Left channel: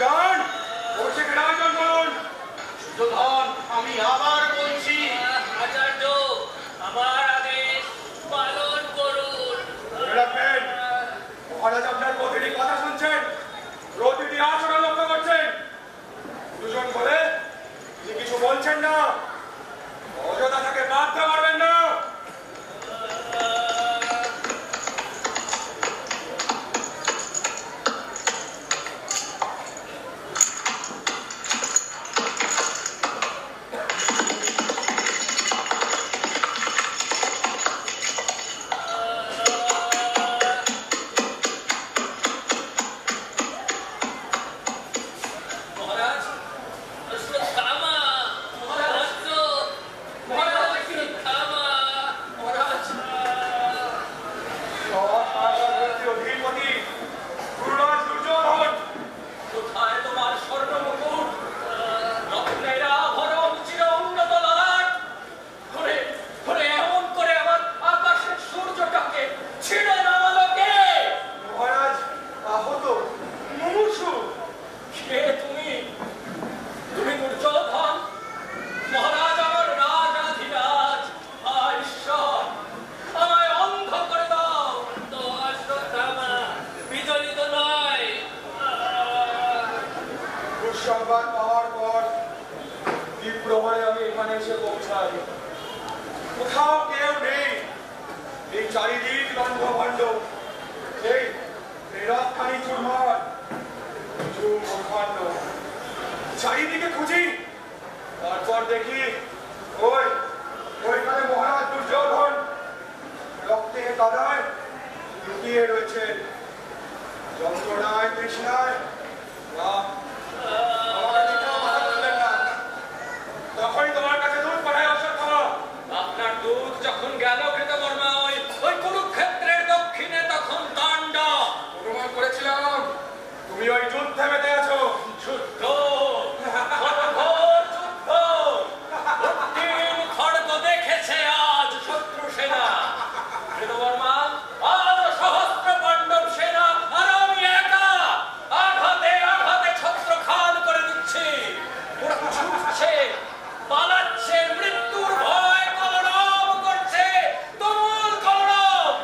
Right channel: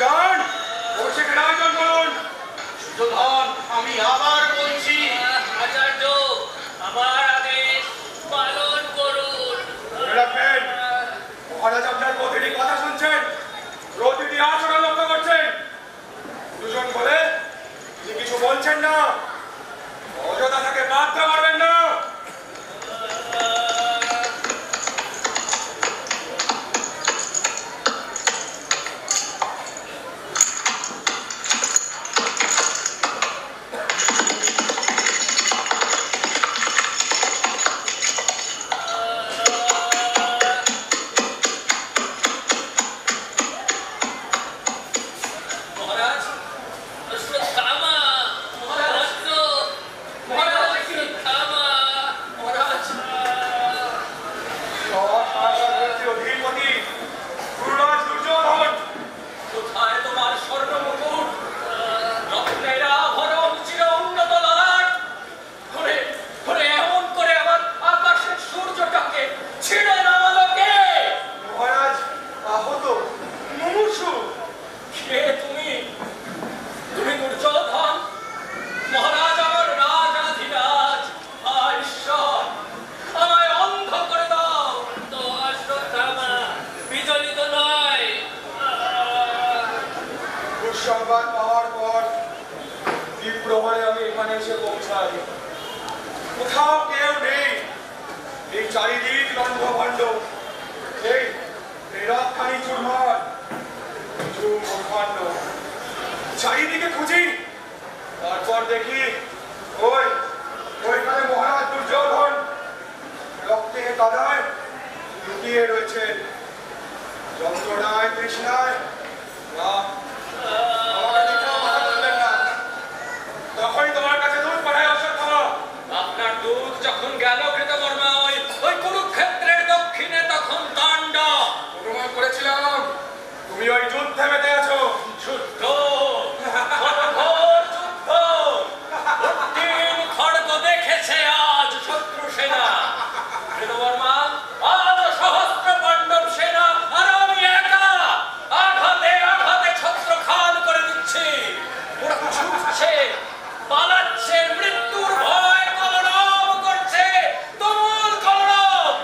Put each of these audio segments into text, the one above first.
যান, অভিষেকের আয়োজন করুন। সুযোধন, আমি আবার বলছি, আচার্য আমার আদেশ পালন করুন। মনে রাখবেন, মহারাজ আপনার প্রতিটি কথা শুনছেন, প্রতিটি আচরণ লক্ষ্য করছেন। দুজন বলে তিনি কিছু বলছেন না, অযথা তাকে বাধ্য করবেন না। সংবাদ পাওয়ার পর দ্বীপ্রহরে আমি এখানে এসে পৌঁছাই। কোথাও কেউ নেই, এই চারিদিক লণ্ডভণ্ড, এই রথখানি চুরমার, চারিদিকে খুঁজি, তারপর দেখি ওইখানে মহারাজ দুর্যোধন রক্তে কাদায় লুকিয়ে রয়েছে। যন্ত্রণায় তৃষ্ণায় না, তখনই তোমার কাছে দুধ পাঠায় অশ্বত্থামা। আপনার দুধ যখন গেল কৃতকর্মা ওই কুরুক্ষেত্রের দক্ষিণে, তখন তাণ্ডব অনুমান করেছিলাম তুমি ওই যুদ্ধে মেতে আছো। যুদ্ধ, ঘোর যুদ্ধ, অন্তিম খড়গ দেখেছে আজ শত্রু সেনা। কৃতকর্মা, আজ সহস্র পাণ্ডব সেনা আর আমি একা আঘাতে আঘাতে ছত্রখান করে দিচ্ছি। ওরা ছুটছে, পালাচ্ছে, মৃত্যুর ভয় কলরব করছে, তুমুল কলরব।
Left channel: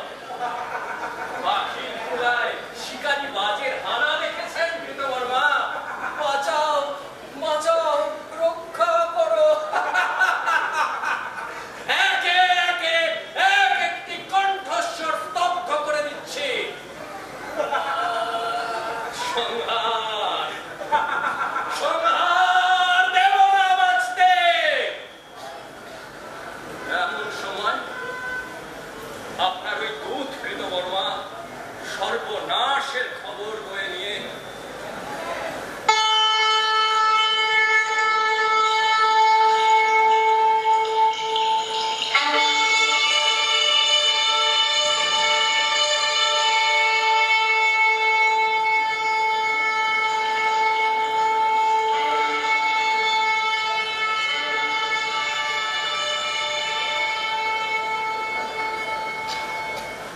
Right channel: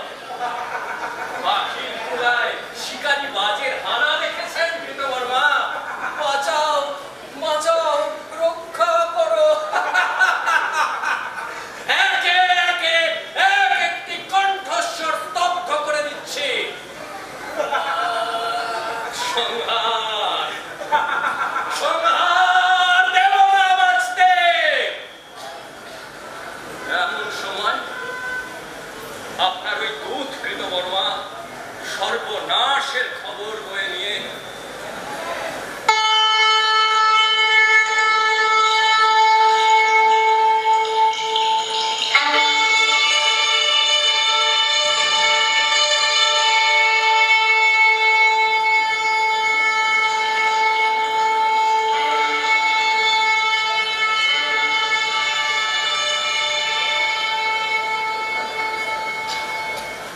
পাখির কুলায় শিকারী বাজের হানা দেখেছেন কৃতকর্মা? বাঁচাও, বাঁচাও, রক্ষা করো। একে একে এক একটি কণ্ঠস্বর স্তব্ধ করে দিচ্ছে। সংহার, সংহার, দেব না বাঁচতে। এমন সময় আপনার ওই দূত কৃতকর্মা সর্বনাশের খবর বয়ে নিয়ে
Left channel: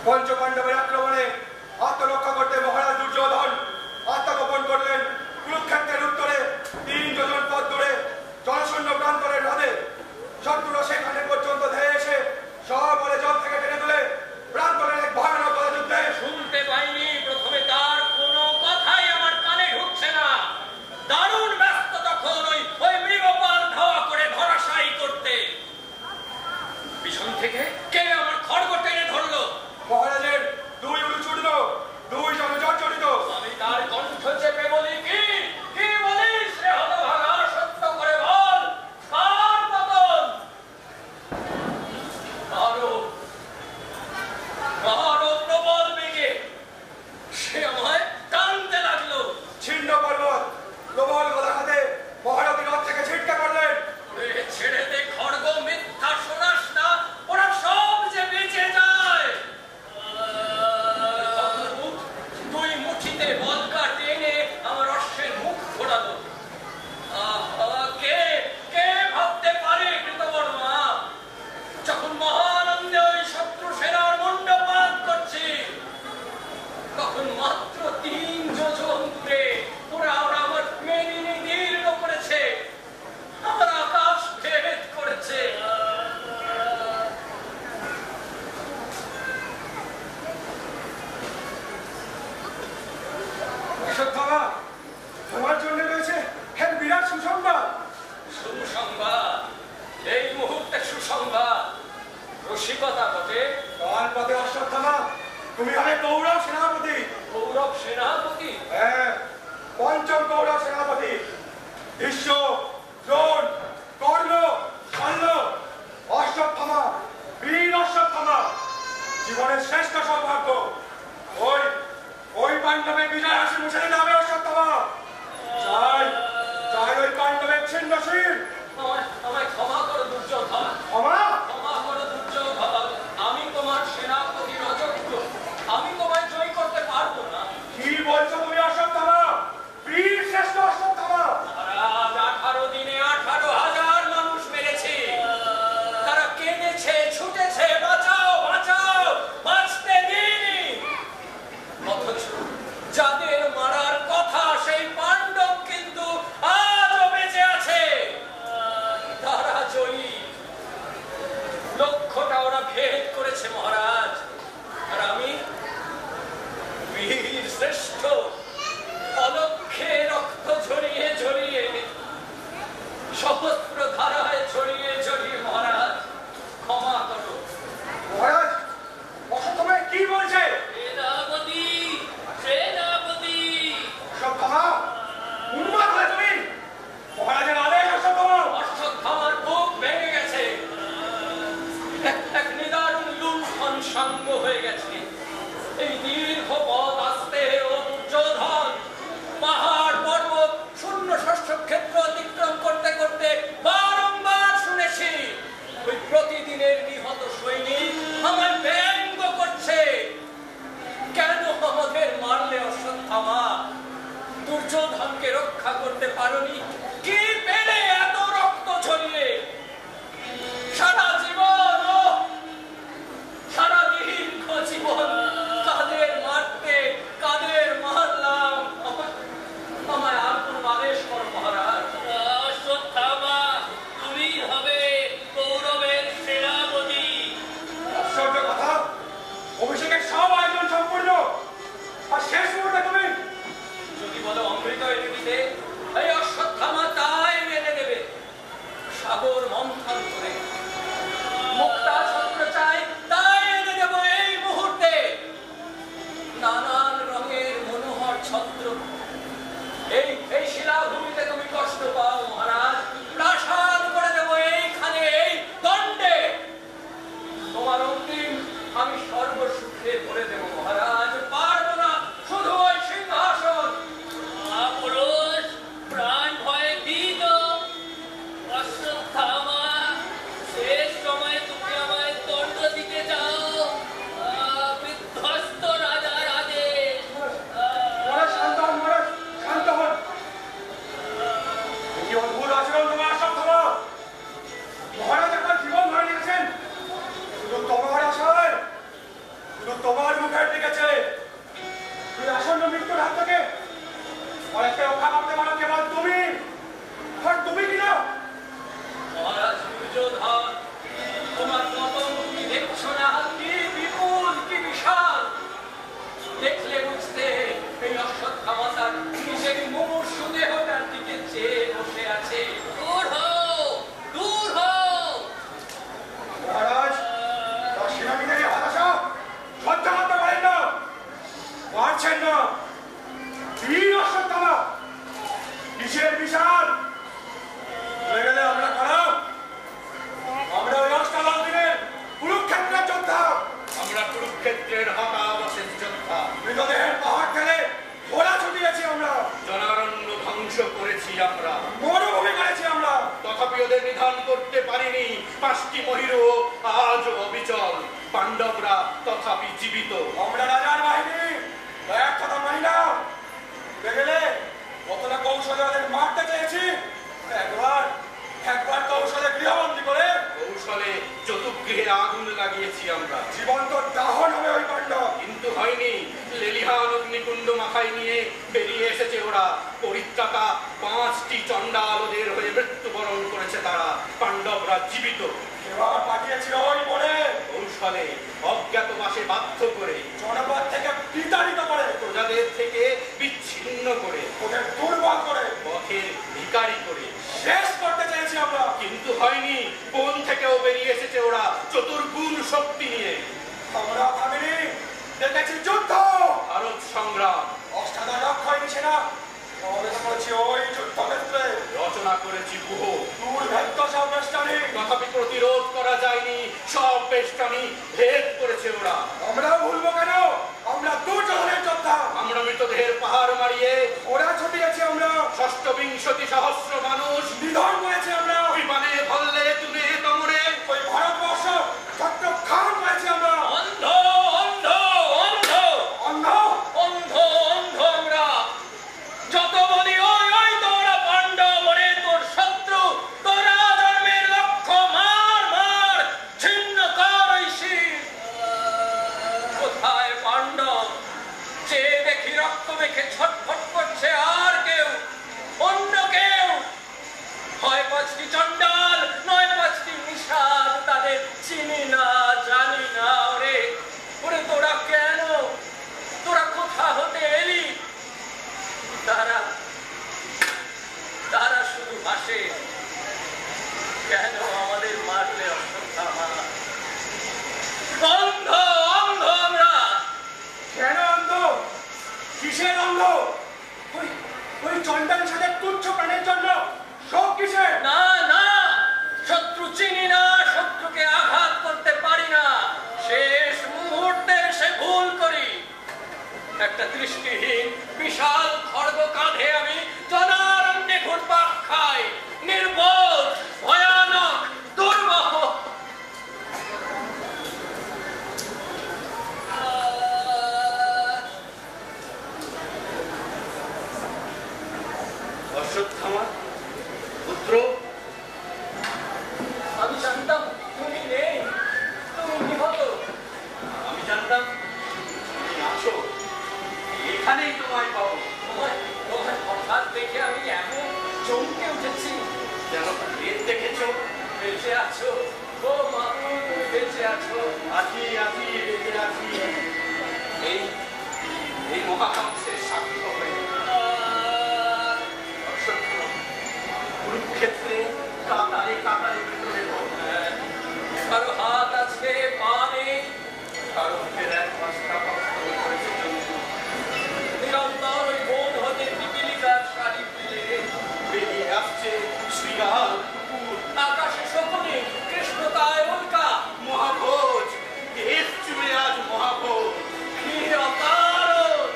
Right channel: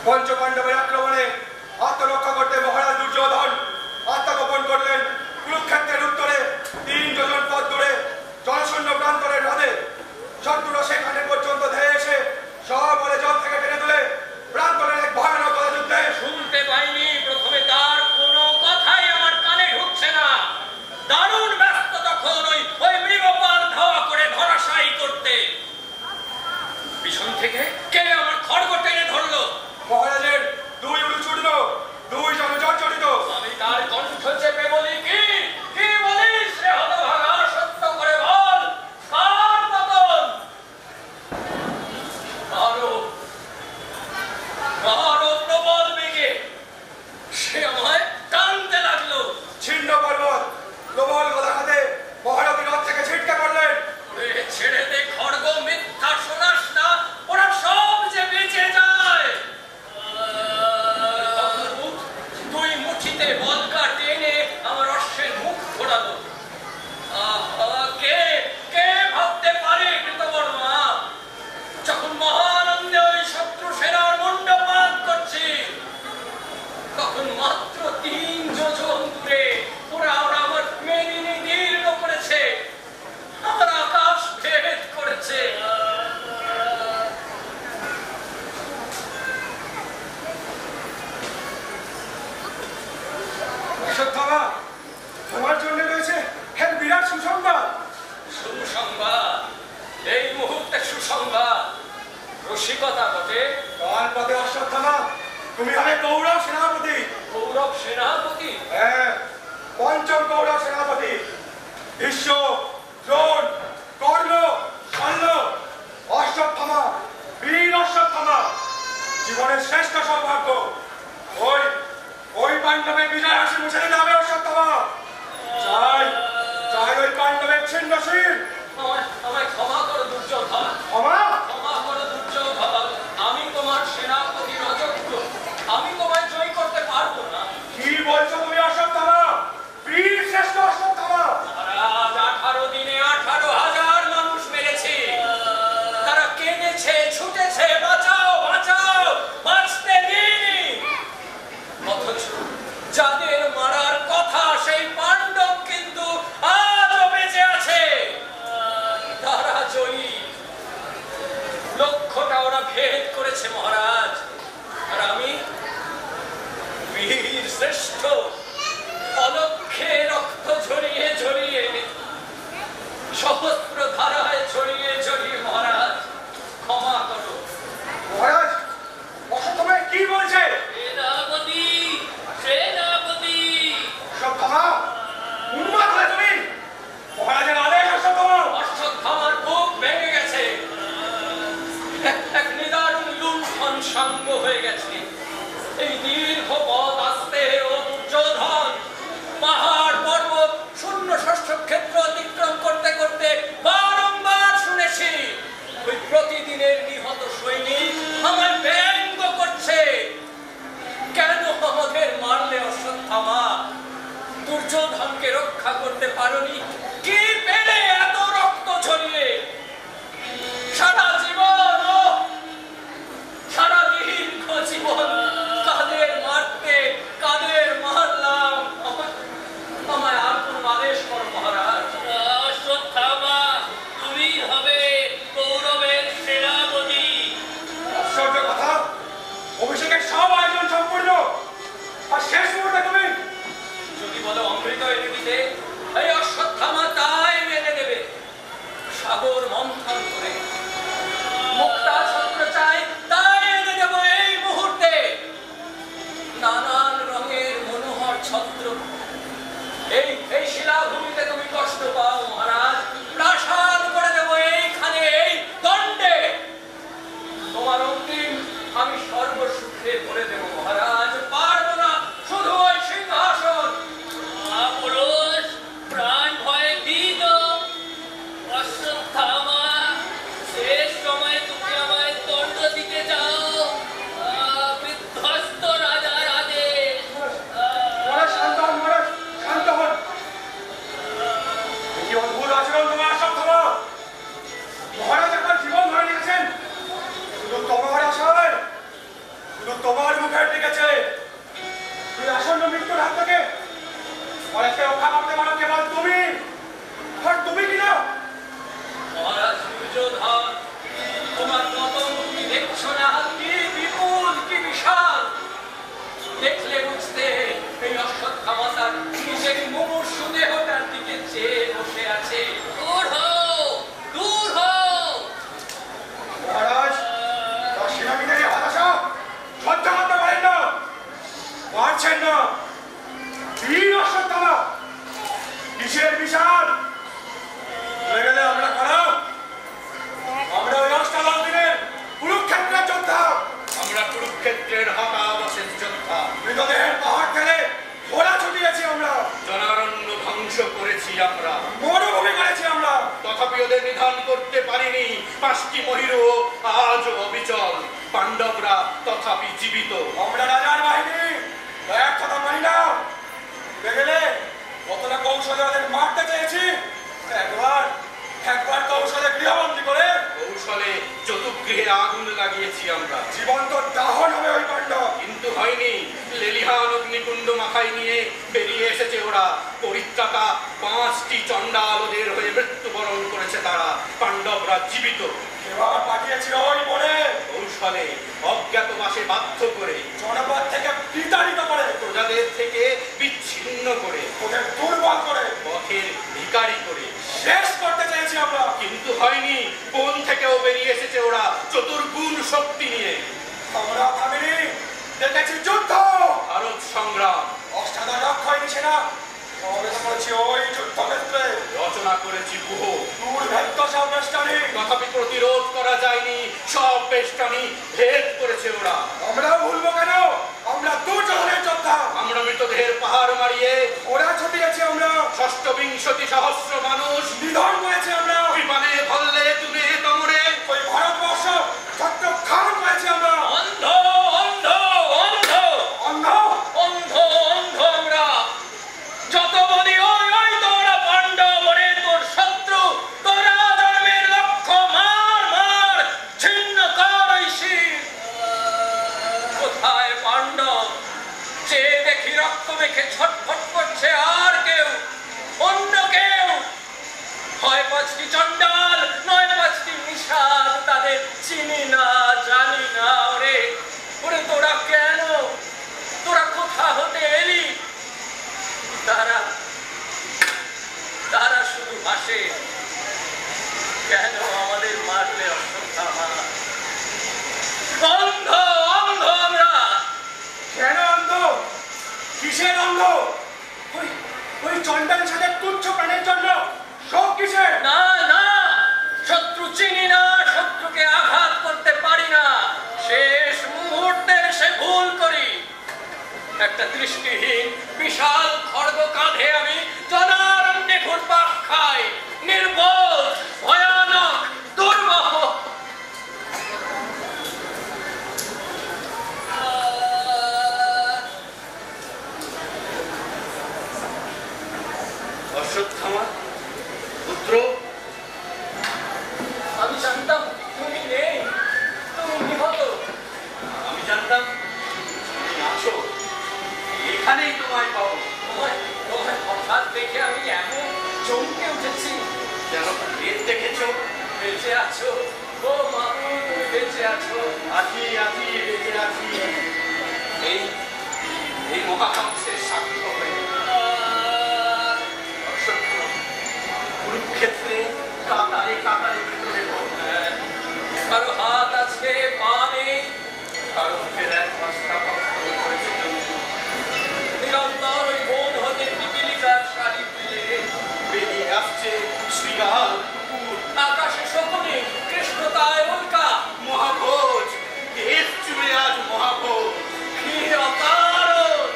পঞ্চপাণ্ডবের আক্রমণে আত্মরক্ষা করতে মহারাজ দুর্যোধন আত্মগোপন করলেন কুরুক্ষেত্রের উত্তরে 3 যোজন পথ দূরে জনশূন্য প্রান্তরের হ্রদে। শত্রুরা সেখানে পর্যন্ত ধেয়ে এসে সবলে জল থেকে টেনে তুলে প্রান্তরের এক ভয়ানক যুদ্ধে। শুনতে পাইনি প্রথমে, তার কোনো কথাই আমার কানে ঢুকছে না। দারুণ ব্যস্ত তখন ওই মৃগপাল ধাওয়া করে ধরাশায়ী করতে। পিছন থেকে কে আমার খড়গ টেনে ধরলো। মহারাজের 2 উরু চূর্ণ, 2 জন জর্জরিত। আমি তার কণ্ঠ চেপে বলি, কি বলিস রে হতভাগা, সত্য করে বল, কার পতন? আরো প্রবল বেগে সে আমায় টানতে লাগলো। ছিন্ন পর্বত প্রবল গদা হাতে মহারথী রথ থেকে ছিটকে পড়লেন। ছেড়ে দে খড়গ, মিথ্যা শোনাস না, ওরা সব যে বেঁচে যায়। 2 মুঠিতে বলকা টেনে আমার অশ্বত্থামা, তোমার জন্য রয়েছে এক বিরাট সুসংবাদ। সুসংবাদ? এই মুহূর্তে সুসংবাদ? রসিকতা বটে। কাল পথে অশ্বত্থামা, তুমি হবে কৌরব সেনাপতি। কৌরব সেনাপতি? হ্যাঁ, পঞ্চম কৌরব সেনাপতি। ভীষ্ম, দ্রোণ, কর্ণ, শল্য, অশ্বত্থামা, বীর অশ্বত্থামা, জীবনের শ্রেষ্ঠ সৌভাগ্য। ওই পাণ্ডবের বিজয় হাসি মুছে দিতে হবে অশ্বত্থামা। চাই ওই পাণ্ডবের ছিন্ন শির। আমায় ক্ষমা করো দুর্যোধন। ক্ষমা করো দুর্যোধন। আমি তোমার সেনাপতির অযোগ্য। আমি তোমায় জয় করতে পারবো না। কি বলছো তুমি অশ্বত্থামা? বীর শ্রেষ্ঠ অশ্বত্থামা। মহারাজ, 18 দিনে 18,000 মানুষ মেরেছে। তারা কেঁদেছে, ছুটেছে, বাঁচাও বাঁচাও, বাঁচতে দিইনি। অথচ যাদের মারার কথা সেই পাণ্ডব কিন্তু আজও বেঁচে আছে। তারা জয়ী। লক্ষ্যটা ওরা ভেদ করেছে মহারাজ। আর আমি বীর শ্রেষ্ঠ, অলক্ষ্যে রক্ত ঝরিয়ে ঝরিয়ে, সহস্র ধারায় ঝরিয়ে ঝরিয়ে মহারাজ ক্ষমা করো। মহারাজ, অশ্বত্থামা কি বলছে? সেনাপতি, সেনাপতি। অশ্বত্থামা, উন্মাদ হলে তুমি? মহারাজের আদেশ অশ্বত্থামা। অশ্বত্থামার বুক ভেঙে গেছে। এক নিদারুণ লুণ্ঠন সাঙ্গ হয়ে গেছে। এই দীর্ঘ পথ আসতে ও দুর্যোধন পাহাড় পর্বত শূন্য শস্য ক্ষেত্র অতিক্রম করতে করতে বারংবার শুনেছি ওই প্রতিদিনের নিহত সৈনিক আমায় ব্যঙ্গ করছে। কেন আমাদের মারলে অশ্বত্থামা? দুর্যোধনকে রক্ষা করতে পারোনি? কি পেলে এত রক্ত ঝরিয়ে? সারা জীবন, সারা দীর্ঘ জীবন কাদের মারতে, কাদের মারলাম? আমায় আর কোন আদেশ করো মহারাজ। অশ্বত্থামা, তুমি হবে কৌরবের সেনাপতি। আশ্চর্য কথা, অভিষেকের সব আয়োজন সম্পূর্ণ, আর শেষ মুহূর্তে তুমি? যদি বলো অমৃত এনে দিতে, এই অশ্বত্থামা তাই এনে দেবে। সাগর মন্থন করে মুক্তা ছত্র চাই, তাই এনে দেব এই মুহূর্তে। নানান রঙের মনোহর ছত্র। এই শিলাভূমিতে তুমি কষ্ট পাও মহারাজ, প্রাসাদ করে দেব এইখানে, এই দণ্ডে। তোমার অন্তিম আমি সর্বসুখে ভরে দেব মহারাজ। পারবো না শুধু ওই সিংহাসন। পুরুষ প্রাণ ভয়ে ভীত। অশ্বত্থামা, শেষ সময় তুমি আমায় দণ্ড দিতে যাও। বিধ্বস্ত রাজার আদেশ। মহারাজ শান্ত হন, মহারাজ শান্ত হন। কি অদ্ভুত আচরণ তোমার অশ্বত্থামা। মহারাজ আপনার জীবন ধরে নিয়েছেন শুধু তোমার আশায়, শুধু তোমার মুখের দিকেছে। তুই আসন্ন মৃত্যুর হাত থেকে মহারাজকে রক্ষা করতে পারো কেবল তুমি। আর তুমি কিনা? মহারাজ দুর্যোধন, তোমার পতন তুমি দেখছো না? কি বিপুল, কি বিশাল! দেখলে বুঝতে এই অশ্বত্থামা তার নিজের মুমূর্ষু দেহটার দিকে চেয়ে বসে আছে। দূর হও, দূর হও। মহারাজ, তার সেনাপতিদের এই হতাশা সহ্য করতে পারেন না, পারছেন না। বীর অশ্বত্থামা, কিসের বিশাল? চলে গেলে আমরা খারাপ। আমরা ওই অষ্টাদশ দিনের কুরুক্ষেত্রের যোদ্ধা। আমরা কুরুক্ষেত্রের হতাবশেষ যোদ্ধা। মৃতদেহের পাহাড় ঠেলে ঘোড়া ছুটিয়েছি আমরা, জনারণ্য ধ্বংস করেছি আমরা, মরুভূমি করেছি আমরা। তথাপি ওদের নিধন করতে পারিনি। 5টি মহিরু আজও অবিচল, পাণ্ডবরা তথাপি জীবিত। আমরা রাজার বাহিনী, এক কথা মানি না। দেখলে কতটা কৌশলে ওদের মারতে চেয়েছি। একবার কৌশলে গৃহবন্দী করে কৌশলে চতুর্গৃহে আগুন লাগিয়েছি আমরা। জীবন্ত দাহন হবে ওই পাণ্ডব। কিন্তু হয়নি। লেলিহান অগ্নিকুণ্ড মাথায় নিয়ে বেরিয়ে এসেছে ওরা। পরিত্রাতা 5টি চণ্ডাল ওদের হয়ে মৃত্যুবরণ করেছে তারা। পাণ্ডবরা জীবিত। এবার পাঠিয়েছি ওই বনে, কৌশলে অজ্ঞাতবাসে বাধ্য করে, জনপদ থেকে বিতাড়িত করে, প্রজাদের থেকে বিচ্ছিন্ন ছিন্ন করে, ওদের দুর্বল করে, পথের ভিখারি করে শেষ করতে চেয়েছি আমরা। কিন্তু হয়নি। বন থেকেও বেরিয়ে এসেছে ওরা চতুর্গুণ শক্তি নিয়ে। আমরা ভাবিনি, দেখেছি যুদ্ধ, ভারত সংগ্রাম, অষ্টাদশ অক্ষয় নিশানা সমাবেশ করেছি ওই যুদ্ধক্ষেত্রে, রচনা করেছি গুহ। দুর্ভেদ্য সব বেষ্টনী, তথাপি প্রতিরোধ করা যায়নি, সব বেষ্টনী ভেদ করেছে ওরা। আমরা ভুলবো কেন? আমরা দুর্যোধনের যোদ্ধা। আমরা মৃতদেহের পাহাড় মারিয়ে ওরা ছুটিয়েছি, আমরা ষষ্ঠ বিংশতি সহস্র মানুষ নিধন করেছি, আমরা বিমানে ভল্লে তুলে তোমরে ওই ভারতবর্ষ ছত্রখান করেছি, আমরা অন্ধ অন্ধ অন্ধ অন্ধ অন্ধ অন্ধ আমরা। যত বলি ওই ওই তোরা পাণ্ডব রে, তোর শত্রু, তোরা জন্মের লক্ষ্য, মার মার ছিন্ন কর ওই শির। কোথায় পাণ্ডব? যে দেখি রক্ত মেখে ছটফট করছে, আর কেউ, অন্য কেউ? হয় পাঁচটি চণ্ডাল, নয় পাঁচটি নিষাদ, তাদের চিনি না, জানি না। ওরে ওরে, তোরা কেন, তোরা কোথা হতে এলি? তারা তারা শুধু হাসে। কেন আমাদের মারলে অশ্বত্থামা? অন্ধ অন্ধ আমরা। কেন অন্ধ? কিসের অন্ধ? ওই ওই চন্ডালের সাথে তুচ্ছ প্রাণের জন্য সব কিসের? না না, শত্রু চিনি না, শত্রুকে আঘাত করতে পারি না, শেষ মুহূর্তে সে ভুল করি। একটা দৃষ্টিহীন বিশাল খড়গ কাঁধে আমি জনারণ্যে ঘুরপাক খাই, নির্বোধ, ভয়ানক, দুর্বহ। অশ্বত্থামা পুত্র, আমি জানতাম তুমি নেই, তুমি নিহত। আমি জানতাম তুমি আছো, এখানেই তোমায় পাবো। তোমার তোমার হঠাৎ দেখে আমি এমন চমকে উঠেছি। যেন প্রেত দেখেছো। বেঁচে আছো ও মামু, তুমি বেঁচে আছো। আছি আছি, বেঁচে আছি। এই এই মহাকাঙ্ক্ষের সাক্ষ্য হয়ে অশ্বত্থামা কুরুক্ষেত্রে কাতারে কাতারে ভিতরে কারো হাত আছে, পা নেই, কারো ফেরার পাঁচটা পথ করেছে জন্তু। নিরন্তর ওই বন হতে পিপিলিকার শাড়ি ফেলে বেরিয়ে আসছে শ্রীগাল কুকুর। আকাশে শকুনি, কৃষ্ণতায় উল্কা। মহাভোজ, দেশ জুড়ে আজ মহাভোজ। কি অকারণ,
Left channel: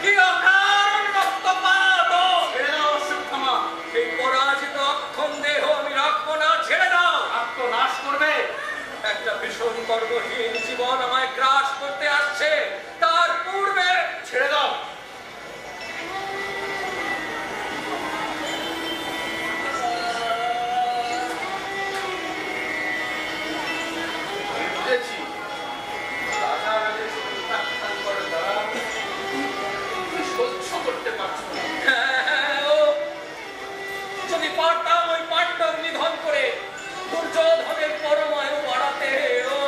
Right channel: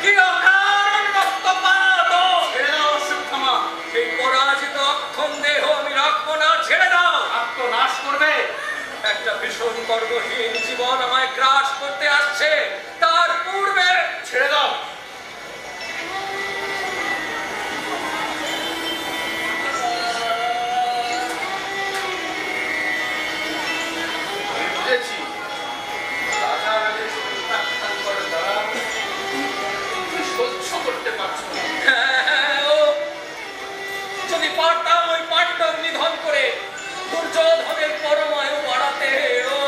কি অকারণ রক্তপাত! ছেড়ে দাও অশ্বত্থামা। এই পরাজিত অক্ষম দেহ আমি রাখবো না, ছেড়ে দাও। আত্মনাশ করবে। একটা ভীষণ কর্মহীন জীবন আমায় গ্রাস করতে আসছে, তার পূর্বে ছেড়ে দাও। আমি বুঝেছি রাজা রাজের প্রত্যাখ্যান করে দ্বারা তুমি সহ্য করতে পারছো না। ও যদি পারতাম ওই পাণ্ডব নিধন করে দুর্যোধনের পরমায়ু বাড়াতে। ও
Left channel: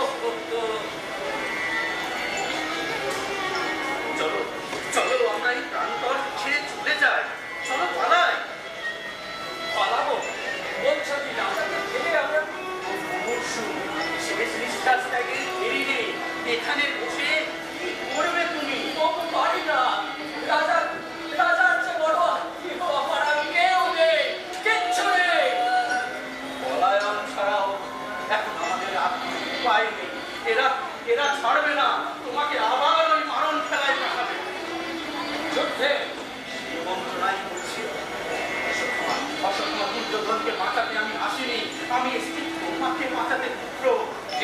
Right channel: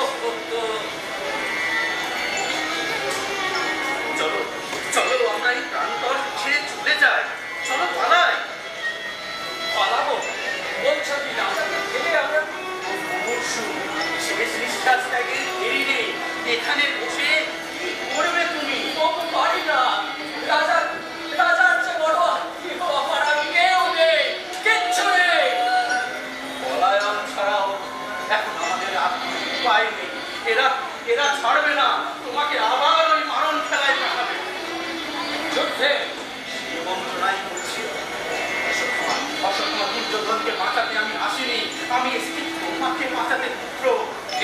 চলো চলো, আমরা এই প্রান্তর ছেড়ে চলে যাই। চলো পালাই। পালাবো বলছো কি? রাজাকে ছেড়ে আমরা মুমূর্ষু, শেষ নিঃশ্বাস ত্যাগের দেরি নেই। এখানে বসে কি করবে তুমি? ও পারি না। রাজার রাজার চেয়ে বড় আত্মীয় আমার আর কেউ নেই, কিচ্ছু নেই। পলায়ন ছাড়াও এখন আমাদের আর কোনো উপায় নেই। এরা এরা ছাড়বে না, তোমাকে আবার ওই মারণ খেলায় পাঠাবে। যুদ্ধে সেই বঞ্চনাই করছি। অশ্বত্থামা দুর্যোধনকে বাঁচাতে আমি আসিনি, আমি এসেছি তোমাকে বাঁচাতে পুত্র।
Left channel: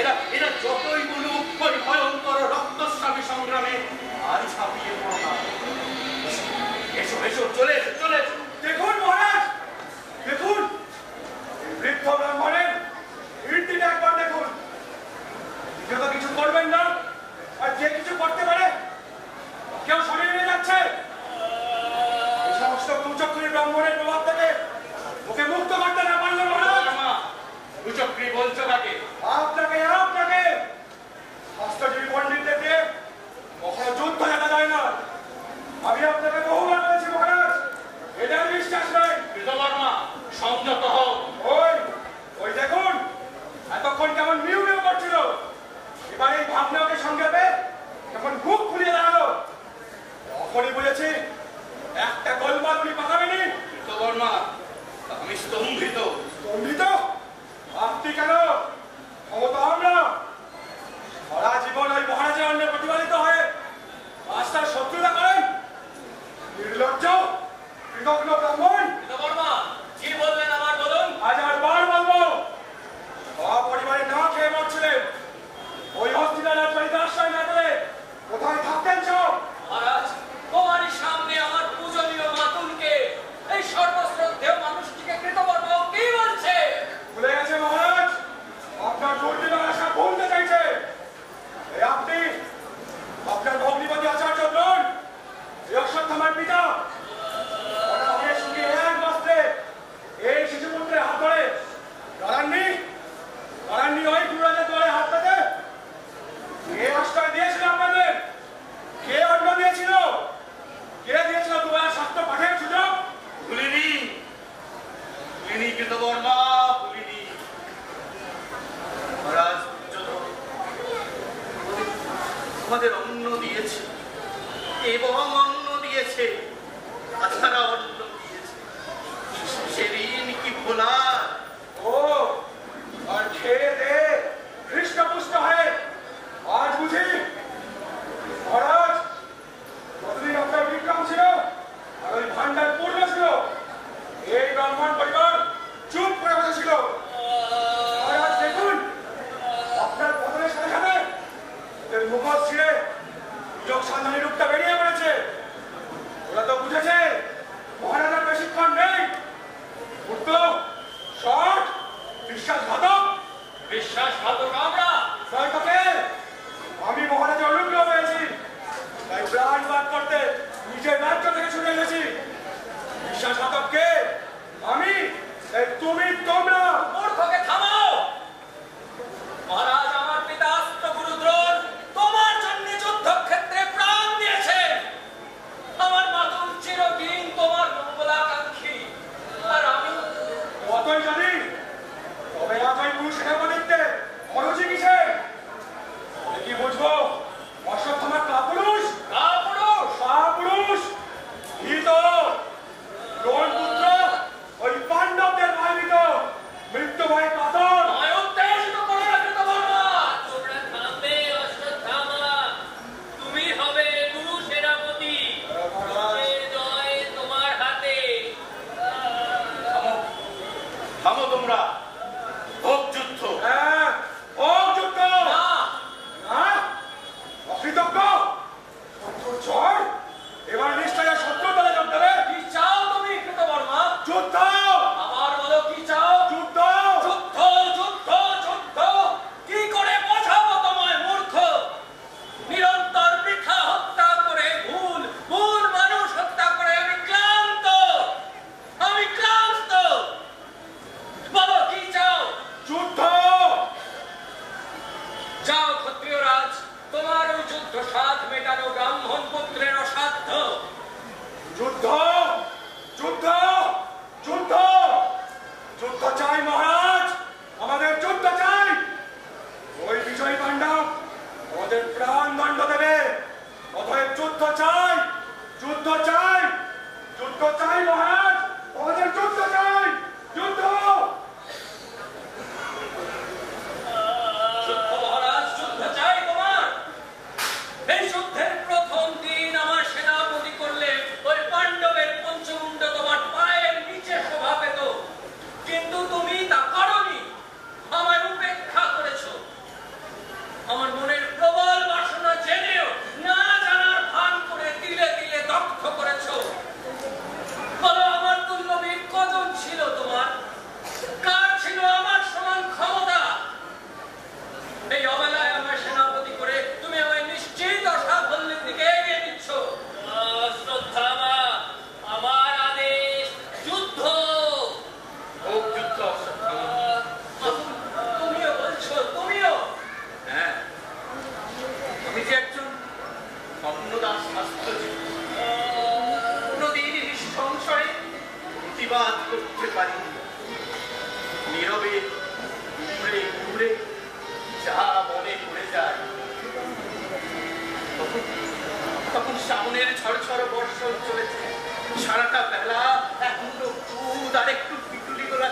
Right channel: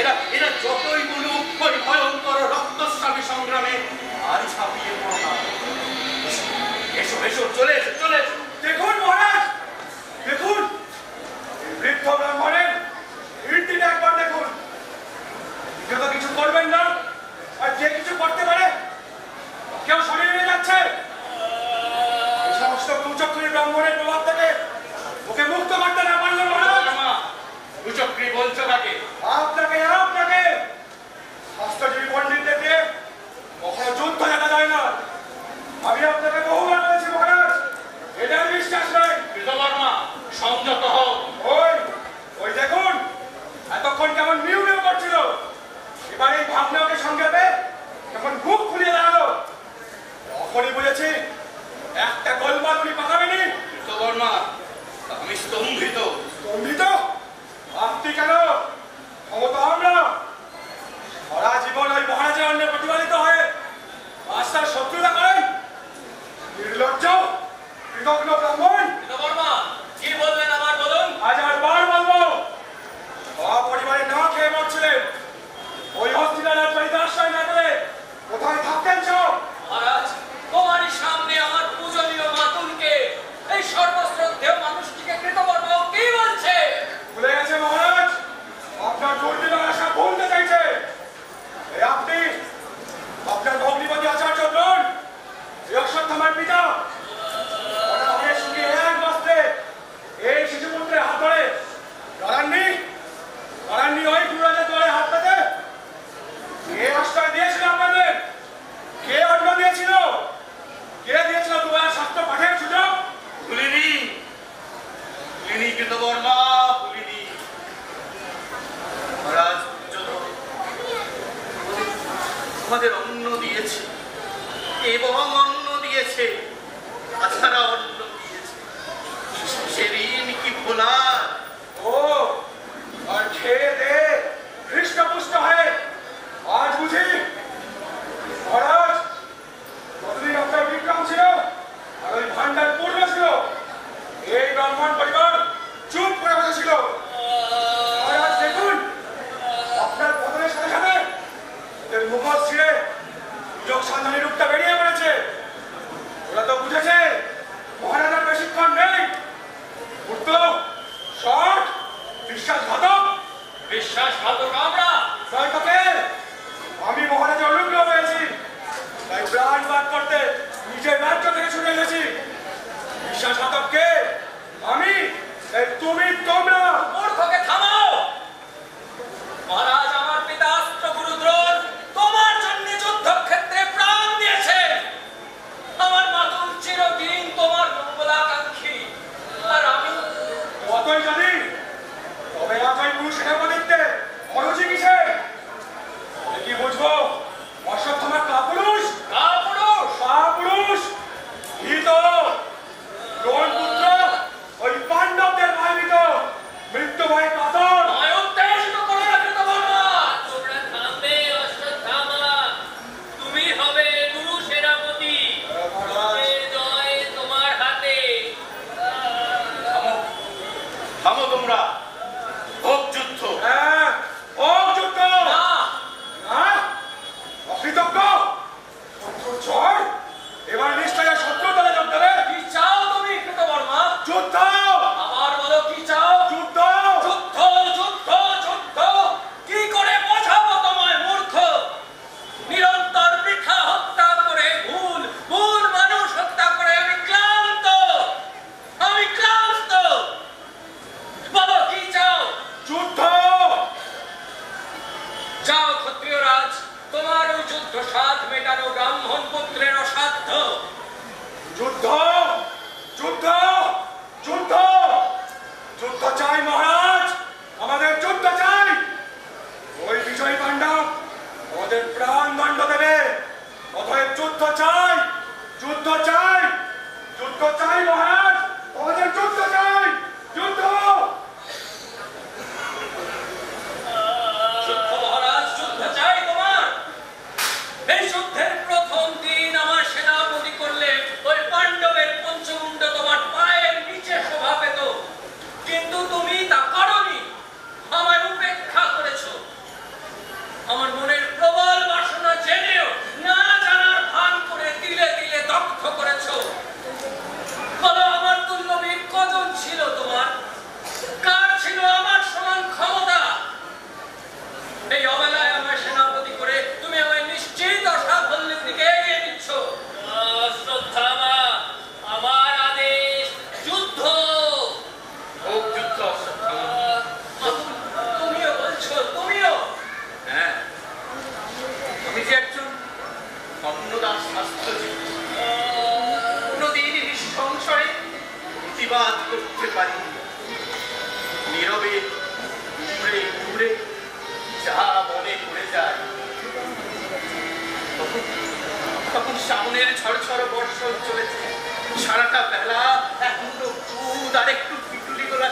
এরা এরা যতই বলুক ওই ভয়ঙ্কর রক্তস্রাবী সংগ্রামে আর ছাপিয়ে পড়ো না। এসো এসো, চলে এসো চলে এসো। দেখুন মহারাজ, দেখুন এই বৃদ্ধ ব্রাহ্মণের কীর্তিটা একবার দেখুন। কেউ তো কিছু করবেন না, আর যে কিছু করতে পারে কেউ সরিয়ে নিয়ে যাচ্ছে। এই সমস্ত কুচক্রী ব্রাহ্মণের প্রভাব থেকে ওকে মুক্ত করতে না পারলে মহারাজ। কুচক্রী বলছো কাকে? আপনাকে আপনাকে শাস্ত্রজীবী পণ্ডিতদেরকে কখনো যুদ্ধ জানা যায় না। আমি আপনাকে বহুবার স্তম্ভিত। স্তম্ভিত? আপনি কেন? ক্ষমতা আমরা সারা জীবন ওই মহারাজের অন্যে প্রতিপালিত হয়ে আজ তার শত্রুতা করেন। নির্লজ্জ কৃতজ্ঞ ব্রাহ্মণ। বর্মা কি বলবেন আমার বলুন। আজ আর বার বলবো, পরিবারে না খেয়ে মরছিলেন, ওই হস্তিনার রাজবাড়িতে আশ্রয় না করে কোথায় থাকতেন সব? মহারাজ, তোমারই সামনে আমার পূজনীয় মাতুলকে, এই সর্বশ্রদ্ধেয় মানুষটিকে কৃতবর্মা কি বলছে? ভুলে গেছে মহারাজ, আপনার দুর্দিনের আশা ভুলতে চাইছে। এই আপনি আপনার ভগ্নিপতি আচার্য নন, এই অশ্বত্থামার পিতা। অনাহারে শুকিয়ে এক বস্ত্রে এই শিশুপুত্রের হাত ধরে দাঁড়াননি ওই গুরুরাজের দ্বারে হাত পেতে? কে আশ্রয় দিয়েছিল আপনাদের? কে অন্ন দিয়েছিল? কে দিয়েছিল তোমার শাস্ত্র পাঠের সুযোগ? ভুলিনি কৃতবর্মা, ভুলিনি। মহারাজ আমাদের অন্ন দিয়েছে এবং অন্ন দিয়েছে, তাছাড়া অন্ন দিয়েছে, সে ঋণ কি ভোলার? ও আর খেয়ে দে হৃষ্টপুষ্ট হয়ে আজ বুঝি মহারাজ কতদিন আপনার বিক্রম ছিল আর ওই ভান্ডার পূর্ণ ছিল, এই ব্রাহ্মণ পরিবার চুপ করে বসেছিল। মহারাজ দেখুন, আপনার পতনের সাথে সাথে ওদের মুখোশ ছিঁড়ে সুযোগ সন্ধানী রূপটা বেরিয়ে পড়েছে। ওরা তো বুঝেছে মহারাজার বেশিক্ষণ নেই। উঠতো শট বিশ্বাসঘাতক। বিশ্বাসঘাতক আমরা নয় তোকে, আমি মহারাজা অনুগ্রহ পেয়েছি, তাই প্রাণ বাদ করতে নিজের রাজ্য থেকে ছুটে এসেছি। বিশ্বাসঘাতককে আমি, এই তুমি, তোমরা। মূর্খকে থামাও। মহারাজ, আমার পিতা অস্ত্রগুরু দ্রোণ তোমার জন্য যুদ্ধক্ষেত্রে প্রাণ দিয়েছেন। আমার মাতুল চিরদিন তোমার মঙ্গলাকাঙ্ক্ষী, আর আমি কতই জানি, তবে আজ ওই পুরুষ সেনাপতিত্বে অরুচি কিসে? কি বুঝবো অশ্বত্থামার কাপুরুষ? কাপুরুষ ভীত দ্রোণ পুত্র ওই পাণ্ডবদের ভয়ভীত, মৃত্যু ভয়ে কাতর। উত্তেজিত করো না কৃতবর্মা। তোমরা থামবে অশ্বত্থামা, তুমি হবে গুরু সেনাপতি। জয় তোমার হাতে। থামো তোমরা, হোক যুদ্ধ। হ্যাঁ, হোক যুদ্ধ। না, অকৃতজ্ঞ শত্রুর ঝড় এবার নিশ্চয় শত্রু দলে যোগ দেবে। কি চাও তুমি কৃতবর্মা? যুদ্ধ। আবার বলো কি চাও? যুদ্ধ। যুদ্ধ যুদ্ধ যুদ্ধ কি করে বোঝাবো তোমায় মূর্খ? নিরন্তর বৃথা হত্যা করে, ভুল ভুল মানুষ হত্যা করে আমি ক্লান্ত। বলো কি চাও? যুদ্ধ। যাও ক্ষত্রিয় রাজ, তোমার ওই যুদ্ধ সাধ মেটানো ব্রাহ্মণ পুত্রের অসাধ্য। যুদ্ধ যুদ্ধ যুদ্ধ যুদ্ধ চাই মহারাজ, আমাদের যুদ্ধ চাই। ওই বিজয়ী পাণ্ডব আমাদের প্রাণ দণ্ড দেবে, অতএব যুদ্ধ চাই, যুদ্ধ চাই, যুদ্ধ চাই মহারাজ, আমাদের যুদ্ধ চাই, যুদ্ধ। যুদ্ধ মহারাজ, যুদ্ধ চাই তোমার। এই যুদ্ধের প্রথম দিন আমার সেনাপতি করলে ওই পাণ্ডবের পঞ্চমুণ্ড তোমার পায়ের নিচে শোভা পেত, কিন্তু তুমি তা করনি, আমায় উপেক্ষা করেছো। আমার মনের প্রবল বাসনা জেনেও না জানার ভান করে তিলে তিলে দগ্ধ করেছো। বলো আমার তুল্যবীর কজন ছিল তোমার? কার ছিল আমার সমান ক্ষমতা? এই অবেলায় আমার সেনাপতি করে তুমি আমায় নিশ্চিত অসাফল্যের দিকে এগিয়ে দিচ্ছ। অশ্বত্থামা, আমার আদেশ যুদ্ধ। হোক যুদ্ধ অশ্বত্থামা। তুমিও বলছো? তুমিও? হ্যাঁ, আমি যে একজন অন্নদাস শাস্ত্রজীবী, কোনদিন সংশয়ে প্রতিবাদ করতে পারি, নীরবে ঘুরে ঘুরে যা মনে পড়ে যায়। তখন সামনের ঝড় বর্ষণ চলেছে, সারাটা বেলা এখনো দুধ আর একটু পিটুলি গোলা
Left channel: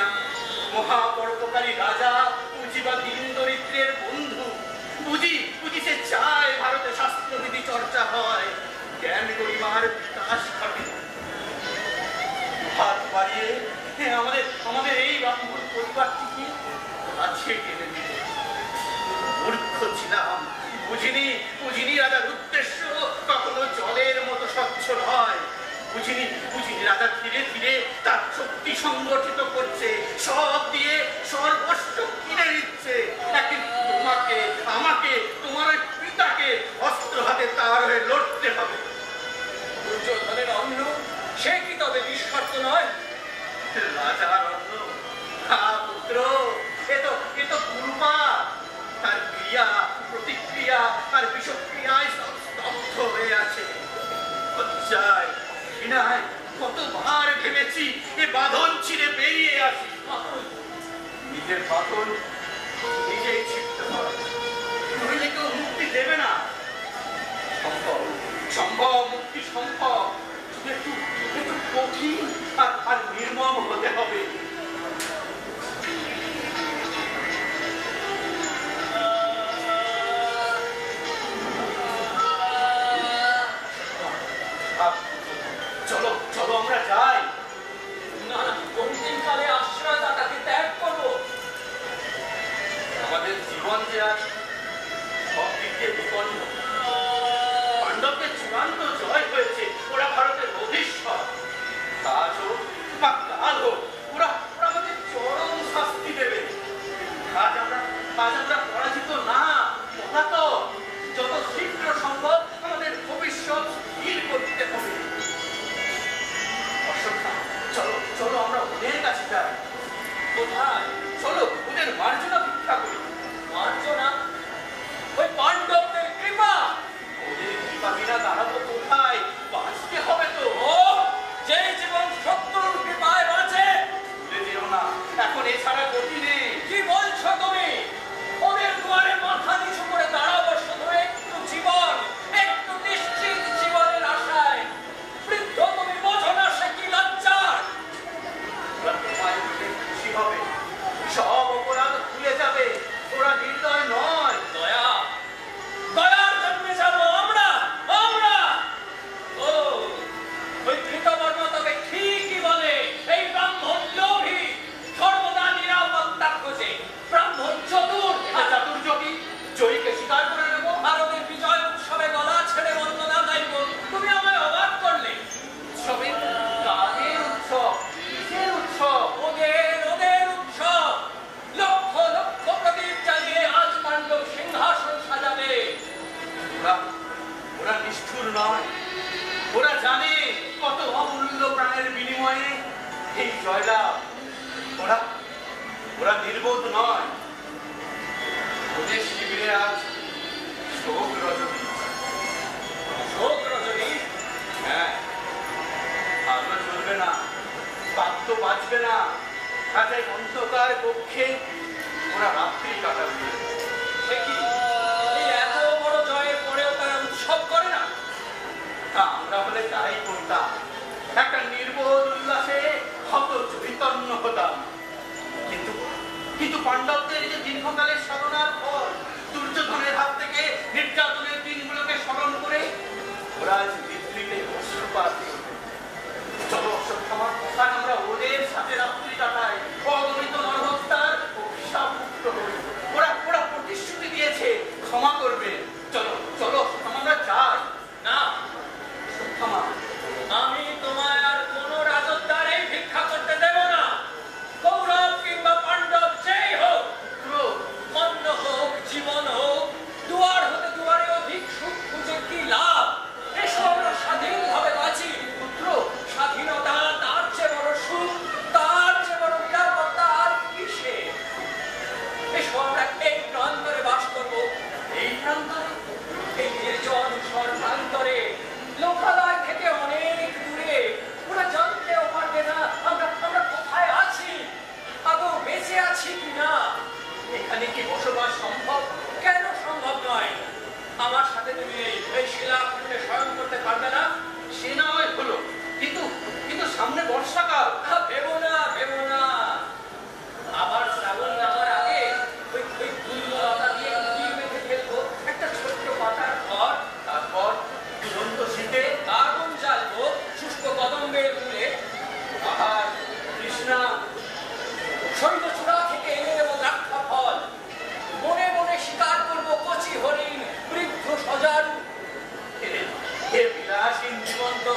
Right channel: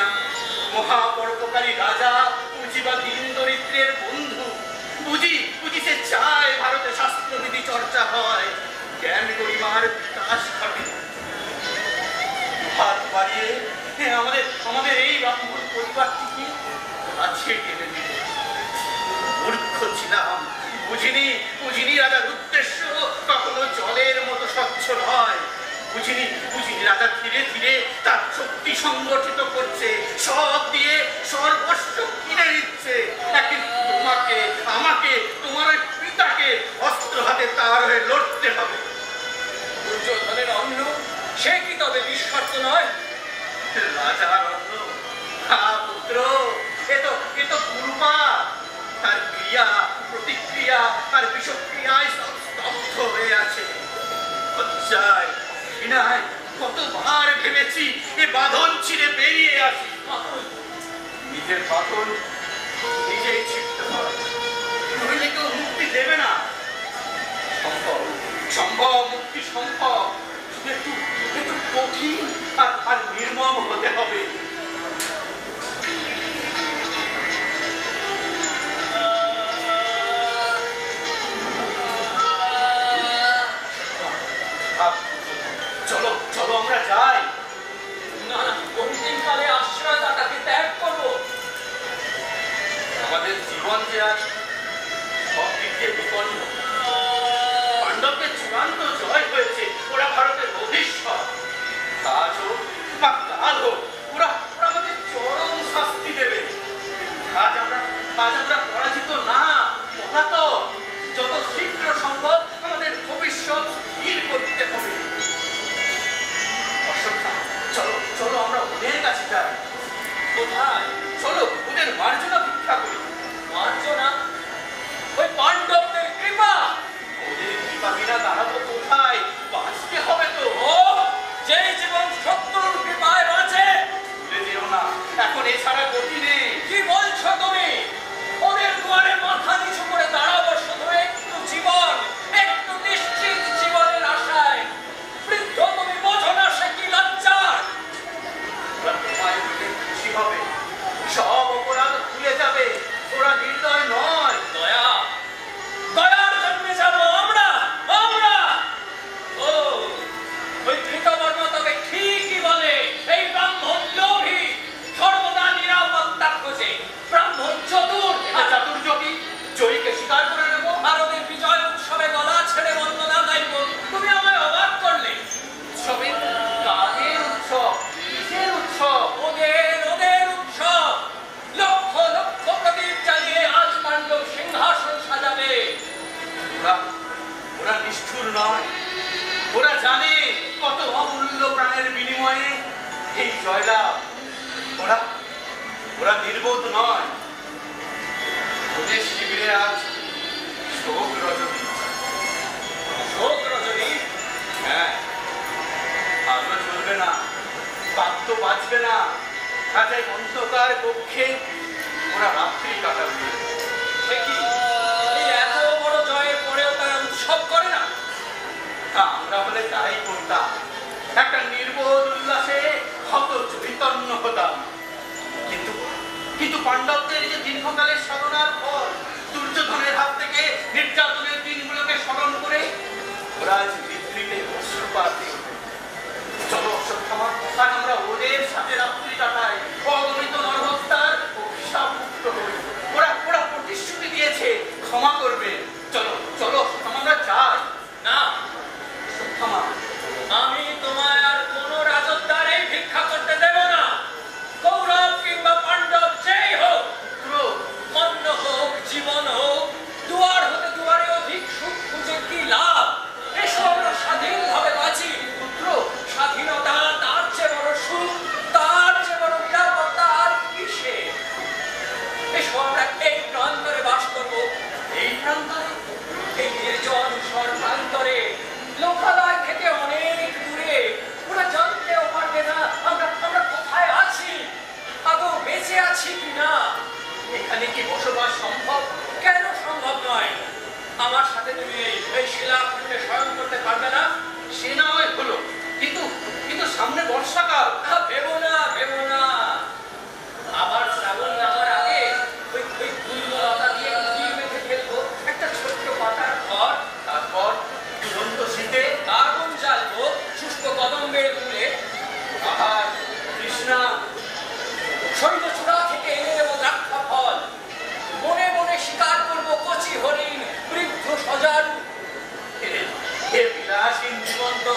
না মহাপরোপকারী রাজা পুঁজি বা দিন দরিদ্রের বন্ধু পুঁজি সে চায় ভারতে শাস্ত্রবিধি চর্চা হয়, জ্ঞান গরিমার বিকাশ ঘটে। হাত বাড়িয়ে আমাদের এই ব্রাহ্মণ পরিবারটিকে কাছে টেনে দিল। মূর্খ ছিলাম, বুঝিনি রাজার উদ্দেশ্য কখনো জলের মতো স্বচ্ছ নয়। বুঝিনি রাজা ধীরে ধীরে তার শক্তি সংগঠিত করছে, সব দিয়ে সর্বস্ব কিনে নিচ্ছে। একদিন তোমাকে, আমাকে, তোমার ওই পিতাকে অস্ত্র হাতে তার হয়ে লড়তে হবে। দুর্যোধনের অন্ন সে কি তবে নিঃস্বার্থ নয়? রাজার অন্ন, পুত্র, এ তো কুরুপা। তার ক্রিয়া প্রতিক্রিয়া আর বিষক্রিয়ায় সব স্তব্ধ হয়ে আছে। কতবার ভেবেছি এ বাঁধন ছিঁড়ে বেরিয়ে আসি, নিজের বাঁধন নিজেই ছিঁড়তে হয়, নইলে কেউ মুক্তি দেবে না। সম্ভব মুক্তি সম্ভব, একটু কঠিন আর নির্মম হতে হবে। চলো আমরা যাই। না, অন্তিমকালে আশ্রয়দাতাকে ত্যাগ করবো। আমাদের জীবন যে আজ সব দিক দিয়ে বিপন্ন। পাণ্ডবদের চূড়ান্ত জয় হয়েছে, ওরা ভারতের অধীশ্বর। আজ হোক বা কাল হোক, ওরা আমাদের চরম শাস্তি দেবে। আজ আমরা পরাজিত না, পলাতক। যত শীঘ্র সম্ভব আমাদের ভবিষ্যৎ স্থির করতে হবে। চলো আমরা ওদের কাছে যাই। কোথায়? চলো ওদের মার্জনা ভিক্ষা করি। মার্জনা? ওই পাণ্ডবদের কৃপা? ওদের কৃপা বিনা দাঁড়াবো কোথায়? বাঁচতে হবে তো। ও, যে জীবন শত্রুর কৃপায় বাঁচে। ভুলে যেও না, এখন এছাড়া গতি নেই। কি বলছো তুমি? ওদের দুয়ারে মাথা নিচু করে দাঁড়াবো শুধু একটু জীবন, একটু নিশ্চিত জীবনের আশায়। বৃদ্ধ তুমি বোঝো না সে কি লজ্জার। ওরা তোমায় পেলে খুশি হবে, সব অপরাধ ভুলে যাবে। ওরা নির্দয় নয়। দয়ার জন্য যাবো আমরা। ও, ওই কৃতবর্মা তবে ঠিকই বলে, এই ব্রাহ্মণ লোভী, সর্বদা নিরাপত্তা খোঁজে। ব্রাহ্মণ চতুর, চাতুর্যবী, জয়ীকে স্বীকার করে নেব। আর ওদের বিজয় উৎসবে গলা ছেড়ে বন্দনা গাইব। তুমি আমায় অবাক করলে। উৎসবে কাদের উৎসব? কিসের উৎসব? ওদের উৎসব। লক্ষ লক্ষ প্রদীপ জ্বালিয়ে আজ পাণ্ডব সিংহাসন সাজাবে। ওরা নিষ্ঠুর নয়। ওরা জানে কত অমূল্য প্রাণের বিনিময়ে এই জয়লাভ। ওরা নির্বোধ নয়। ওদের শিবিরে আজ শোক রজনী। শোক রজনী? হ্যাঁ, আলো চলবে না, বাদ্য বাজবে না, কাজে অন্ধকার কক্ষে ওরা রাত্রি কাটাবে। সে কি, এই এত বড় জয়ের পরেও তারা উৎসব করে না? আমরা হলে তাই করতাম, একটা নির্বোধ উল্লাসে হত চৈতন্য হতাম। কিন্তু পাণ্ডবদের যে দীর্ঘকালের সাধনার ফল, দুর্যোধনের হাত থেকে নির্যাতনের দিনগুলোকে স্মরণ করে ওরা আজ নিদ্রিতে অশ্রুপাত। চলো অশ্বত্থামা, আজ আমরা ওদের সাথে রাত্রি কাটাই, অগণিত নরহত্যার অভিশাপ মুক্ত হই। ওরা প্রতিশ্রুতি দিয়েছে ক্ষমা করবে। চলো আমরা যাই। না, অশ্বত্থামা, আমি তোমায় আর কোনো রাজত্বের ভিক্ষা করতে দেব না। কৌরব কিংবা পাণ্ডব যেই হোক, অন্ন হোক, জীবন হোক, দুয়ার হতে দুয়ারে অধিক সুখ খুঁজে কি লাভ? এসব আমরা স্বাধীনভাবে বাঁচি। পুত্র, স্বাধীনতা তার চেয়ে বড় সুখ, তার তৃষ্ণা। শৈলচূড়া থেকে এনে দেব দ্রাক্ষা ফল, মনে মনে শিকার করবো কচি হরিণ, বৃদ্ধ সজারু। হে বিলাসীন জীবন তো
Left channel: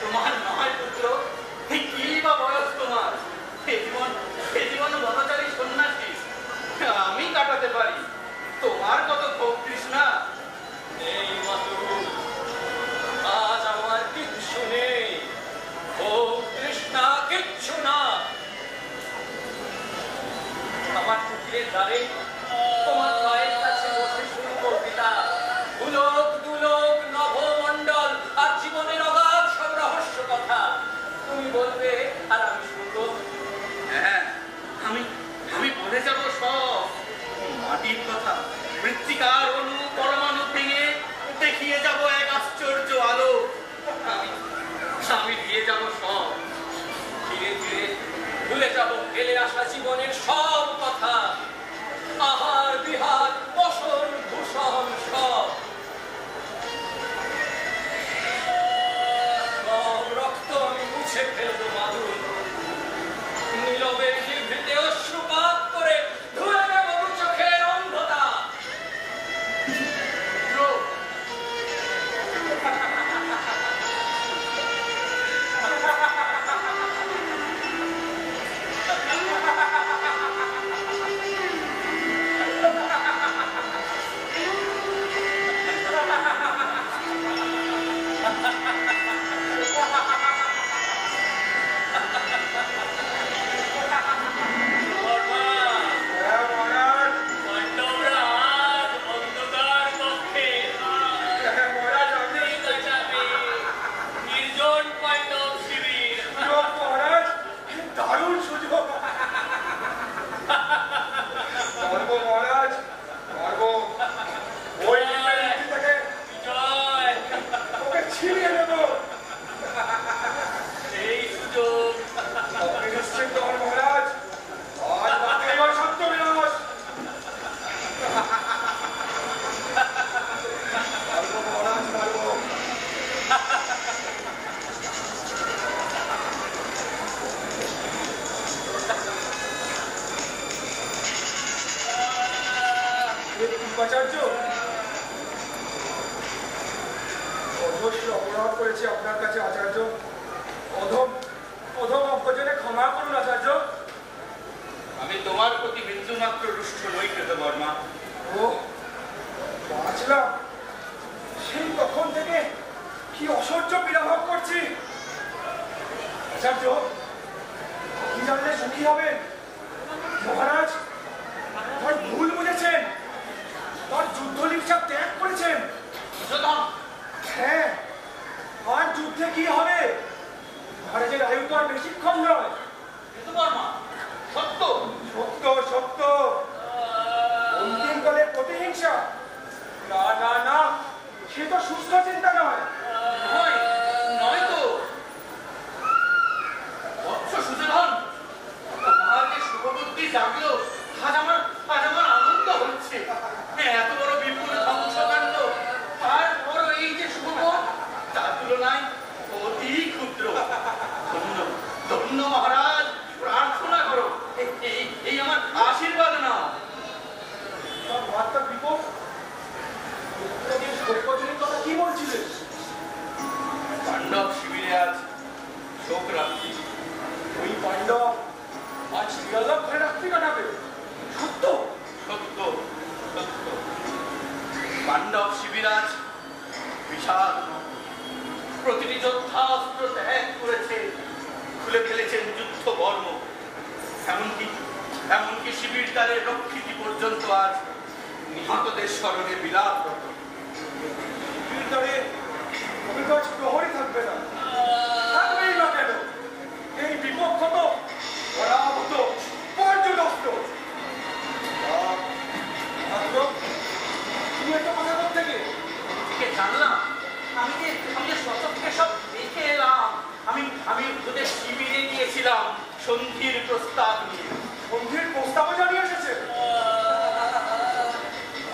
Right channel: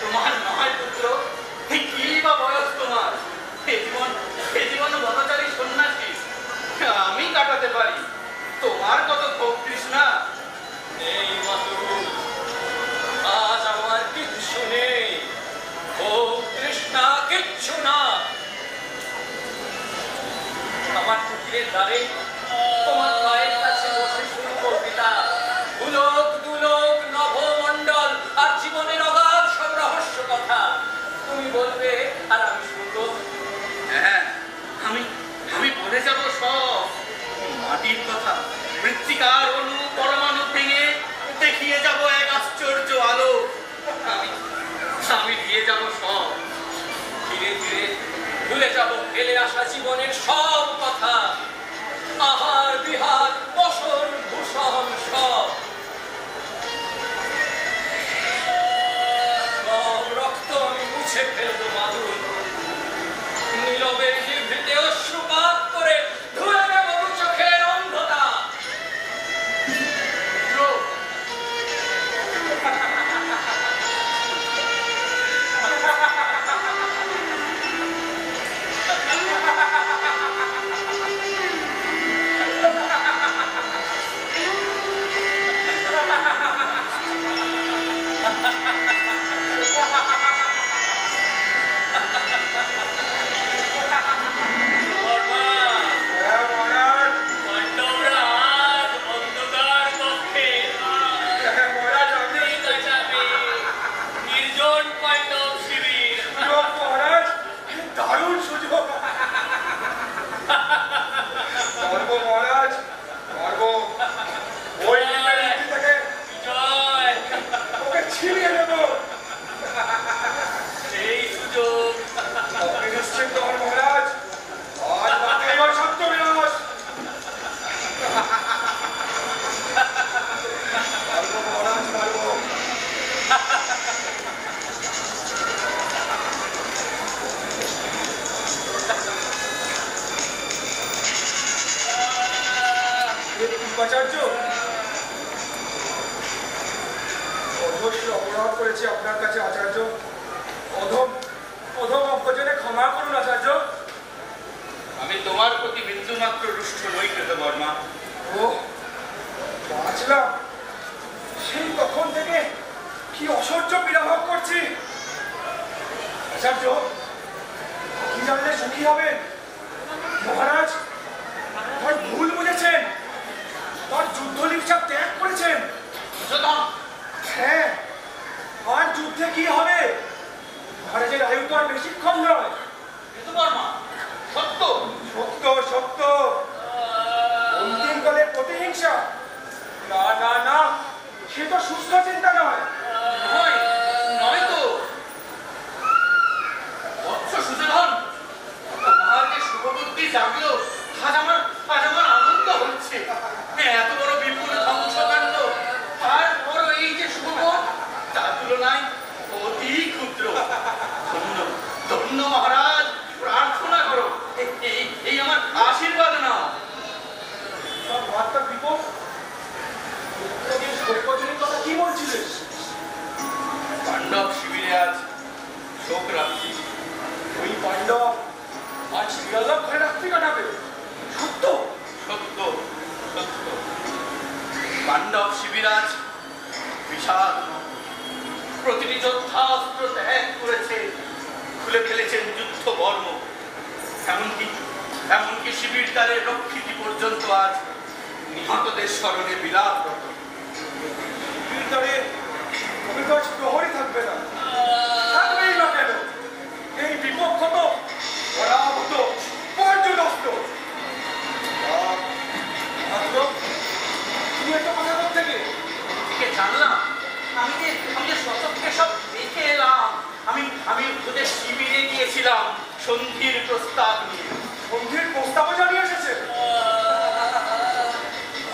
তোমার নয় পুত্র। কি বা বয়স তোমার? এ জীবন বনচারী সন্ন্যাসী আমি কাটাতে পারি। তোমার কত ভোগ তৃষ্ণা। এই মাতু, আজ আমার কিচ্ছু নেই, ভোগ তৃষ্ণা কিচ্ছু না। আমার কুটিরের দ্বারে তোমার পায়ের কাছে বসে শুনবো পিতা দুলোক দুলোক নভমণ্ডল আর জীবনের অগাধ সব রহস্য কথা। তুমি বলবে আর আমি শুনবো। হ্যাঁ, আমি বলে যাব সব মাটির কথা। মৃত্তিকার অণু পরমাণু ভেঙে দেখিয়ে যাব এক আশ্চর্য আলো। আমি দিয়ে যাব সব। ধীরে ধীরে ভুলে যাব ফেলে আসা জীবনের সব কথা, আহার বিহার বসন ভূষণ সব। সব রক্ত আমি মুছে ফেলবো মাধুর, নীরবে নিভৃতে অশ্রুপাত করে ধুয়ে দেব দু চোখের অন্ধতা। আচার্য, অবশ্য অপরাধ করেছি আপনার কাছে আচার্য। অধম অজ্ঞানে ক্ষমা করুন আচার্য। আমি তোমার প্রতি বিন্দুমাত্র রুষ্ট নই কৃতবর্মা। ও বাঁচলাম, সেই তখন থেকে কি অসহ্য পীড়া ভোগ করছি। আচার্য, কি জানলে সুখী হবেন? মহারাজ তার ভুল বুঝেছেন, তার যুদ্ধ লিপসা ত্যাগ করেছেন। হ্যাঁ, আর যুদ্ধে কি হবে? মহারাজের আয়ু তো আর বেশিক্ষণ নয়। সত্য সত্য সত্য, অন্তিমকালে প্রতিহিংসা না না না, সে তো সুস্থ চিন্তা নয়। নয় তো বৎস সুযোধন, তোমার যে শুভবুদ্ধি জাগলো, আজ আমার আনন্দ হচ্ছে। এত বড় বিপুল ধ্বংসকাণ্ড, তারপর এই যে শুভবোধ, তার তুলনায় অতি ক্ষুদ্র। ধন্য ধন্য মহারাজ, প্রার্থনা করো, এই আমার আশীর্বাদ নাও। মাত্রা বিপদ কথা কি বলছিলেন? পাণ্ডব শিবিরে আজ শোক রাত্রি। ওই পাণ্ডব আজ বিরলভ ঘরে রাত্রি কাটাবে? সত্য সত্য সত্য, পাণ্ডব শিবির আজ বিষাদ। প্রতিটি যোদ্ধাস্ত্র ত্যাগ করেছে, খুলে ফেলেছেন যুদ্ধ বর্ম। এমনকি শিবির দ্বারের রক্ষিতি পর্যন্ত আজ নিহতদের স্মরণে বিলাপরত। শিবির দ্বারে আজ প্রহরী থাকবে না, থাকবেই না কেন? এই বিপক্ষ তো পরাভূত পর্যদস্ত। তুমি একটা কথা থেকে জানলাম, আমি যে সচক্ষে সব দেখে এলাম। আমি ওদের শিবিরে গিয়েছিলাম সন্ধির প্রস্তাব নিয়ে। সন্ধির প্রস্তাবও জানিয়ে এসেছে?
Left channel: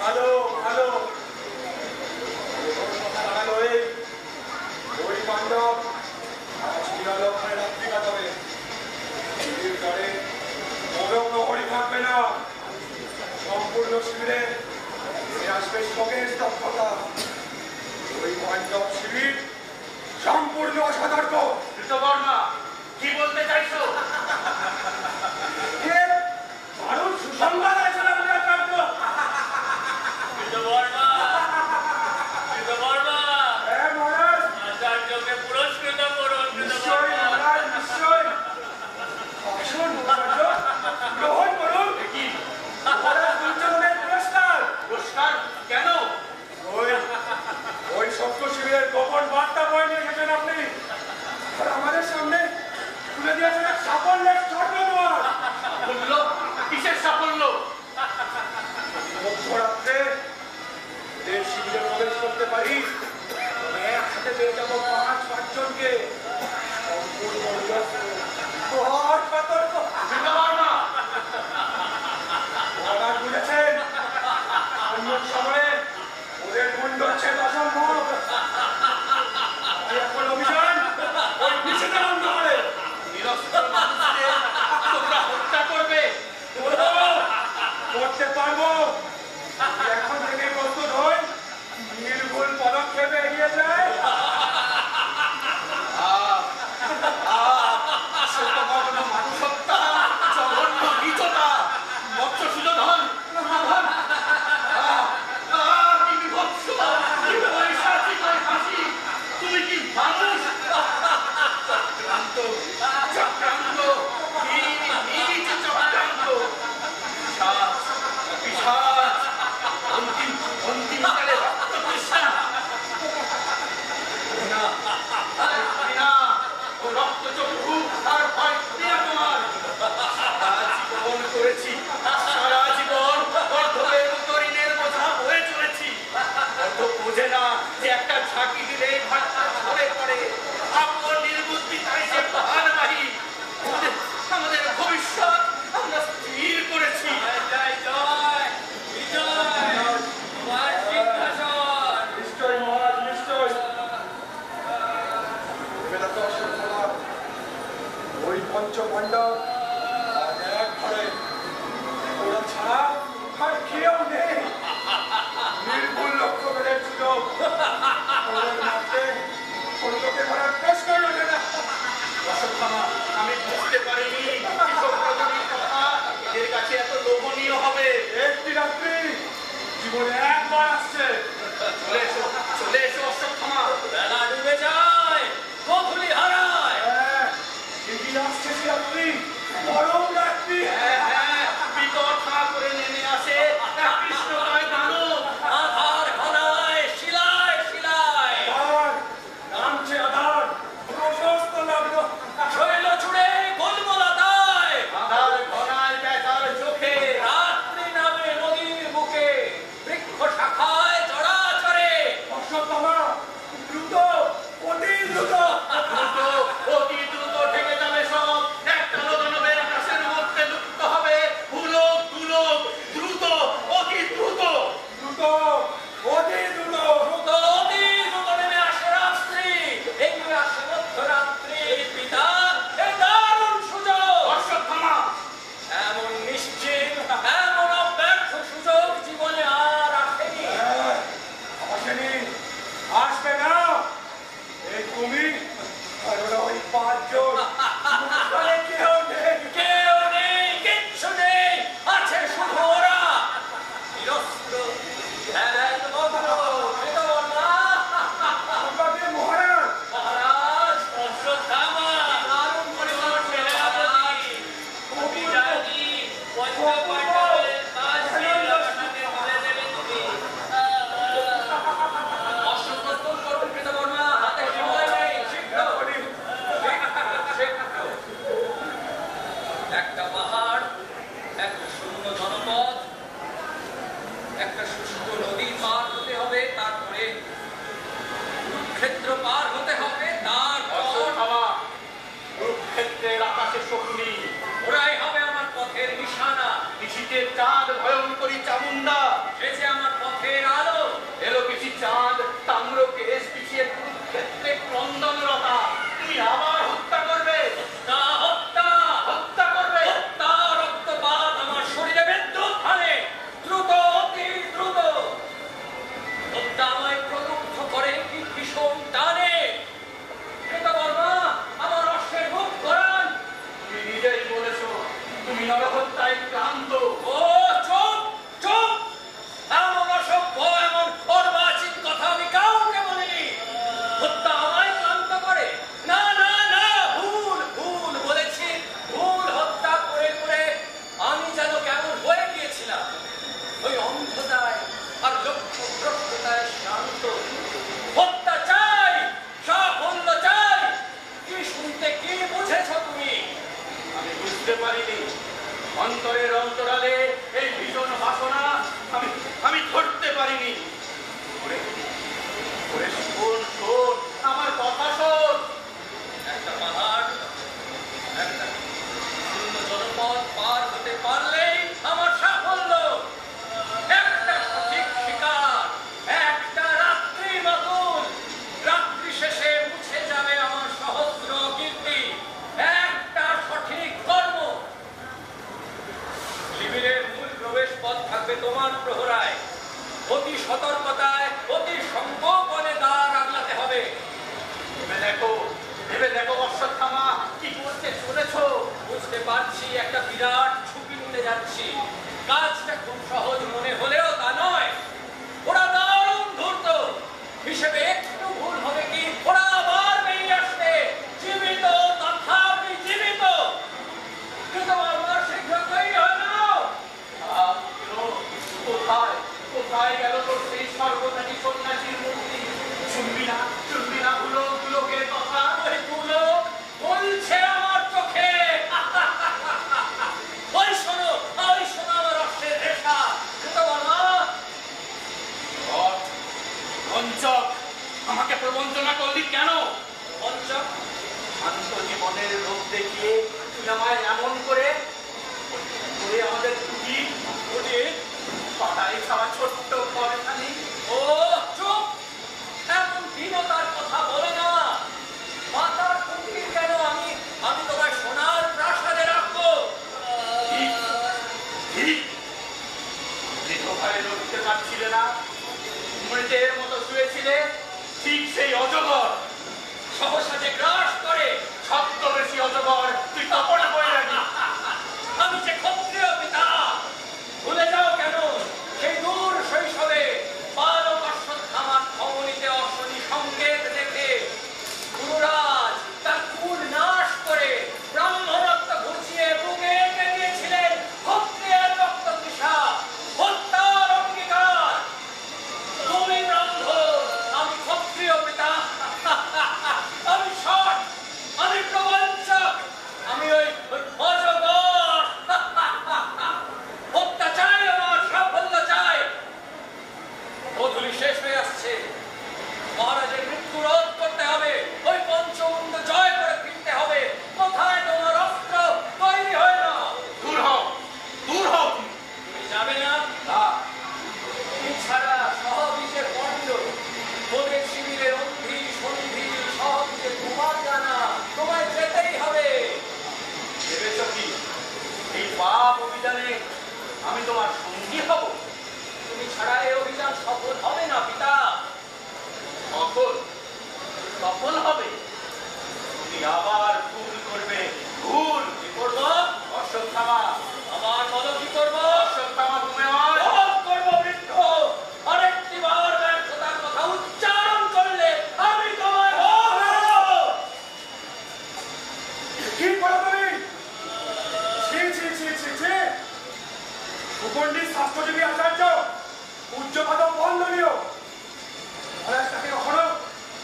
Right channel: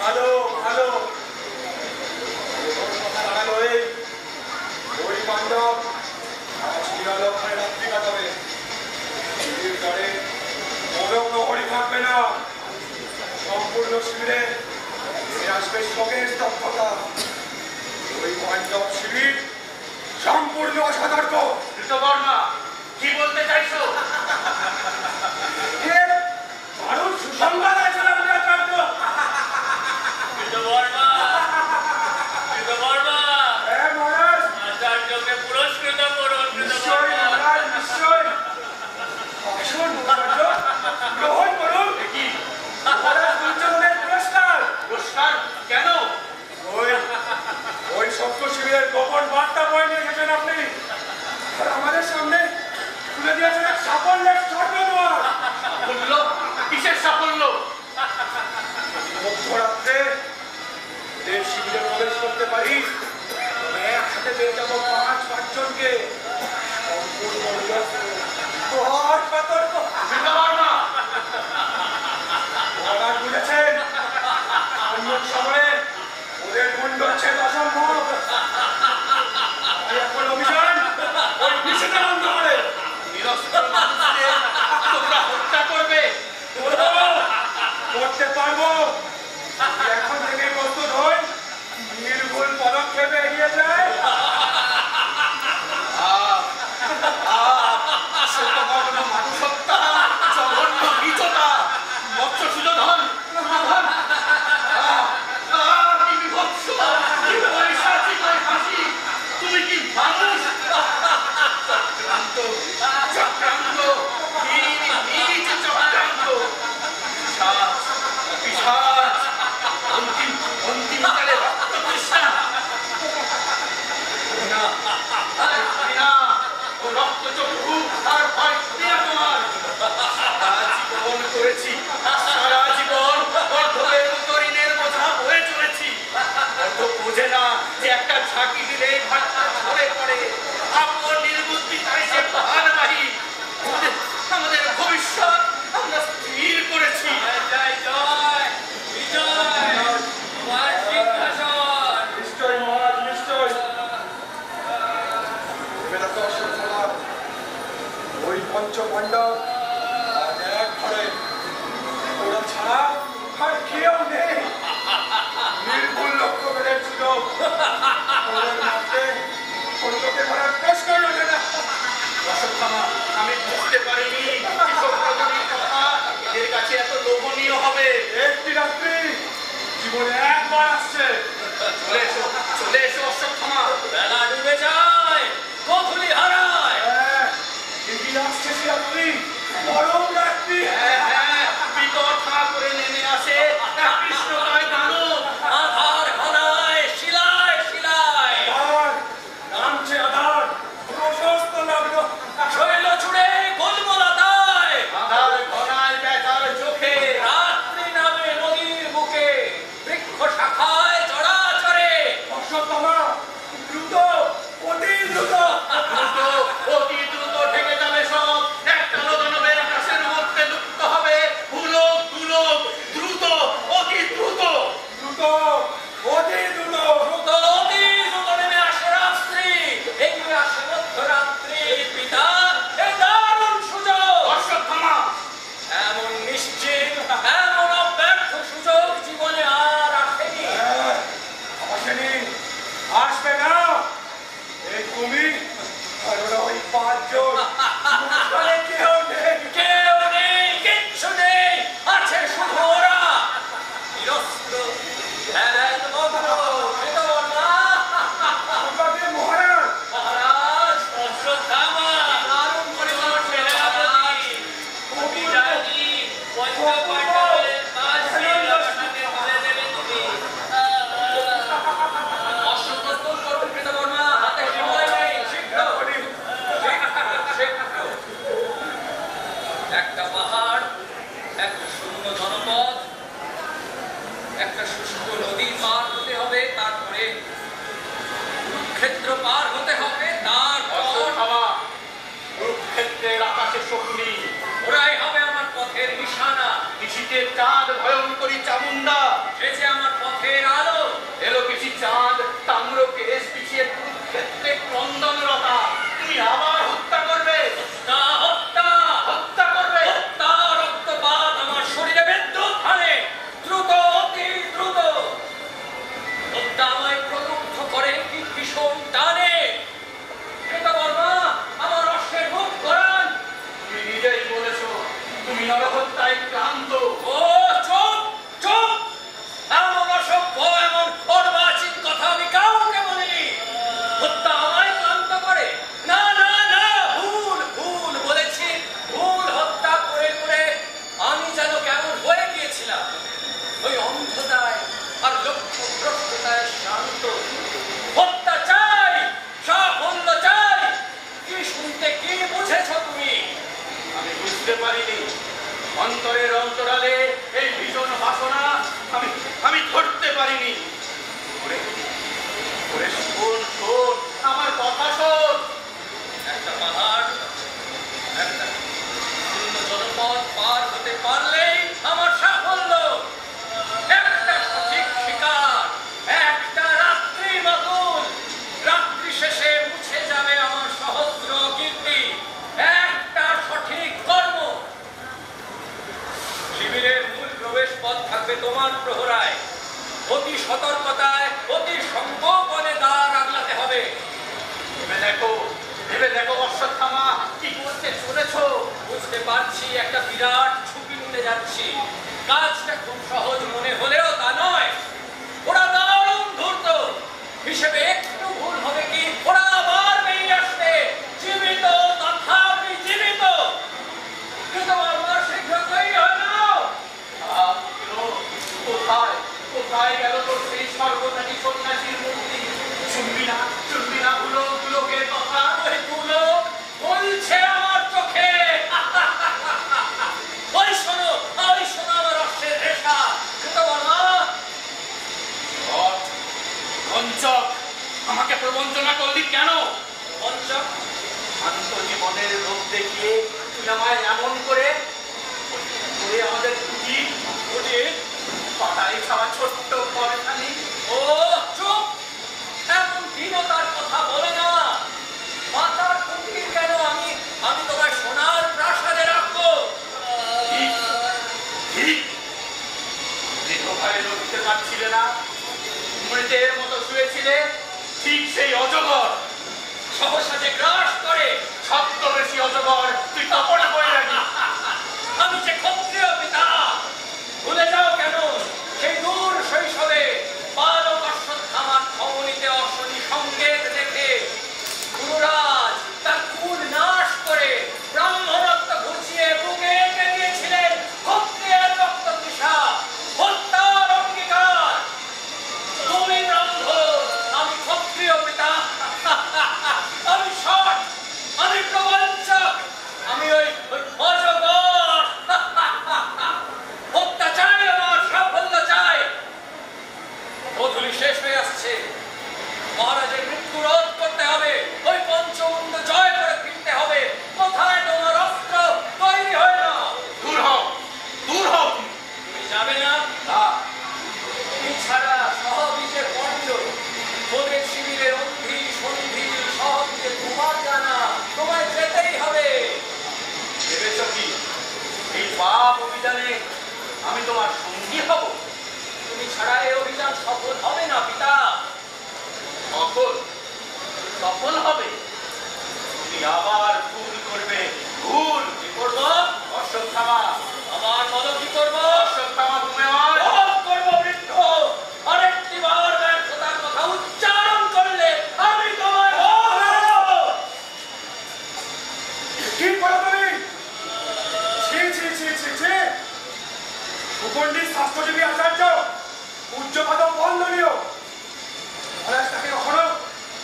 ভালো ভালো, কথা দাঁড়ালো ওই পাণ্ডব আজ বিরলভ ঘরে রাত্রি কাটাবে। সম্পূর্ণ শিবিরে আসবে শোকের স্তব্ধতা। ওই পাণ্ডব শিবির সম্পূর্ণ অসতর্ক। কৃতবর্মা, কি বলতে চাইছো? দারুণ সুসংবাদ আছে আচার্য। কৃতবর্মা, কৃতবর্মা, হ্যাঁ মহারাজ, আচার্যকে পুরস্কৃত করুন। নিশ্চয় মহারাজ, নিশ্চয়। আসুন আচার্য, গ্রহণ করুন। কি মহারাজ দুর্যোধনের পুরস্কার। পুরস্কার? কেন? ওই সত্য শিবিরের গোপন বার্তা বয়ে নিয়ে এসেছেন আপনি, আর আমাদের সামনে তুলে দিয়েছেন এক সাফল্যের স্বর্ণদুয়ার। সাফল্য? কিসের সাফল্য? মধ্যরাত্রে দেব শিবিরে প্রবেশ করতে পারি, তবে একসাথে পেয়ে যাবো পাঁচজনকে সম্পূর্ণ প্রহার সতর্ক। কৃতবর্মা, মহারাজ বুঝেছেন, অন্য সময়ে ওদের মুন্ডচ্ছেদ অসম্ভব। তাই এখন অভিযান ওই পিছনে বন্ধ করে নিরস্ত্র মানুষদের তোমরা হত্যা করবে। করতে পারবো। এখন থেকে প্রস্তুত হই, নির্ভুল পদক্ষেপে এগিয়ে যায়। মানুষ হত্যা, জঘন্য নীচতা, মৎস্য সুযোধন, কি বিভৎস, কি পৈশাচিক ওই হাসি। তুমি কি মানুষ? চক্রান্ত, চক্রান্ত, নিজ চক্রান্ত, পিশাচ, অন্তিমকালে রক্ততৃষ্ণা। ঘৃণা ও রক্তচক্ষু আর ভয় ঘৃণা তোমার। সারা জীবন করেছি, সারা জীবন অর্ধবের মতো ঋণের বোঝা বয়ে চলেছি। অর্ধ বোঝে না যে একটা ঝাঁকি দিলে ভাটটা ঝরে পড়ে। আপন নির্বুদ্ধিতায় সে ভারবাহী। আমাদের ভবিষ্যৎ আমরা স্থির করেছি। জয় জয় বিজয়, তোমার সিংহাসন। নিশ্চয় মহারাজ, নিশ্চয়। এবার তো অসম্ভব। ওই পঞ্চপাণ্ডব আজ এক ঘরে, ওরা ছাড়া আর কেউ নেই। নির্ভুল লক্ষ্য বেড়ে ছিল, ওদের মধ্যে কোনো লোকে ধরার প্রশ্নই ওঠে না। অশ্বত্থামা, আমি বুঝতে পারিনি কৃষকদের কথা এদের কাছে এত লোভনীয় হবে। একটি রাত্রি জীবনে একবার আসছে। চলে এসো, চলে এসো অশ্বত্থামা। বেলা ডুবে যায়, গোধূলি হারায়। হ্যাঁ, এগিয়ে আসছে সে রাত্রি, পরম রাত্রি। হ্যাঁ, বিতর্কা করে নেমে আসে এক কৃষ্ণকায় দানব। আধার ঘনায়, শিলায় শিলায়, আধার, নামছে আধার, প্রশস্ত নগ্ন। শৈল ছুড়ে গোলমোলাতায়, আধার ঘনায় বেতার চোখে। রাত্রি নামে নদীর বুকে, বৃক্ষ শাখায় চড়াচড়ে। অশ্বত্থামা, দ্রুত, অতি দ্রুত। দ্রুত, অতি দ্রুত ঠেকে যাবে সব। একটা দানবের আকাশের মধ্যে লুপ্ত হবে। ভুলক, দুলক, দ্রুত, অতি দ্রুত। দ্রুত, অতি দ্রুত। দ্রুত অতি দ্রুত নেমে আসে রাত্রি, এগিয়ে আসে মধ্যরাত্রি। পিতা, এ দারুণ সুযোগ। অশ্বত্থামা, এমন নিশ্চিত, এমন অব্যর্থ সুযোগ জীবনে আর আসেনি। হ্যাঁ, আসেনি, আসবে না। এই তুমি আর ওরা ওই পাঁচজন, মুখখানে কেউ নেই। কেউ নেই, কিচ্ছু নেই, আছে শুধু ওরা। নিরস্ত্র, ধ্যানমগ্ন, কৃতবর্মা। আমাকে মহারাজ, মহারাজ, অশ্বত্থামা, দারুণ পরিমাণ সেনাপতি। আমি জানি, পঞ্চপাণ্ডবের পাঁচটি লক্ষণে তুলে দেবে তুমি। অশ্ব প্রস্তুত করুন কৃতবর্মা, হাতে সময় নেই, শীঘ্র। একটা পাহাড়, একটা শূন্য জনপদ, একটা শুষ্ক নদী পার হতে হবে, তারপরে কুরুক্ষেত্র পার হতে হবে, তারপর অশ্বত্থামা, কুরুক্ষেত্রের আকাশে শকুনি, ওরাই হবে আমার পথের নিশানা। নিশীথের চাঁদ ভয়ঙ্করী চামুন্ডা। সে যে আমার পথের আলো। এলো কিছু চাঁদ, তাম্র কেশ পিছিয়ে কুরুক্ষেত্রে ক্রন্দনরতা। তুমি আবার হত্যা করবে, হত্যা, হত্যা, হত্যা করবে। হত্যা, রক্তপাত আমার শরীরে বিদ্যুৎ হানে। দ্রুত নরহত্যায় ক্লান্ত। ও চুপ চুপ, এমন অসভ্য এমন অর্বাচীন কথা আমি কাউকে বলিনি। হত্যা আমায় ক্লান্ত করে? না না না, ভুল ভুল বলেছি, ভুল। হত্যা করে করে আমি যেন কেমন হয়ে গিয়েছিলাম, ওই অন্ধতায় আর লক্ষ্যভ্রষ্টতায় শ্রান্ত। হত্যা চাই, সাফল্য চাই। কি শুনতে কি বুঝেছ তুমি? আমি বুঝতে পারিনি অন্তরের অন্তরালে এই ভীষণ বাসনা আমি ধরতে পারিনি। ওরে ওরে শোন শোন, আমার কথা শোন। একটা পাহাড়, একটা শূন্য জনপদ পার হতে পারলেই আমার সাফল্য। একটা সঠিক শিকার, একটা রাত্রি মাতুল। রাত্রি শেষে মুছে যাবে আমার সহস্র কীর্তি। একটা সঠিক কর্ম। শিবিরের মূল প্রবেশ পথ থাকবে তোমার প্রহরায়। অতি সতর্কতায়, অতি সংকোপনে দ্বার আগলাতে হবে। ভেবে দেখো অশ্বত্থামা, কি করতে চলেছ। বুঝতে পারছি একটা বিরাট ঝুঁকি নিতে যাচ্ছি। কাজটা খুব সহজ মনে হলেও তা নয়। ওরা দারুণ ধূর্ত। হিসেবে একটু ভুল হবে কি, ওরা আবার বেরিয়ে আসবে জীবিত, তথাপি জীবিত। কিন্তু আমার শীঘ্র তৈরি হয় না। কোথায় কোথায় গেল তোর সেই সর্বনাশী সন্ন্যাসীর মূর্তি? শুনবি না গুলোকের কথা? ওই গুলো বলছে আমার চোখে। ওই শোনো আমার অশ্বের রেশা। কিন্তু বাবা পঞ্চক, আমাকে প্রবঞ্চনা করলি কেন? পঞ্চক, শান্ত জীবনের লোক দেখিয়ে তুই আমায় এমন করে আমাদের কুটির পাটাই খাওয়া ছোট্ট ঘরখানি। ও চুপ, এমন দীনতার কথা বলে না। মাতার কুটির কেন, আমি তোমায় সোনার প্রাসাদে রাখবো। ঠিক দীর্ঘকালে লড়তে পারছিলে না, মৃতের মতো শুয়েছিলে। ঠিক সেই অজগর সহসা যে গ্রাস করে, ছদ্মবেশী অজগর তুই তপনা করে রাখি। আমি যে ক্ষত্রিয় পিতা, ভুলে যাও কেন সেই দূর শৈশবে বালক অশ্বত্থামার ধমনীতে অশ্বনী সংকেত দেখে গুরুরাজ তার কুল নাশ করে ব্রাহ্মণত্ব ঘুচিয়ে বুকে এঁকে দিয়েছিলেন ক্ষত্রিয়ের রক্ত তৃষা, হত্যার অঙ্গীকার। তুমি ব্রাহ্মণ, আমি ক্ষত্রিয় পিতা। আমি সৎ, আমি প্রবঞ্চক, আমি ওই অজগর। হত্যা চাই, আমার সাফল্য চাই। গোধূলি শেষ হয়ে আসছে। মহারাজের মৃত্যু রোধ করতে হবে। ওই পঞ্চমুণ্ড জয় করে ফিরতে হবে। কোথায় তোমার অস্ত্র? তৈরি হয় না। দূর হও, দূর হও। তুমি যাবে না? তুমি ছাড়া সহবীজের পণ্ড, তোদের শিবিরের অন্ধি সন্ধি সহবীজে তোমার জানা, তোমায় যেতেই হবে। ভেবেছ কি এই পাপ অভিযানে আমি তোমার সঙ্গী হব? তুমি ছাড়া এই অভিযান সফল হবে না পিতা। সফল হবে? তুমি আবার ভুল করবে। ভুল কি করব? অশ্বত্থামা, আমার বলো কি করব? অশ্বত্থামা তুমি আমার করব বৃদ্ধ। আরেকটি বার ব্যর্থতার কথা উচ্চারণ করলে আমি তোমায় কি করো তুমি? ছি ছি ছি ছি ছি। সুপণ্ডিত শাস্ত্রজীবী আচার্য উচ্চপাদ বন্ধনীয়। মহারাজ তাকে কখনো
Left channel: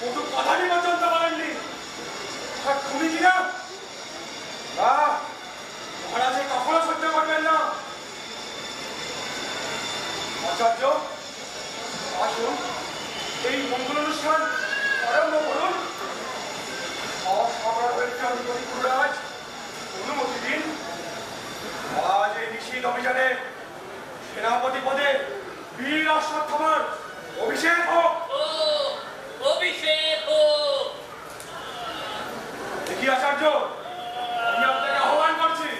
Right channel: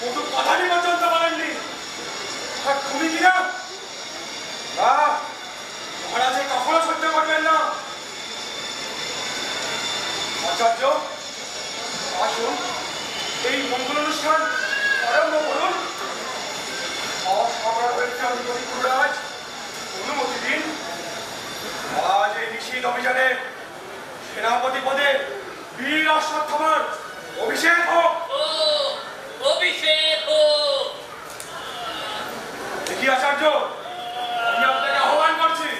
কটু কথাটি পর্যন্ত বলেননি। আর তুমি কিনা মহারাজে কখনো সহ্য করবেন না। আচার্য আসুন, এই মঙ্গল অনুষ্ঠান আরম্ভ করুন। গুরুরাজ অনুমতি দিন। আজ এই নিষিদ্ধ অভিযানে সেনাপতি পদে বীর অশ্বত্থামার অভিষেক হোক। অভিষেক হোক। দেখি আচার্য, আমি আপনাকে আহ্বান করছি।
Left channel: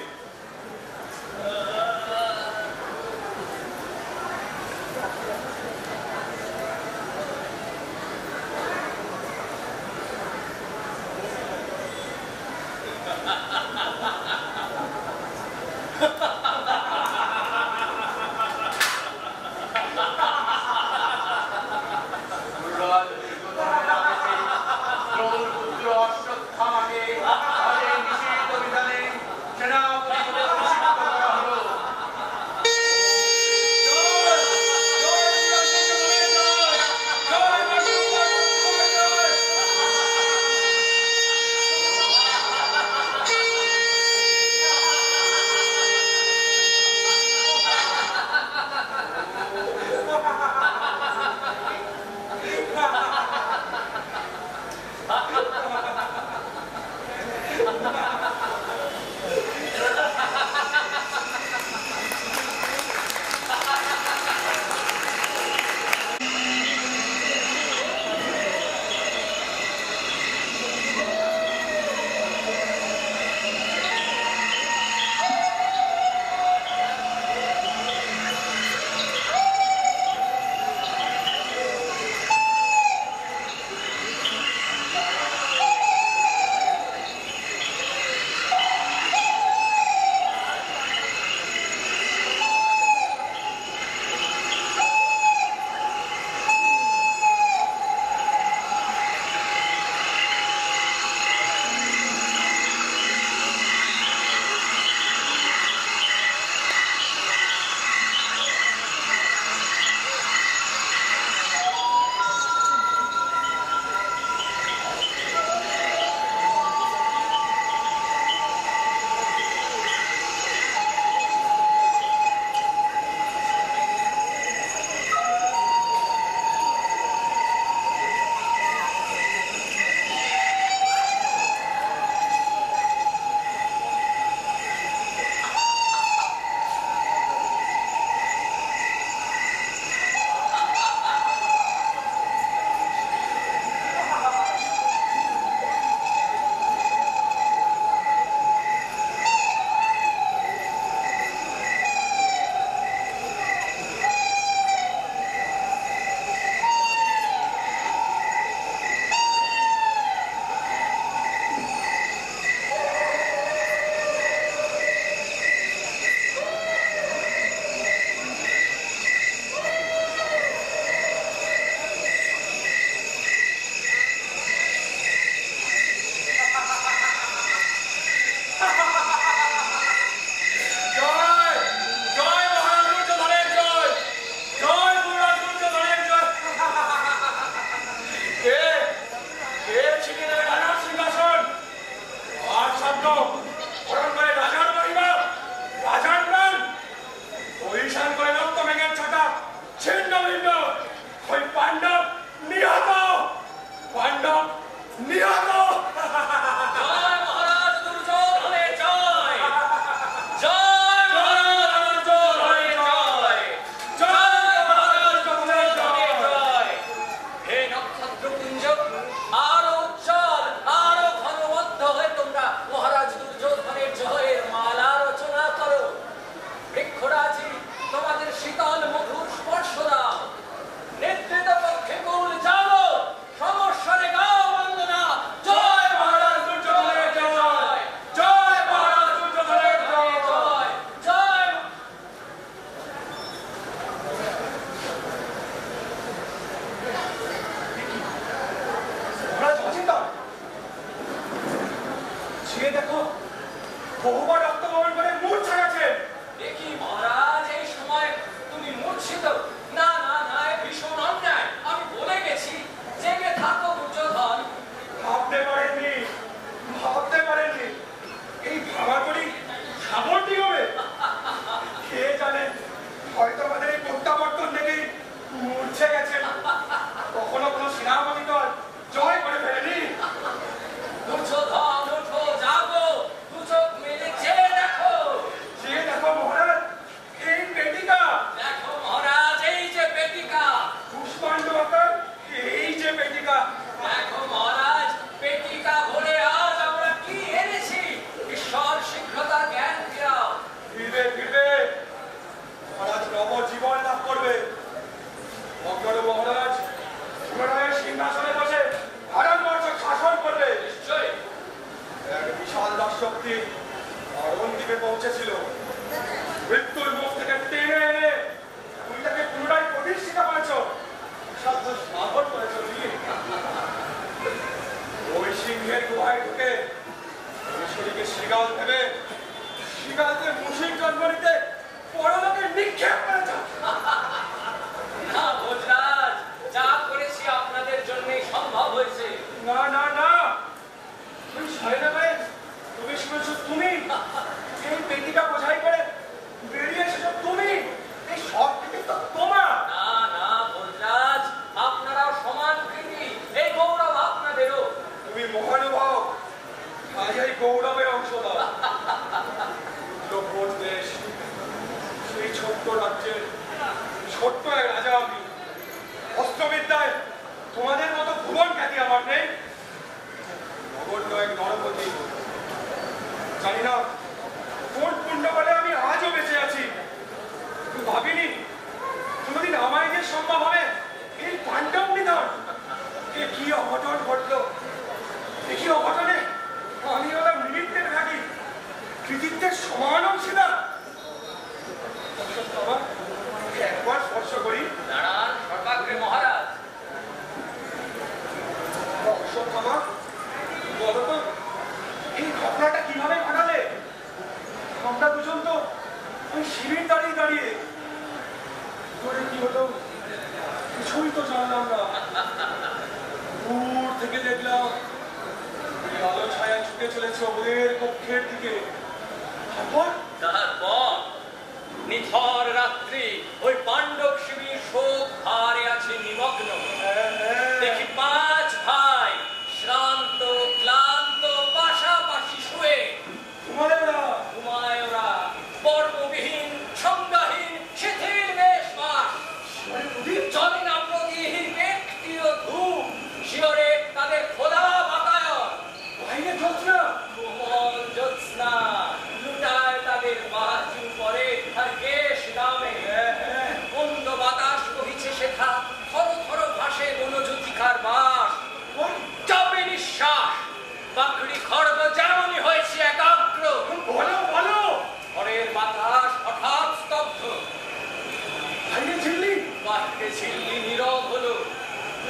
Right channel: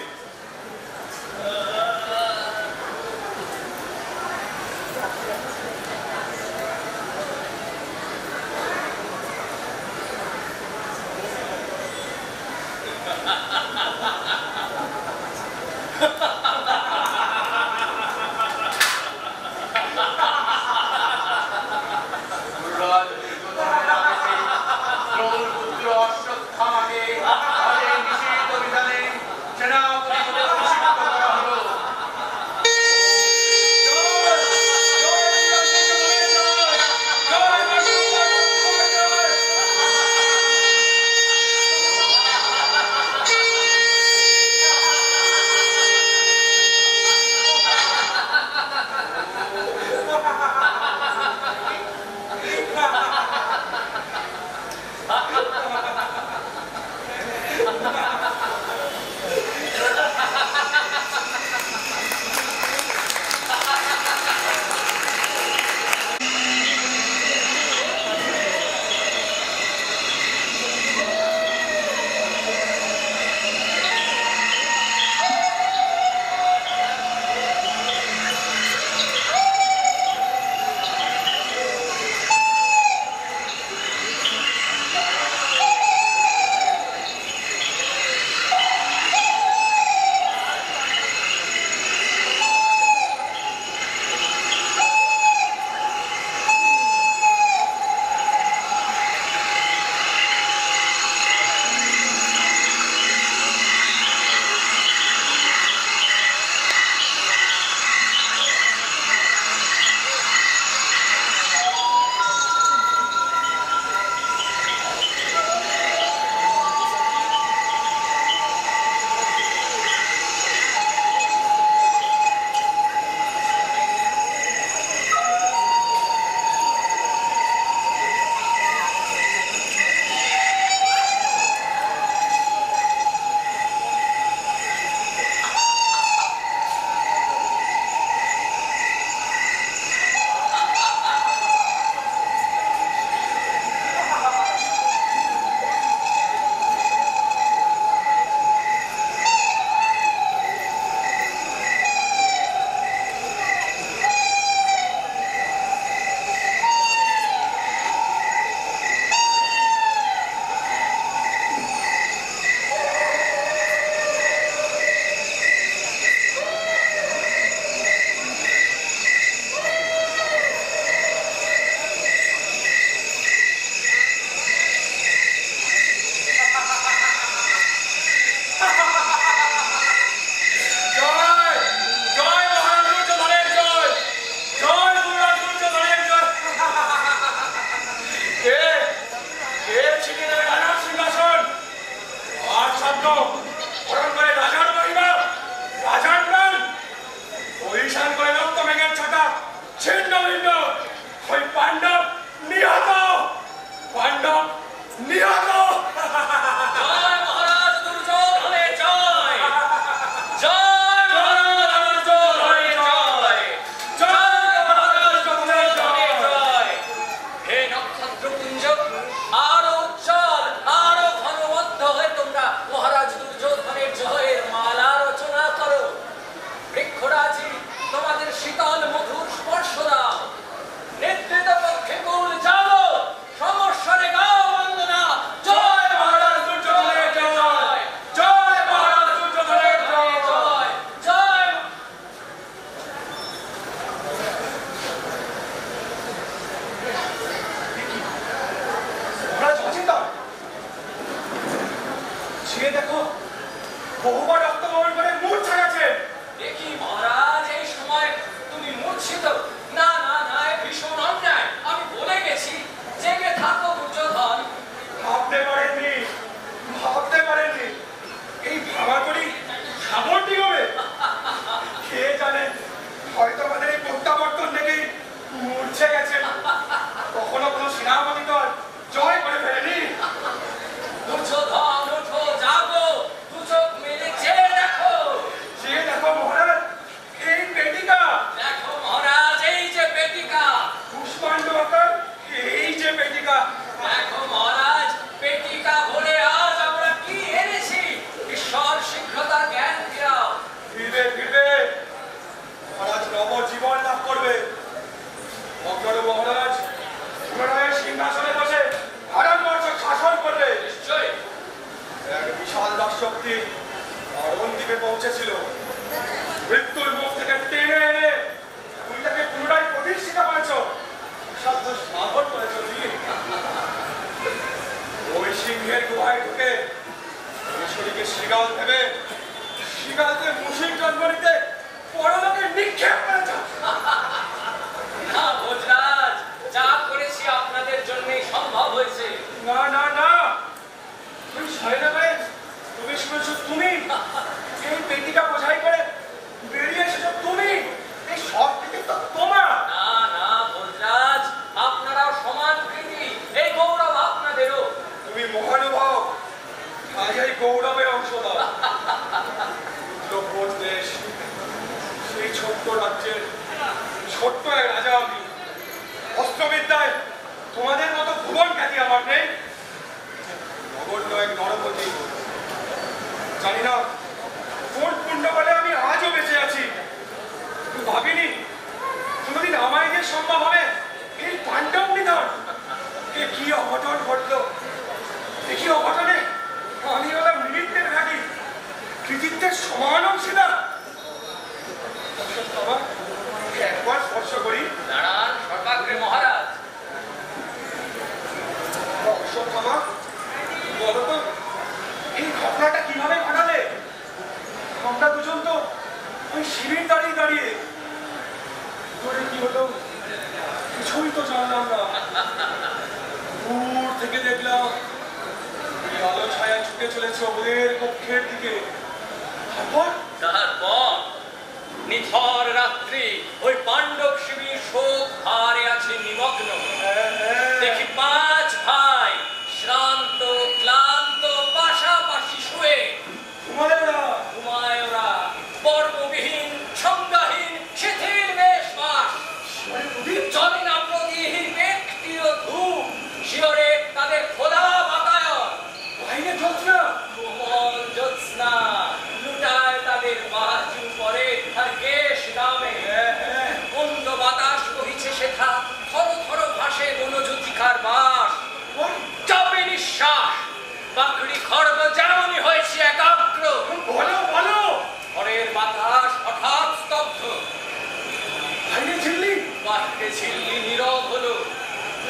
শক্তি অরণ দ্বীপে পৌঁছেছিল। শিগাল ভেবে শিগালকে মুশিক জন্মনিতে পরলোকে নিক্ষেপ করেছ। না ভোজরাজ, যা করেছি আপনাদের জন্যই সম্ভব হয়েছে। না না না, তুমি সাইনা ভাই, তুমি শুনেছো, তুমি এই পেটিটা বোঝাই করে বেরিয়ে এসেছো, তুমি এই সব থেকে তো তোমার। না না ভোজরাজ, আপনারাও সমান কৃতি, এই গৌরব আপনাদেরও। তুমি মহানুভব, আজ এই গৌরবের অংশ দাও। লোকভোজ দেশ, সেই ছোট্ট রাজ্যের ছোট্ট এক রাজা আমি। অস্ত্রবিদ্যায় তোমাদের মতো ভুবন খ্যাতি আমার নেই। নগণ্য এক নরপতি, জানি না কোন পুণ্য বলে আমি আজও বেঁচে আছি। ভাবিনি কোনোদিন আমার যে সম্ভব হবে এই পাণ্ডব নিধন। এ কি অঘটন ঘটলো, এ কি অঘটনে আমি হলাম নিমিত্তের ভাগী, কৃতিত্বের সমান অংশীদার। একবার স্পর্শ করি। দাঁড়ান সর্বাগ্রে মহারাজ। অশ্বত্থামা, বলো তো এই ঘটনাটা কিভাবে ঘটালে? আমরা দুজন তো ওই শিবির দাঁড়িয়ে দাঁড়িয়ে, তোরে কি হলো কিছুই তো জানলাম না। দূর থেকে দেখলাম এই আলো ছায়া ছুটে চলেছে ওদের কক্ষের দিকে। তারপর নিথর রাত্রি ওই পাণ্ডব শিবির শোক ভারে আছে নিমগ্ন। দেখি 5 ভাই শ্রান্ত ক্লান্ত পাশাপাশি শুয়ে ঘুমায় ওরা, পর্ববিহীন সংজ্ঞাহীন শিথিল বেশবাস। চলে না প্রতিহীন ব্যক্তিও ধূপ, শিওরে তাদের খোলা বাতায়ন। বাইরে জ্যোৎস্না, কোমল জ্যোৎস্না লুটায় তাদের বাজু পরে আর কেশ নামে। মন্দ বাতাস বহিছে শেখা, থর থর ভাসে বনজ্যোতিকার বাস। চাপে নিঃশ্বাস, পাকড়ি খড়গ যেমনই হয়েছে একাগ্র। বলো বলো, ঘরের বাতাস হঠাৎ স্তব্ধ। বাইরে ঝিল্লি, বাহিরে ঝিল্লি নীরব হলো।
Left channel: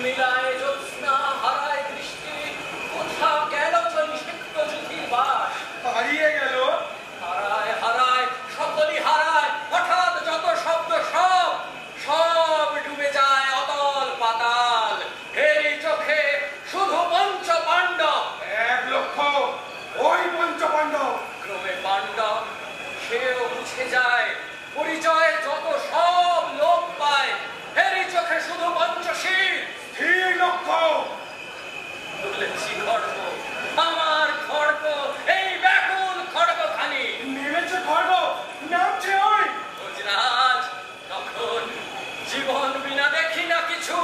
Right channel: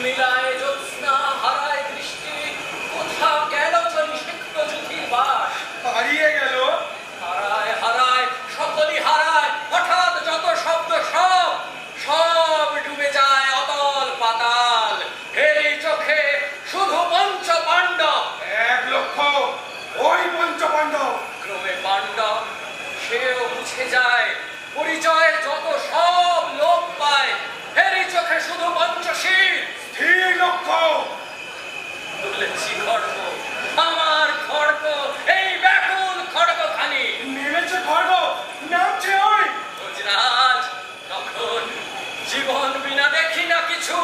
মিলায় জ্যোৎস্না, হারায় দৃষ্টি, কোথা গেল নিষিক্ত জ্যোতির বাস। হারিয়ে গেল, হারায় হারায় সকলই হারায়। হঠাৎ যত শব্দ সব ডুবে যায় অতল পাতাল। এই চোখে শুধু পঞ্চ পাণ্ডব। 1 লক্ষ ওই পঞ্চপাণ্ডব। ক্রমে পাণ্ডব সেও মুছে যায়, পরিচয় যত সব লোপ পায়। এরই চোখে শুধু পঞ্চশীল। 3 লক্ষ তুলেছি খড়গ, আমার খড়গ, এই ব্যাকুল খড়গখানি। নেমেছে খড়গ, নামছে ওই ভোজরাজ, তখন জীবন বিনা দেখি না কিছু,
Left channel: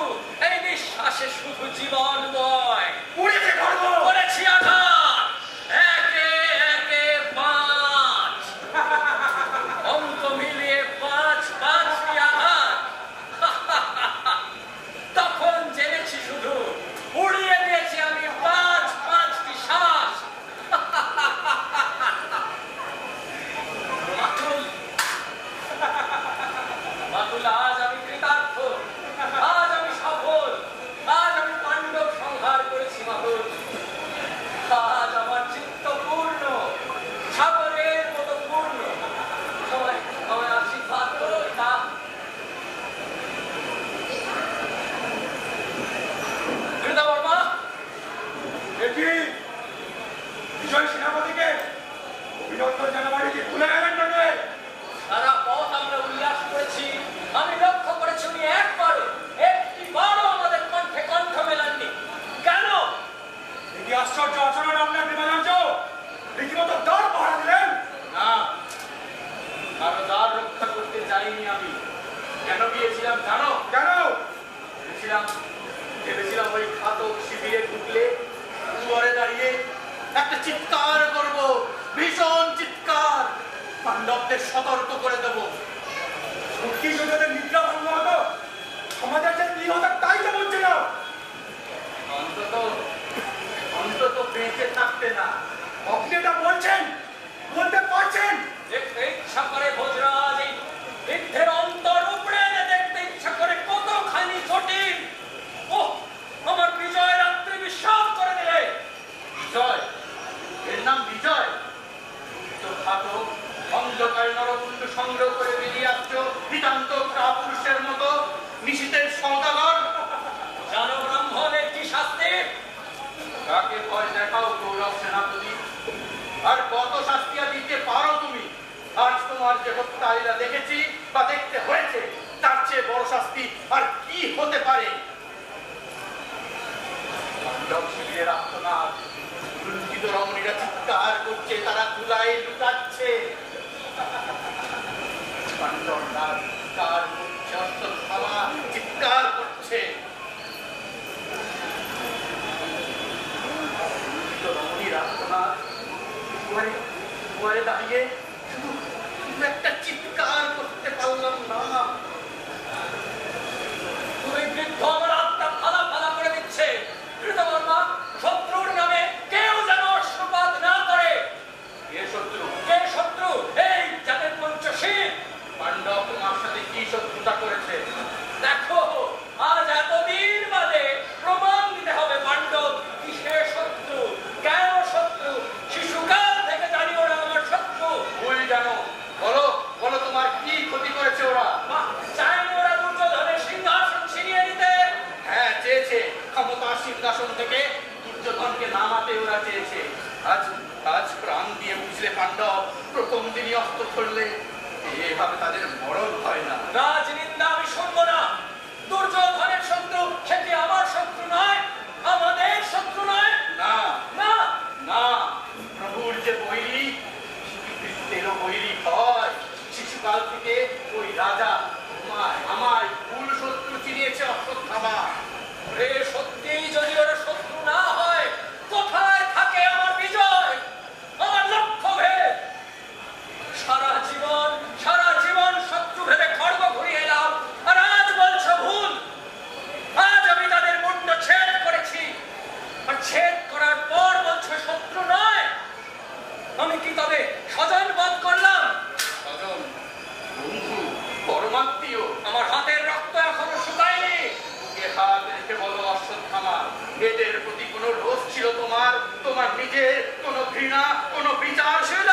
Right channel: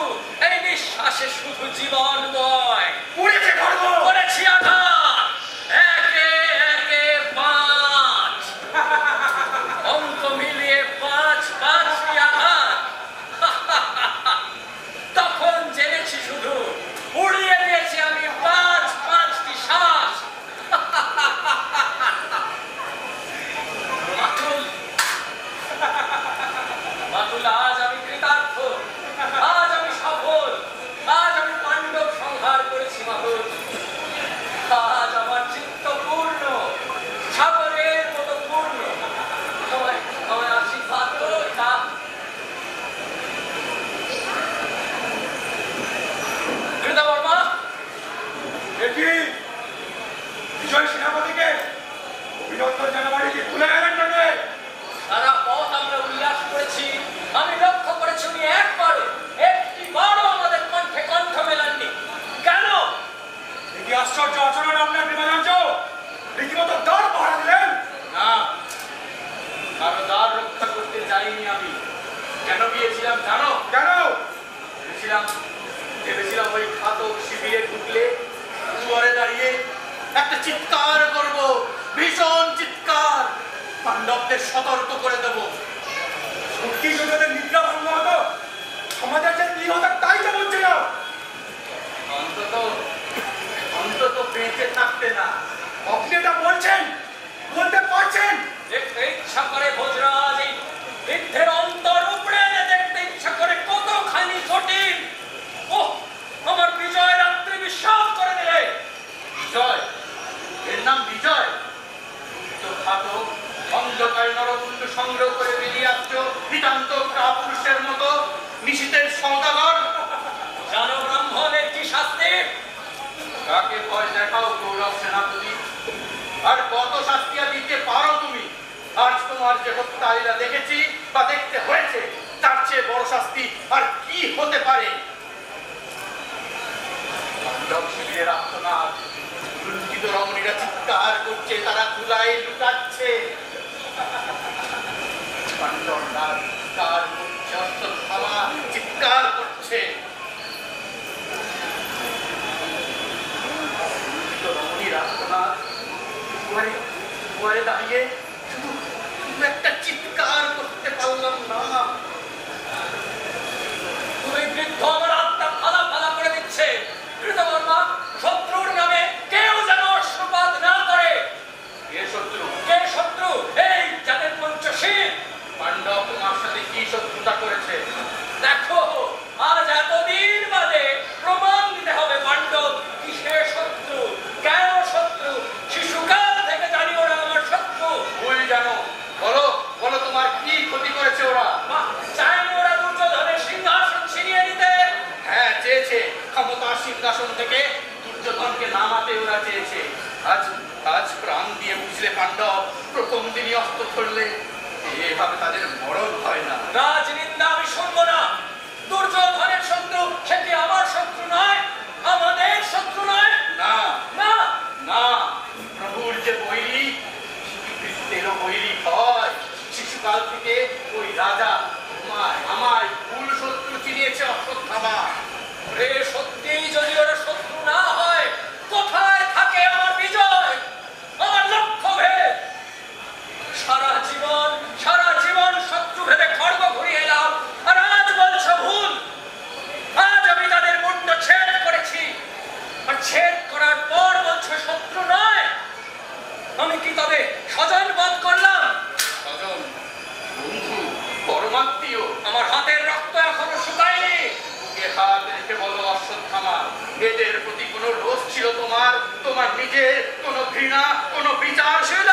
এই বিশ্বাসে শুধু জীবন বয়। উড়েছে খড়গ। করেছি আঘাত, একে একে 5, অঙ্ক মিলিয়ে 5টি আঘাত। তখন জেনেছি শুধু উড়িয়ে দিয়েছি আমি 5টি শ্বাস। মাতুল, আজ আমি কৃতার্থ, আজ আমি সফল, আজ আমি পাণ্ডব সংহার করেছি মাতুল। আজ আমার চিত্ত পূর্ণ, সাগরের মতো পূর্ণ। আমায় আশীর্বাদ করো। কৃতবর্মা, দেখি বিজয় সেনাপতিকে অভিনন্দন জানাবাড়ি কি ভুলে গেলেন নাকি? সারা পথ আমরা উল্লাস করেছি, আমি লক্ষ্য করেছি উনি একটিবারও আমাদের কণ্ঠে কণ্ঠ মেলাননি। কেন? কি আশ্চর্য আচরণ আপনার বিমানাঞ্চ, রীতিমতো দ্বার পাহারা দিলেন। না, কারো দ্বার রক্ষা করতে যাইনি আমি। কেন গিয়েছিলাম জানো? কেন? ভেবেছিলাম ওই ঘাতক শিবিরে ঢুকলে দুয়ারে দাঁড়িয়ে একটা চিৎকার করব, ভীষণ চিৎকার, পাণ্ডবদের সতর্ক করে দেব। সত্যি যদি ওদের নিদ্রা ভঙ্গ হতো, সমাজের যে কি হতো তাই তো বলছে না। অন্তত বেঁচে থাকতে না। আপনি এটা বলছেন, বলতে পারছেন? দেখতে ইচ্ছা করে ভোজরাজ, এই বৃদ্ধের অন্তর উপড়ে এনে দেখতে ইচ্ছা করে কতখানি জটিল। ওহ, আমার বিজয় রাত্রি বিশ্বাস করে দিলে। বিজয়? এর নাম বিজয়? অন্ধকার নরকুণ্ড সংগ্রহ করে বেরিয়ে আসছো নিতান্ত কাপুরুষের মতো নিশীথের সওদাগর। জানো ব্রাহ্মণের কি শাস্তি? কাকে ভয় দেখাও গৌরব সেনাপতি, আর কত শাস্তি দিতে পারো তুমি? আজ তোমার যে হত্যালীলা দেখেছি বা দেখতে হয়েছে, তার চেয়ে বড় শাস্তি আর কি হতে পারে? শিবিরের আত্মনাদ, লুণ্ঠিত রমণীরা চিৎকার করছে, তারা ধুলায় লুটাচ্ছে। চিৎকার করছে। রমণীর আত্মনাদ দাঁড়িয়ে শুধু একটা চিৎকার করতে পারলাম না। তুমি বৃদ্ধ আমার আত্মা ফালা ফালা করে দিচ্ছে। কৃতকর্মা, শত্রুর নামে কেউ যেন অশ্রুপাত না করে। কে শত্রু? কে শত্রু? এই যাদের পঞ্চশীল। পাণ্ডব তোমার সাথে কি শত্রুতা করেছে? দেখো, আজ এতদিন বাদে প্রমাণ দিতে হবে পাণ্ডব কিসের শত্রু, কেন শত্রু। শিশুকাল থেকে জানি ওরা আমার শত্রু। ভুল জানো, বলো বলো তোমার কি ক্ষতি করেছে ওরা? চাইনি ওরা দুর্যোধনের সিংহাসন ছিনিয়ে নিতে। হ্যাঁ, চেয়েছে। ক্ষমতার সিংহাসন থেকে দুর্যোধনকে নামাতে ওরা চেয়েছে। আজ আজ প্রাণ দিয়ে বুঝলে পাণ্ডব, প্রথম দিনই অস্ত্র ধরলে এভাবে তাদের মরণ হয় না। রাজনিন্দা আমি শুনবো না। দুর্যোধনের শত্রু সে কি আমার শত্রু নয়? আমাদের শত্রু নয়? না না না, প্রভুর যে বৈরী, শিশুকৃত্যেরও বৈরী হয়। শিশুকাল থেকে ওই রাজা আমায় ভুল শত্রু চিনিয়েছে অশ্বত্থামা। রে সত্যিই যদি ওরা শত্রু না হয়, কোথায় থাকে আমার বিজয়, আমার লক্ষ্য ভেদ? সারা জীবন শত্রু ভেবে খড়গ ঘুরিয়ে এলাম, আর আজ বলছো ভুল। আজ আমি তাদের মুন্ড ছেদ করেছি, আর ছেদ করার পর বলছো শত্রু নয়। আমি কি তবে স্বজন বধ করলাম? স্বজন, বন্ধু, পরমাত্মীয়। আমার হাতের রক্ত এখনো শুকায়নি। বুকে হাত রেখে বলো অশ্বত্থামা, এদের প্রতি কোনো রোষ ছিল তোমার? তোমার নিজের কোনো ঘৃণা, কোনো বিচার ছিল?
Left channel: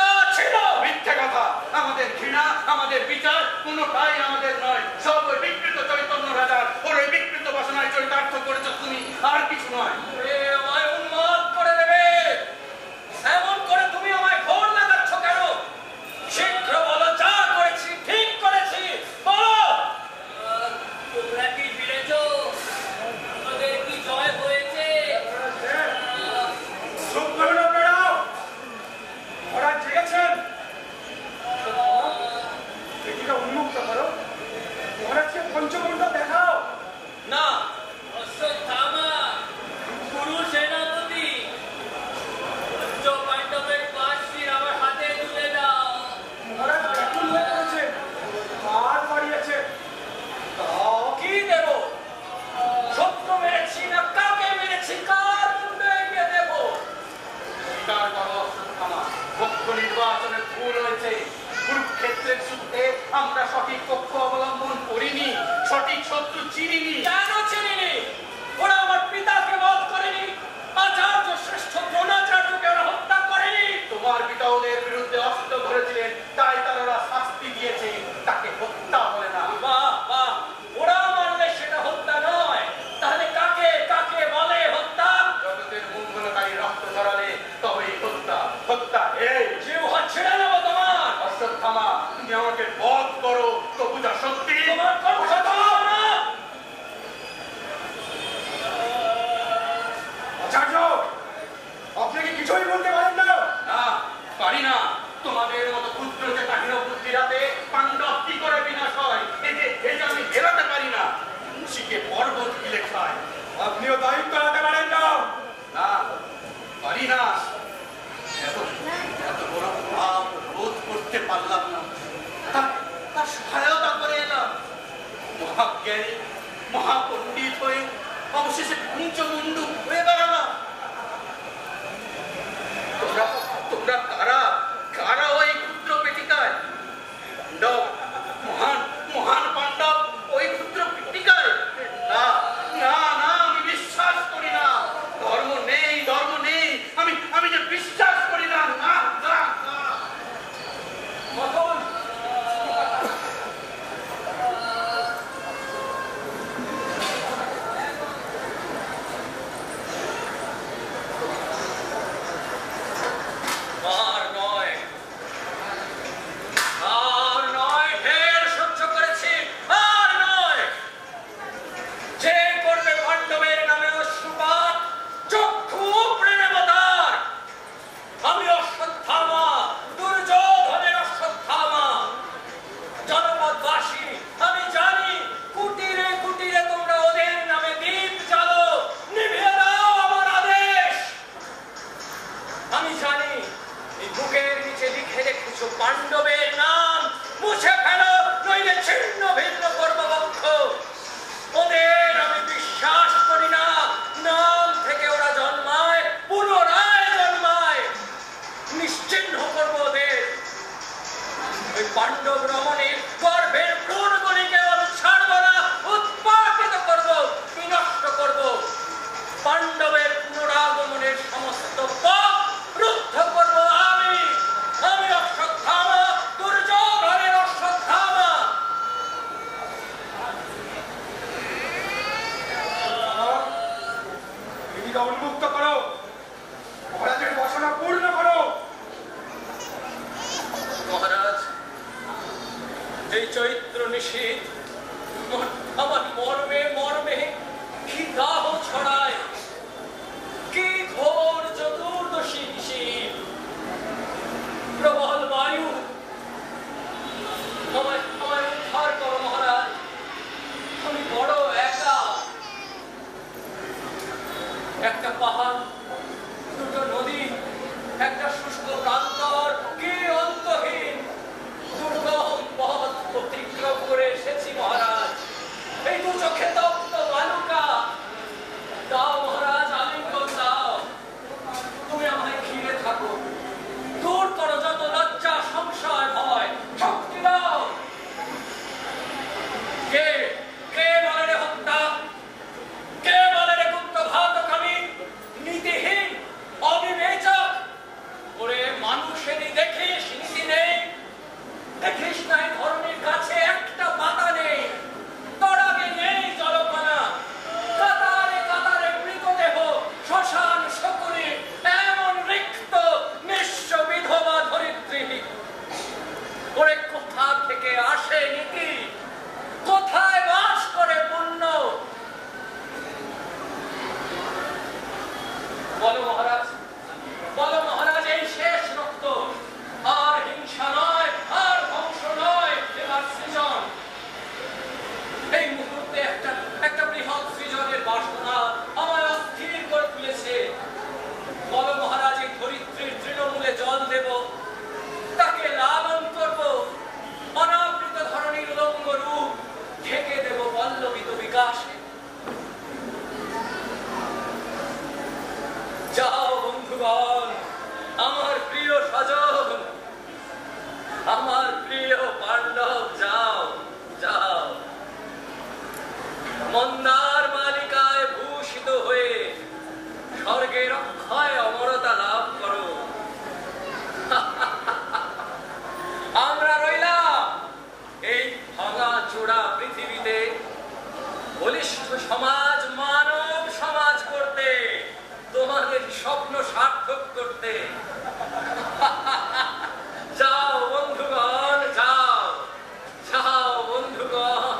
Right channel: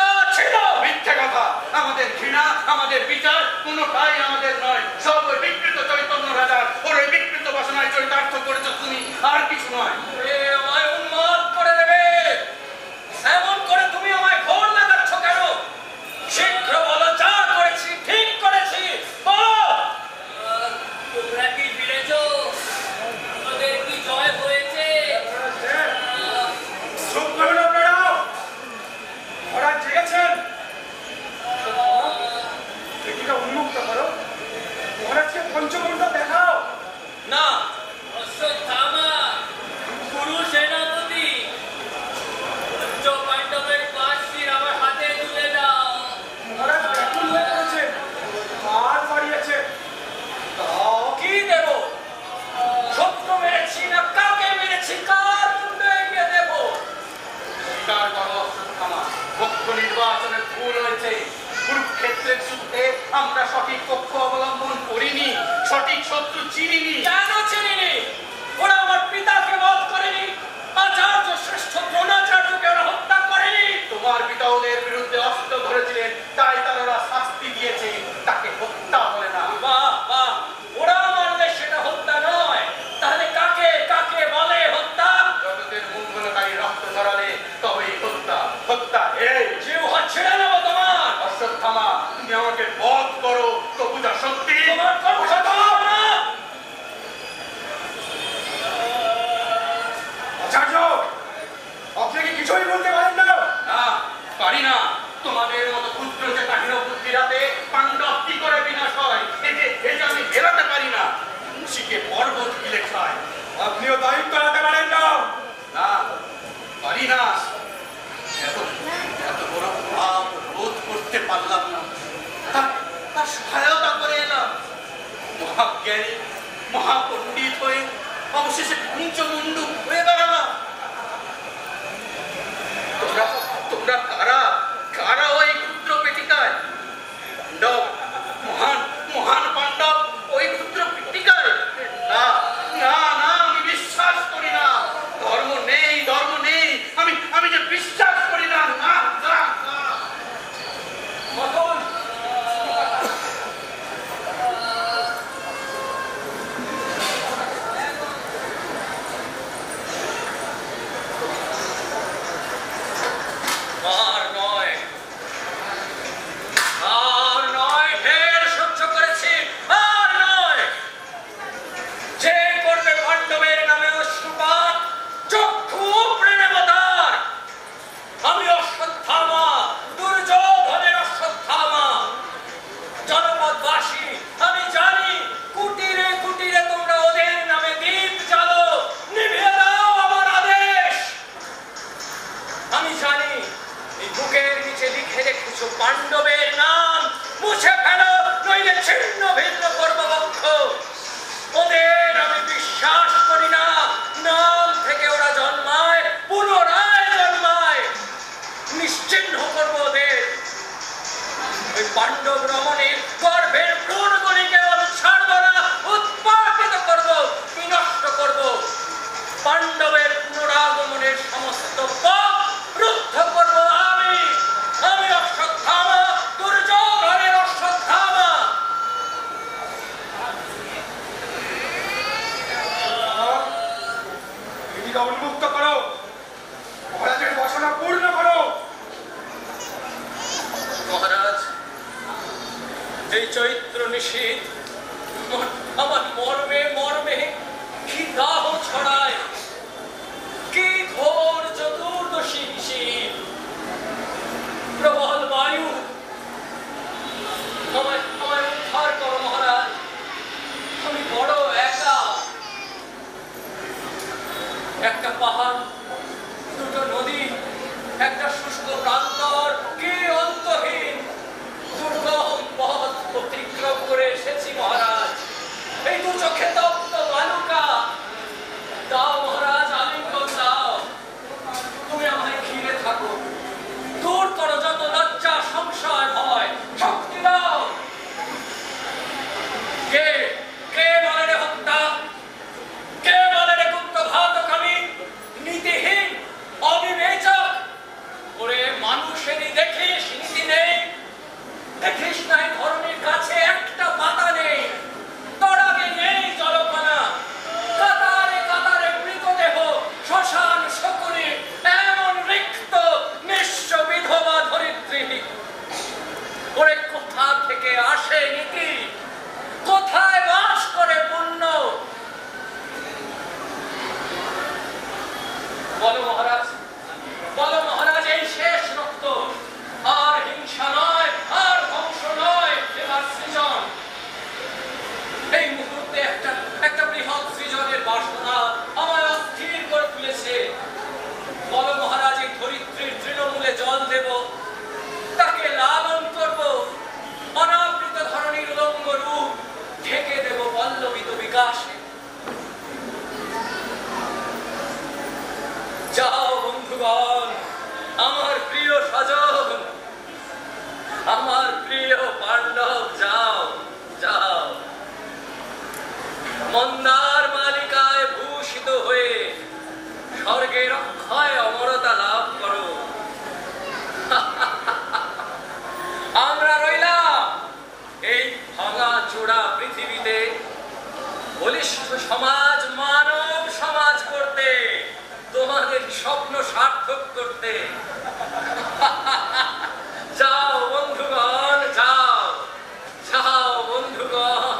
মিথ্যে কথা। আমাদের ঘৃণা, আমাদের বিচার কোনোটাই আমাদের নয়। সব ওই বিকৃত চৈতন্য রাজার, ওর ওই বিকৃত বাসনায় চরিতার্থ করেছো তুমি, আর কিছু নয়। আমায় উন্মাদ করে দেবে। এমন করে তুমি আমায় ঘোর লাগাচ্ছ কেন? শীঘ্র বলো, যা করেছি ঠিক করেছি, বলো। তোমরা কি ফিরেছ? আমাদের কি জয় হয়েছে? চুপ করুন আপনারা। ওরা জেগেছেন। এটিকে উন্মুক্ত করো। মহারাজকে পঞ্চমুণ্ডা দেখাও। না, অশ্বত্থামা, গুরু সেনাপতি, পঞ্চ পাণ্ডবের পাশির আমার হাতে তুলে দাও। মহারাজ ব্যাকুল হয়ে পড়েছেন, হাত বাড়িয়েছেন। তাও কি দেব? শত্রু মেরেছি না কাকে মেরেছি, কার মুন্ডে এগিয়ে দেব? স্বীকার করো অশ্বত্থামা, পক্ষ নির্বাচনের ভুল হয়েছে। কুরুক্ষেত্রের যুদ্ধে আমরা সঠিক পক্ষ অবলম্বন করিনি, সঠিক শত্রু চিনিনি। কেন চিনিনি? ওরা আমার পিতাকে বধ করেনি, আচার্য শ্রেষ্ঠ দ্রোণাচার্যকে ওরা হত্যা করেনি। তোমার পিতা ওদের বিরুদ্ধে অস্ত্র ধরেছিলেন, তাই তারা শাস্তি দিয়েছে। তাকে হত্যা বলে না। বাহ বাহ, ওরা মারলে সেটা হত্যা নয়, তাহলে কাকে কাকে বলে হত্যা? জগতের মঙ্গলকারী রক্ত ঝরালে তবেই হত্যা। হত্যা এই। জিহ্বা ছেড়ে নেবো তোমার। অশ্বত্থামা, তুমি আমাকে বধ করো, তবু যা শক্তি তোমার কথা দাও না। আচার্য, আপনি কি কিছুই বলতে পারেন না? না, পারি না। তোমাদের মতো ক্ষুদ্র যে কাহিন বুদ্ধিরাতে পাণ্ডব কি করে বিনাশ হয়, এই যে আমি বেরোতে পারি না। মুন্সিকে পর্বত গিলে খায়। আপনিও দায়িত্ব নিতে পারেন না। না, পারি না। এত বড় পাপ রোধ করতে পারলাম না, তার সহায়তা করে এলাম। মহাজ্ঞানী, মহাপণ্ডিত হয়ে অবশেষে পঞ্চমুণ্ডু হয়ে বেড়ালাম। তোমরা কারা কারা ওই ক্ষুদ্র পেটিকায়? পাণ্ডব, মহান মহান পাণ্ডব ওই ক্ষুদ্র পেটিকায়? না না না, আমি বিশ্বাস করি না। ধর্ম নেই, ধর্ম নেই, আমি যে বিশ্বাস করি না। না না না। ওই পাণ্ডব রমণে গর্ভের ভ্রূণগুলিকে আমি ছাড়ব না, উৎপাটিত করব, বিনষ্ট করব। পাণ্ডবের পুনরাগমনের সমস্ত পাপ রুদ্ধ করব আমি, আমি অশ্বত্থামা, দুর্যোধনের অশ্বত্থামা। উন্মুক্ত করো, মহারাজের বাসনা পূর্ণ করো। মহারাজ, এই চৈত্র নিশীথ আমার মর্মে মর্মে কি দাহ ছড়ায়, কি ঘোর চতুর্দশী শীত, প্রবল বায়ু। আমায় উদ্ধার করো মহারাজ, আমি বড় একা। একটা পাহাড়, দুটো নদী, একটা শুষ্ক প্রান্তর, কি অন্তহীন দুর্গম পথ অতিক্রম করে এসেছি মহারাজ। এই দু চোখে তপ্ত বালুকা। দাও মহারাজ, আলিঙ্গন দাও, তুমি আমায় ঘিরে থাকো, দূর করো যত লজ্জা সংশয় ভয়, শক্তি দাও। কে কে বলে রে হত্যা, কে বলে রে গুপ্তঘাতক আমি, নীতিহীন অবিবেচক। ওরে মানুষেরই দেখিস নীতি নেই, দেখিস নাই ধরনের কাছে একটা পাতা নেই, তড়াগে নেই জলকণা, কাতারে কাতারে মৃতদেহ, শ্মশান শকুনি, এমন রিক্ত নিঃস্ব বিধবা ধরিত্রী। ওরে কোথা থেকে আসে নীতি, কোথায় বাস করে পুণ্য? বলো মহারাজ, বলো মহারাজ, এই শেষ রক্ত, আর হিংসা নয়, আর ধ্বংস নয়, এবার সৃজন। এই মুহূর্তে একটা বৃহৎ সৃজনের বাসনা আমায় অস্থির করে তুলেছে। বলো মহারাজ, এই ধরিত্রীর তৃণমূলে জল দেব, তাকে লালন করব, অনাবৃত ধরনীর উলঙ্গ রূপ ঢেকে দেব পল্লবিত বিকাশে। যাও বন্ধুগণ, আমার প্রিয় স্বজন, আমার প্রিয় পাণ্ডব, যাও যাও, মন্দার মালিকায় ভূষিত হয়ে স্বর্গের অক্ষয় অমরতা লাভ করো। আমরা রইলাম এই ভাঙা চূড়া পৃথিবীতে বলিষ্ঠ সমাজ, মানব সমাজ করতে, তোমাদের স্বপ্ন সার্থক করতে। যাও বন্ধুগণ, যাও যাও বন্ধুগণ,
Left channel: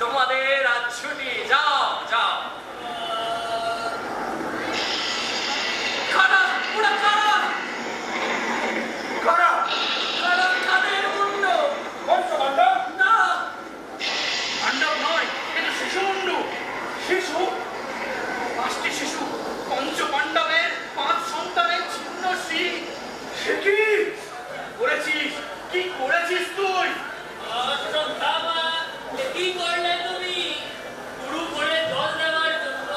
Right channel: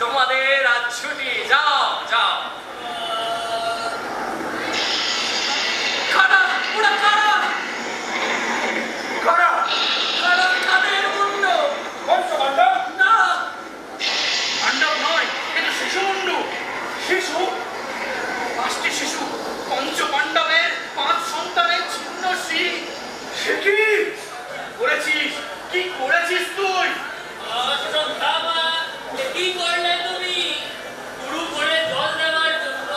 তোমাদের আজ ছুটি, যাও যাও। কারা ওরা, কারা কারা কারা, কাদের মুন্ড? পঞ্চপাণ্ডব? না, পাণ্ডব নয়, এটা শিশুমুণ্ড। শিশু, 5টি শিশু, পঞ্চপাণ্ডবের 5 সন্তানের ছিন্ন শির। সে কি করেছিস, কি করেছিস তুই? অশ্বত্থামা, কি করলে তুমি? শুরু করে জল দেওয়ার জন্য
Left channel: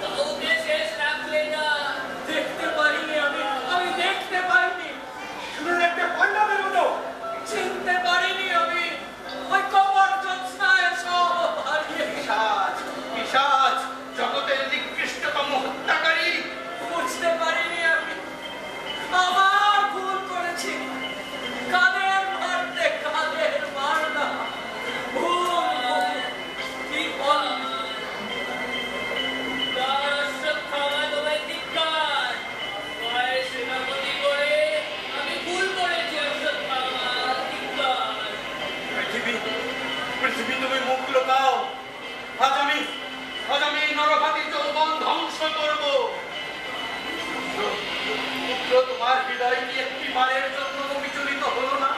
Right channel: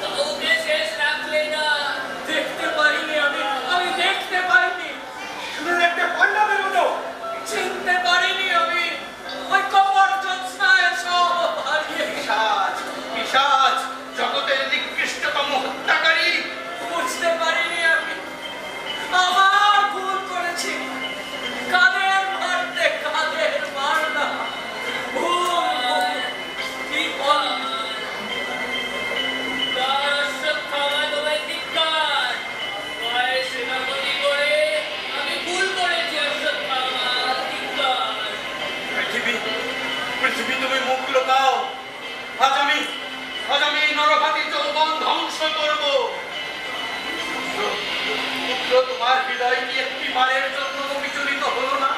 কাউকে শেষ রাখলে না। দেখতে পাইনি আমি দেখতে পাইনি, শুনে দেখতে পাণ্ডবের মতো চিনতে পারিনি আমি। ওই কবর জ্যোৎস্নায় সব হারিয়ে পিশাচ, পিশাচ, জগতের নিকৃষ্টতম হত্যাকারী। বুঝতে পারিনি আমি, আবার ভুল করেছি। কাদের মারতে কাদের মারলাম, ভুল কি বল। অশ্বত্থামা, তোমায় ধিক্কার, তোমায় সেনাপতি করে আমি ভুল করেছি। অশ্বত্থামা, ধিক্কার। পৃথিবী, পৃথিবী তুমি মুখ লোকাও। আজ আমি নরঘাতী যৌবন ধ্বংস করব। পুত্র, তোমার হৃদয় কি একটি বারের জন্য বিচলিত হলো না?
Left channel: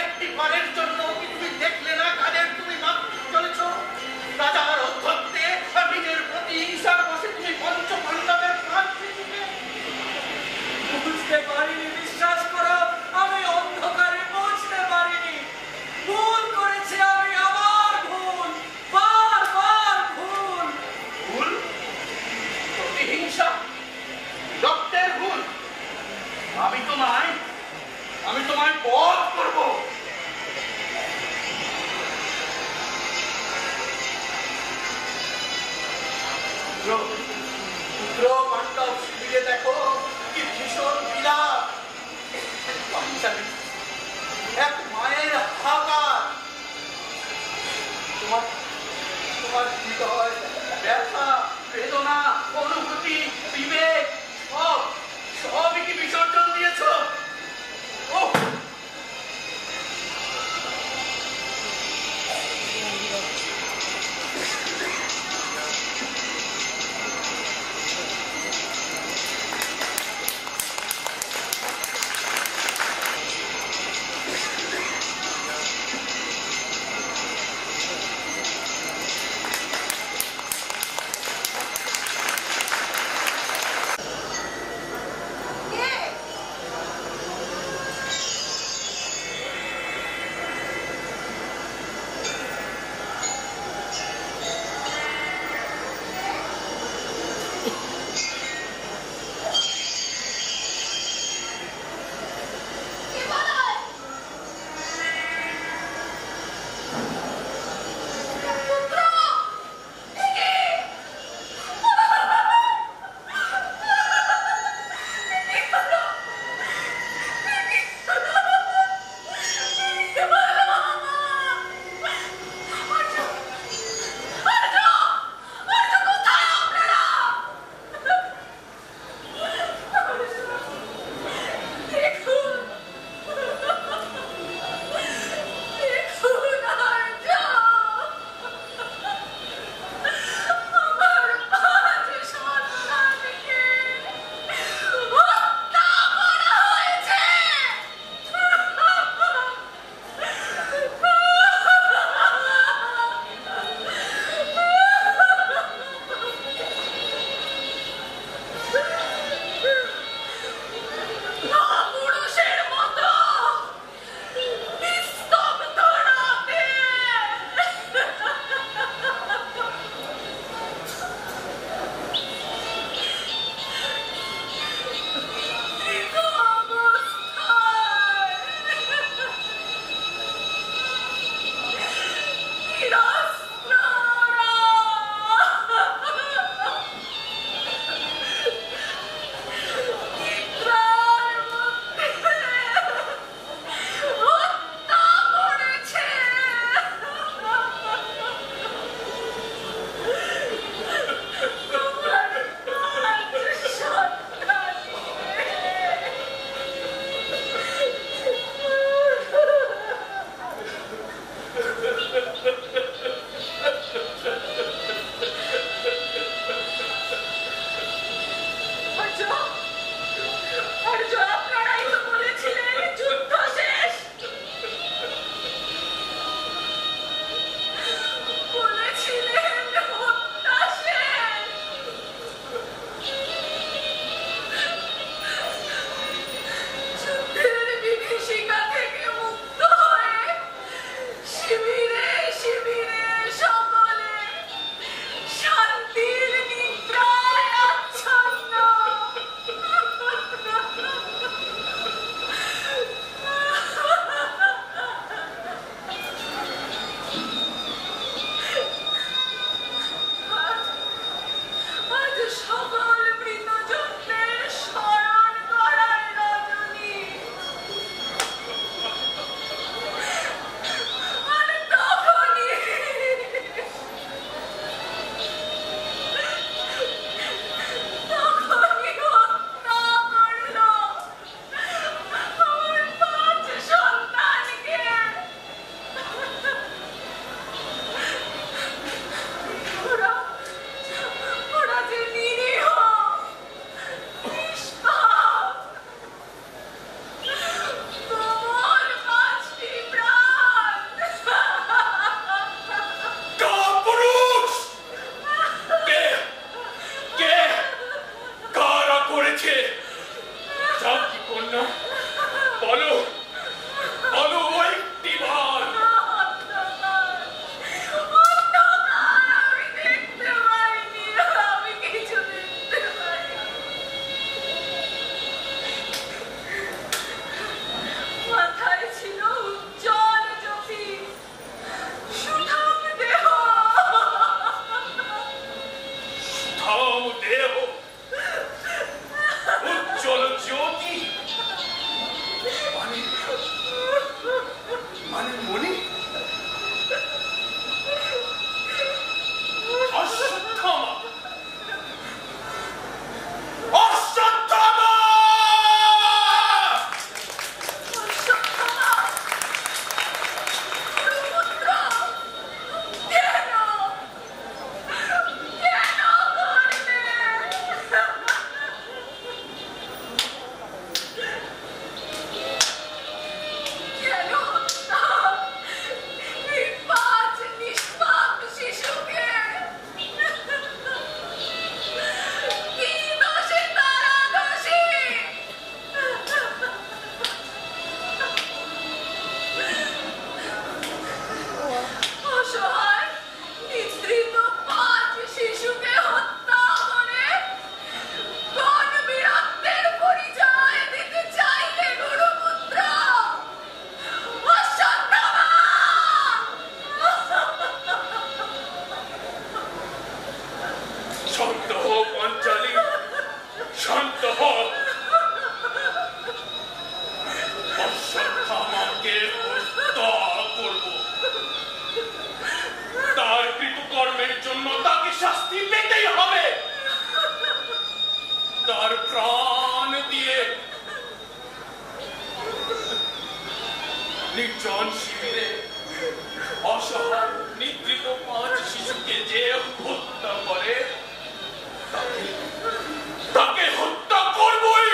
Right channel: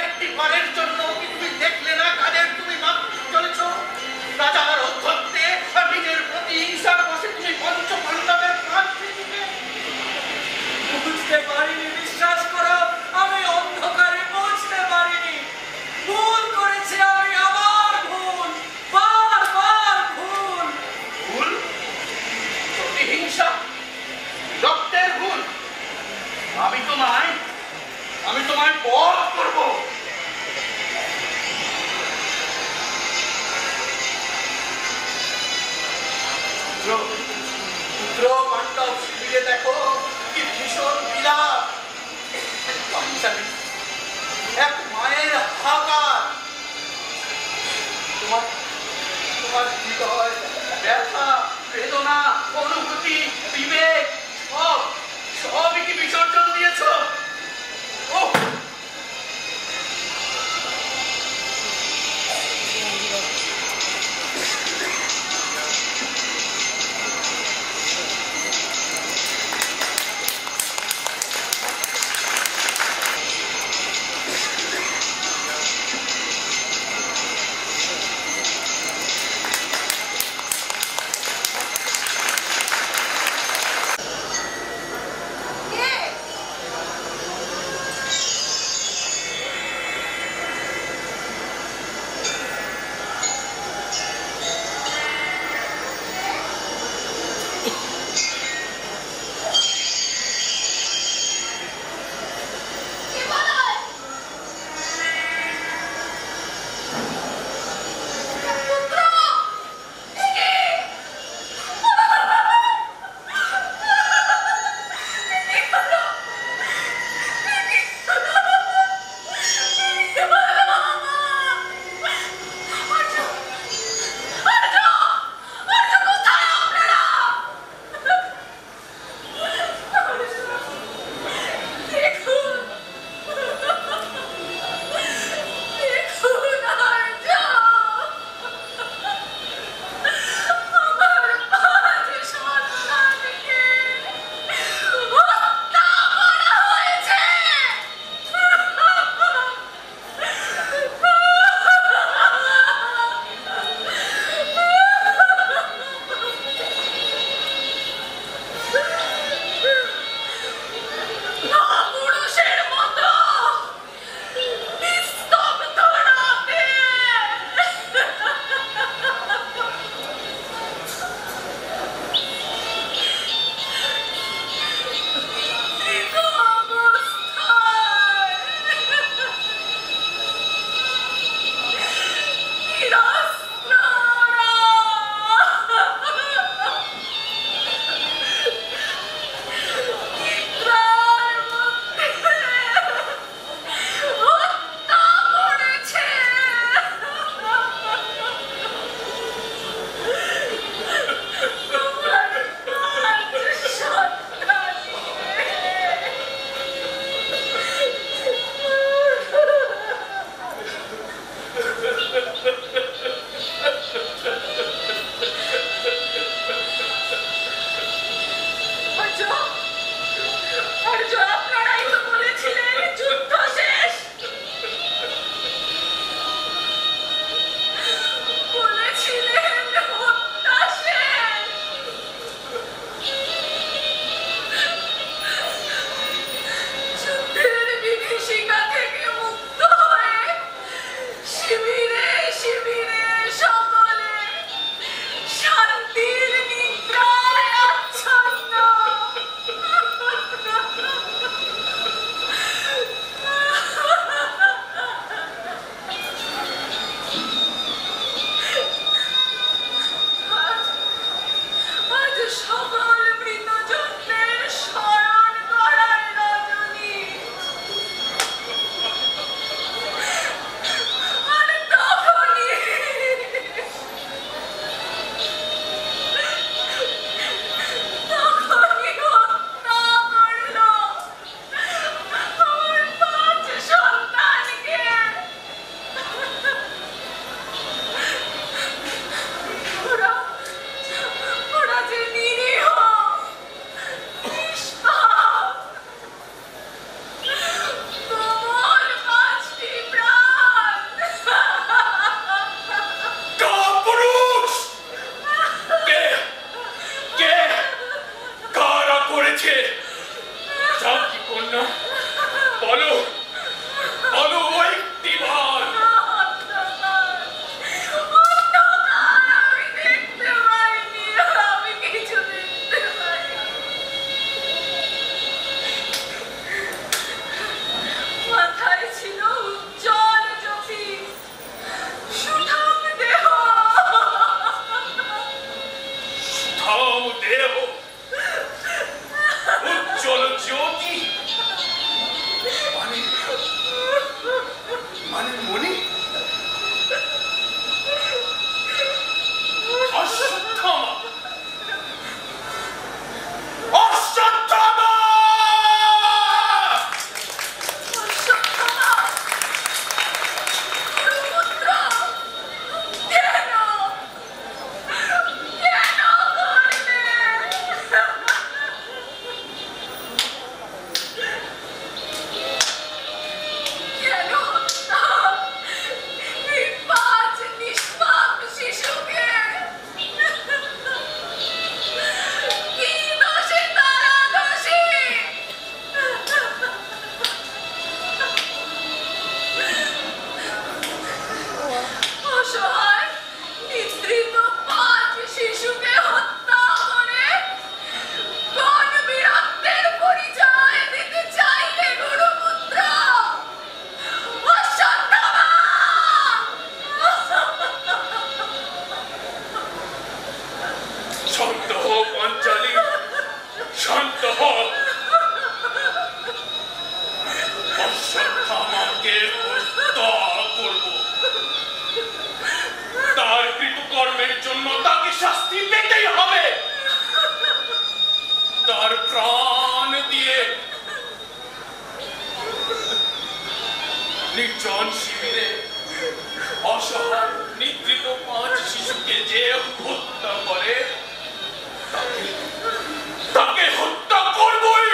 একটি বারের জন্য কি তুমি দেখলে না কাদের তুমি মারতে চলেছ? রাজার অধ্যক্ষে নিজের প্রতি হিংসার বসে তুমি পঞ্চপাণ্ডবের প্রাণ দিলে। বুঝতে পারিনি, বিশ্বাস করো, আমি অন্ধকারে বুঝতে পারিনি। ভুল করেছি আমি, আবার ভুল, বারবার ভুল। ভুল, প্রতিহিংসা, রক্তের ভুল। আমি তোমায় বধ করব। নির্জন শিবিরে অসহায় নিদ্রিত 5 শিশুকে যে হত্যা করে তাকে হত্যা করবই।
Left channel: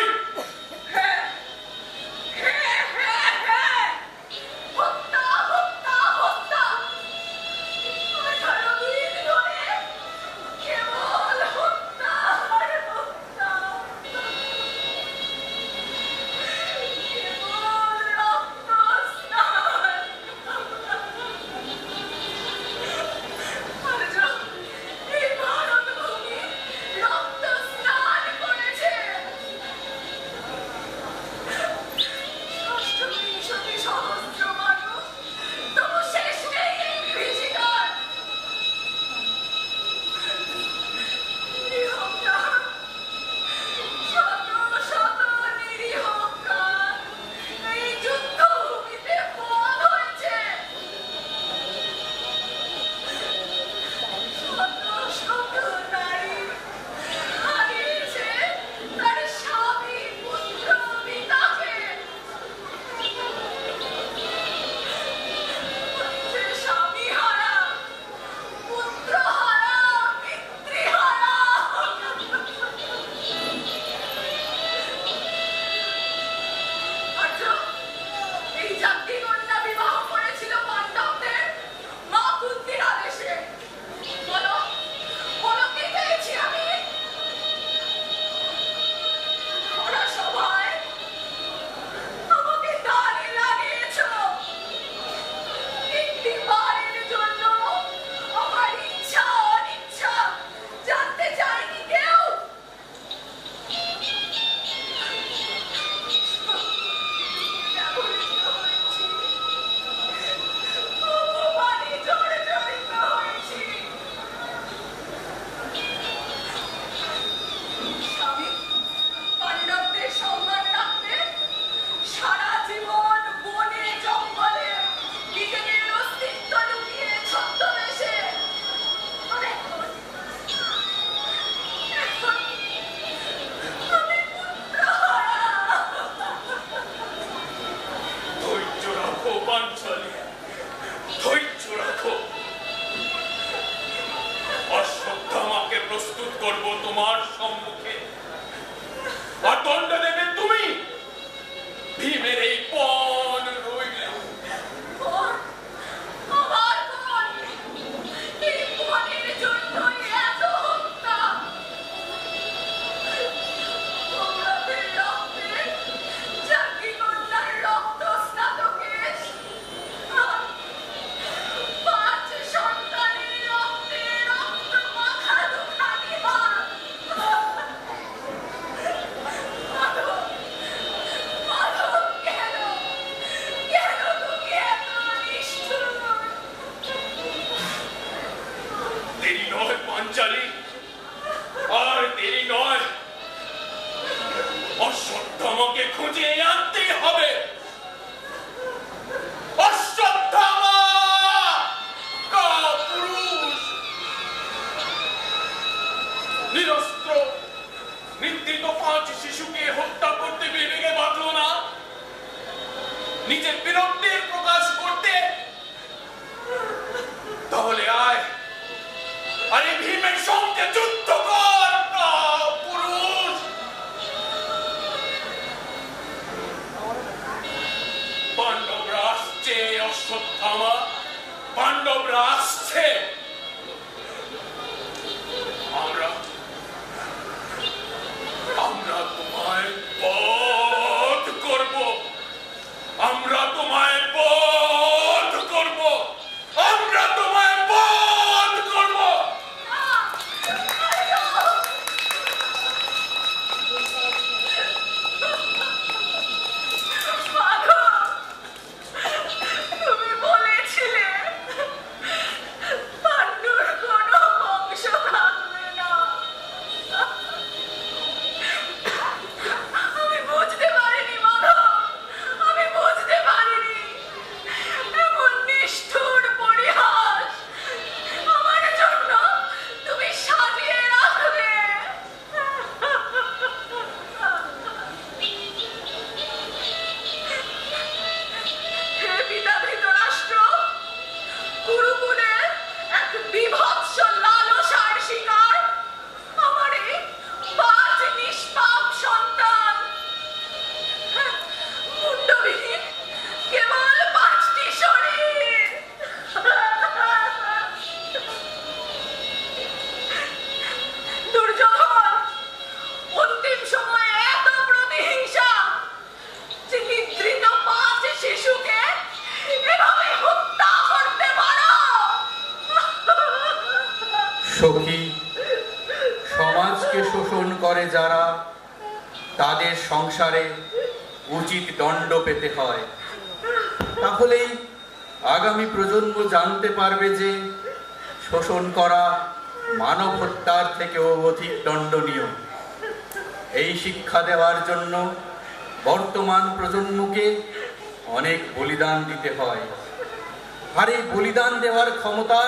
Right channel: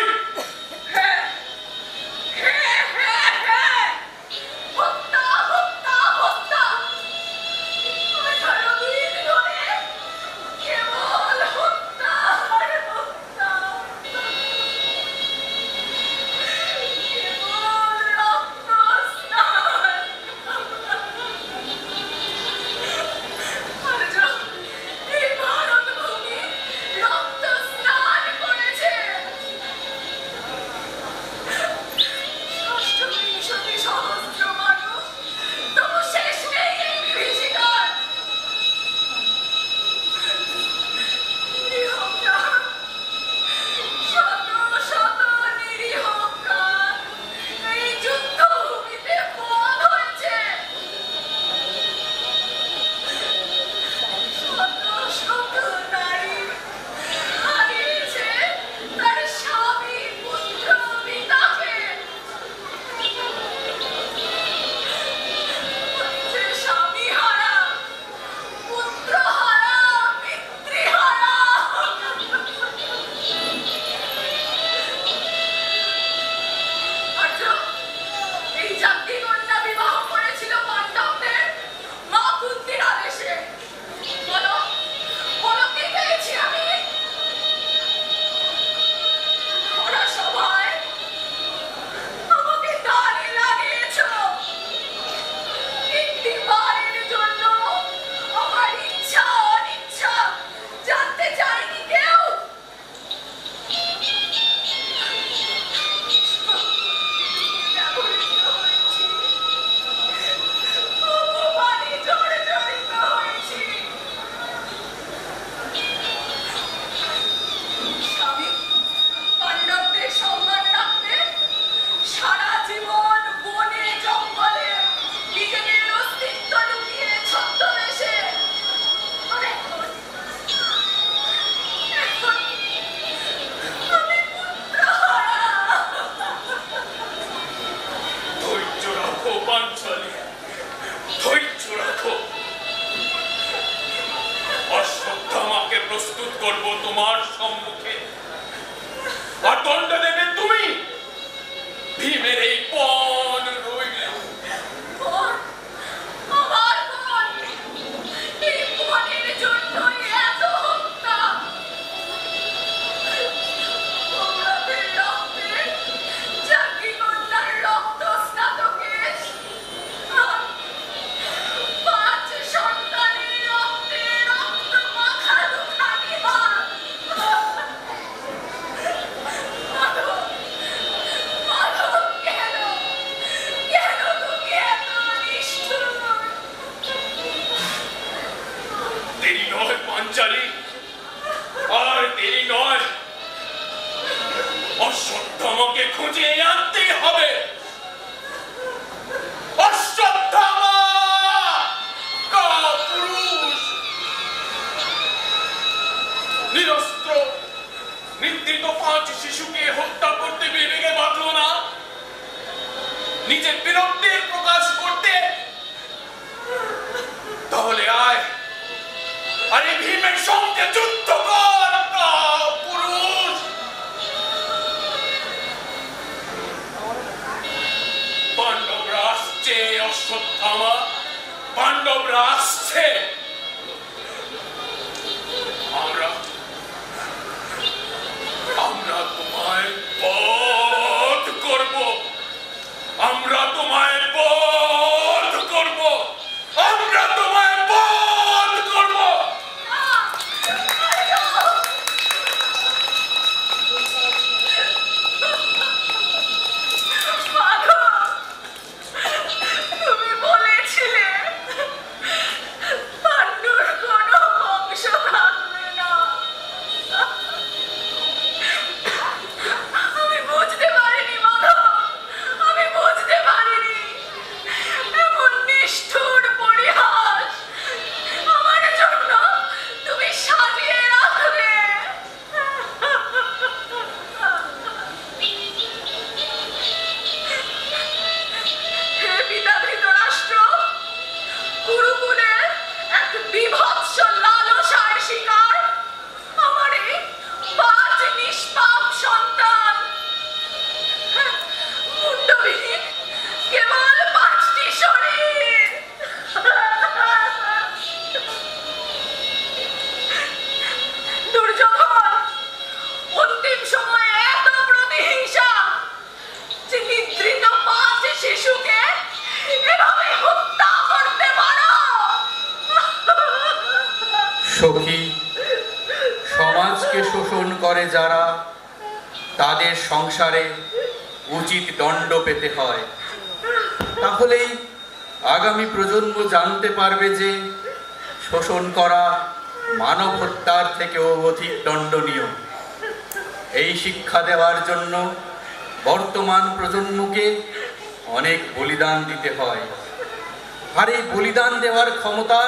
প্রস্তুত করব তোমার সম্মুখে, আর দণ্ড দেবে তুমি। ভীমের এই পণ রইল। আর দেরি নয়, অশ্বত্থামাকে খুঁজে আনতেই হবে। অশ্বত্থামা কাপুরুষ, নিরস্ত্র নিদ্রিত 5 শিশুকে হত্যা করতে বিবেকে বাঁধল না, নিজের বিরক্তির প্রকাশ করতে। তাহলে আয়, আরে ভীমের সঙ্গে যুদ্ধ কর পুরুষ। পাণ্ডবরা আসছে অশ্বত্থামা, পাণ্ডবরা আসছে। আমরা তোমায় বধ করব, আমরা তোমায় বধ করব, আমরা তোমায় বধ করব। আমি সখী, সমাজকে শোষণ করে যারা, তাদের সংসারে উচিত দণ্ড পেতে হয়। তাহলেই আগামী প্রজন্ম জানতে পারবে যে শোষণ করা মানব হত্যার থেকেও অধিক দণ্ডনীয়। এই শিক্ষা দেওয়ার জন্য বর্তমান প্রজন্মকে অনেক বলিদান দিতে হয়। আর এই বলিদান দেওয়ার ক্ষমতা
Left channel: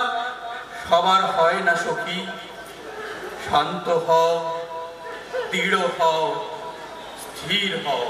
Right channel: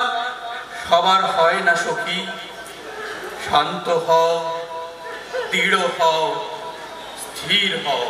সবার হয় না সখী। শান্ত হও, দৃঢ় হও, স্থির হও।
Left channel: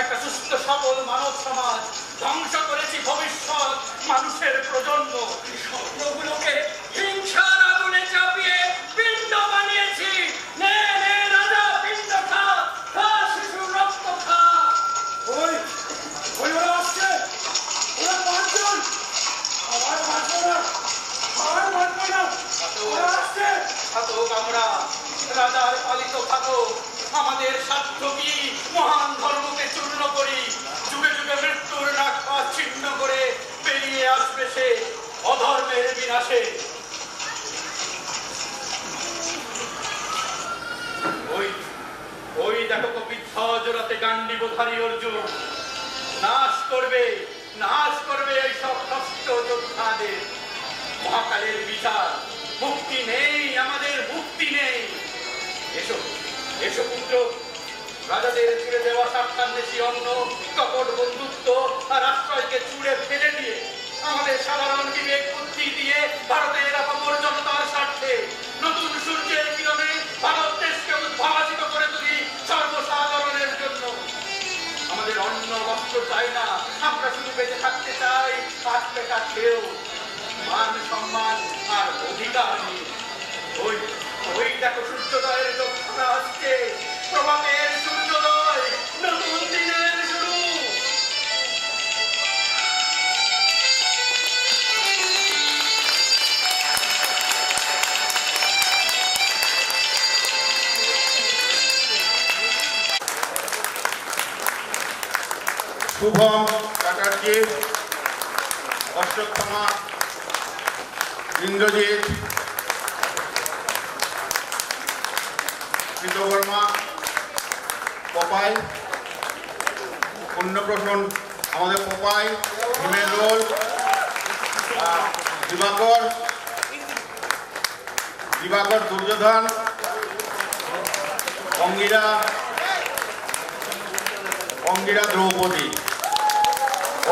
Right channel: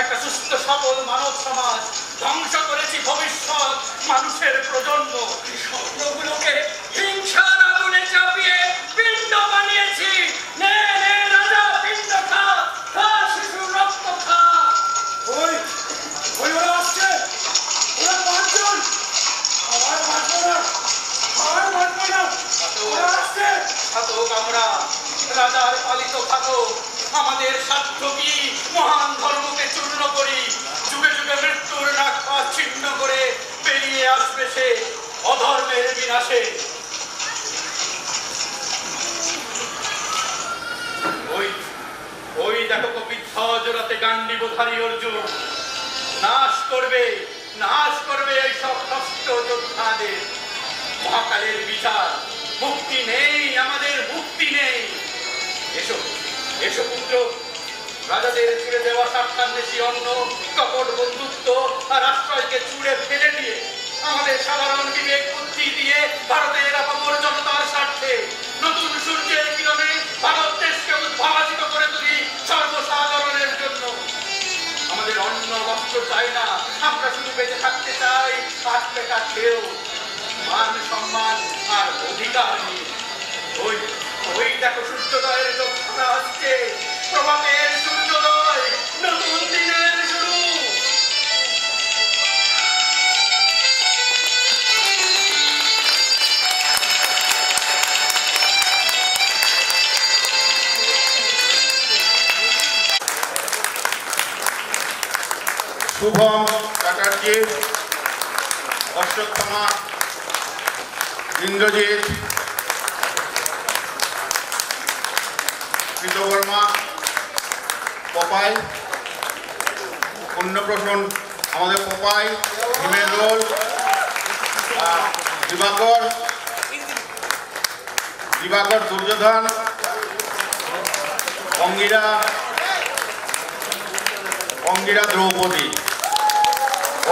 একটা সুস্থ সবল মানব সমাজ ধ্বংস করেছি ভবিষ্যৎ মানুষের প্রজন্ম। স্বপ্নগুলোকে হিংসার আগুনে চাপিয়ে পিণ্ড বানিয়েছি। নে নে রাজা, পিণ্ড খা, খা শিশুর রক্ত খা। ওই ওরা আসছে, ওরা পাঁচজন। আমার মারবো না, আমার মারবো না, ওরা আসছে। থাকুক আমরা রাজার পালিত থাকুক, আমাদের স্বার্থ কি মহান ধর্মকে চূর্ণ করি। যুগে যুগে মৃত্যুর নাক ছিন্ন করে বেরিয়ে আসবে সে অধর্মের বিনাশে। ওই ওই দেখো কপিদ্ধ জোড়াতে গান্ডীবধারী অর্জুন নাশ করবে এই সব কষ্ট যোদ্ধাদের। মহাকালের বিচার, মুক্তি নেই, আমাদের মুক্তি নেই। এসো এসো পুত্র, রাজাদের ছুড়ে দেওয়া স্বার্থান্বেষী অন্য কপট বন্ধুত্ব আর আশ্রয়কে ছুড়ে ফেলে দিয়ে আমাদের সাধারণ বিবেক বুদ্ধি দিয়ে ভারতের আপামর জনতার স্বার্থে নতুন সূর্যের কিরণে ভারত দেশকে উদ্ভাসিত করে তুলি সর্বসাধারণের জন্য। আমাদের অন্ন বস্ত্র চাই না, আমরা শুধু বেঁচে থাকতে চাই হাত পেটা খেয়েও, মান সম্মান আর অধিকার নিয়ে। ওই ওই দেখো সূর্যোদয়ের যোদ্ধা আসছে, প্রভাতের সূর্যোদয়, নতুন দিনের শুরু। শুভম চ্যাটার্জি, অশ্বত্থামা, ইন্দ্রজিৎ, কৃতবর্মা, পপাই, অন্নপ্রাশন আমাদের পপাই, হিমের রোল, দিবাকর দুর্যোধন, অঙ্গিরা দ্রৌপদী।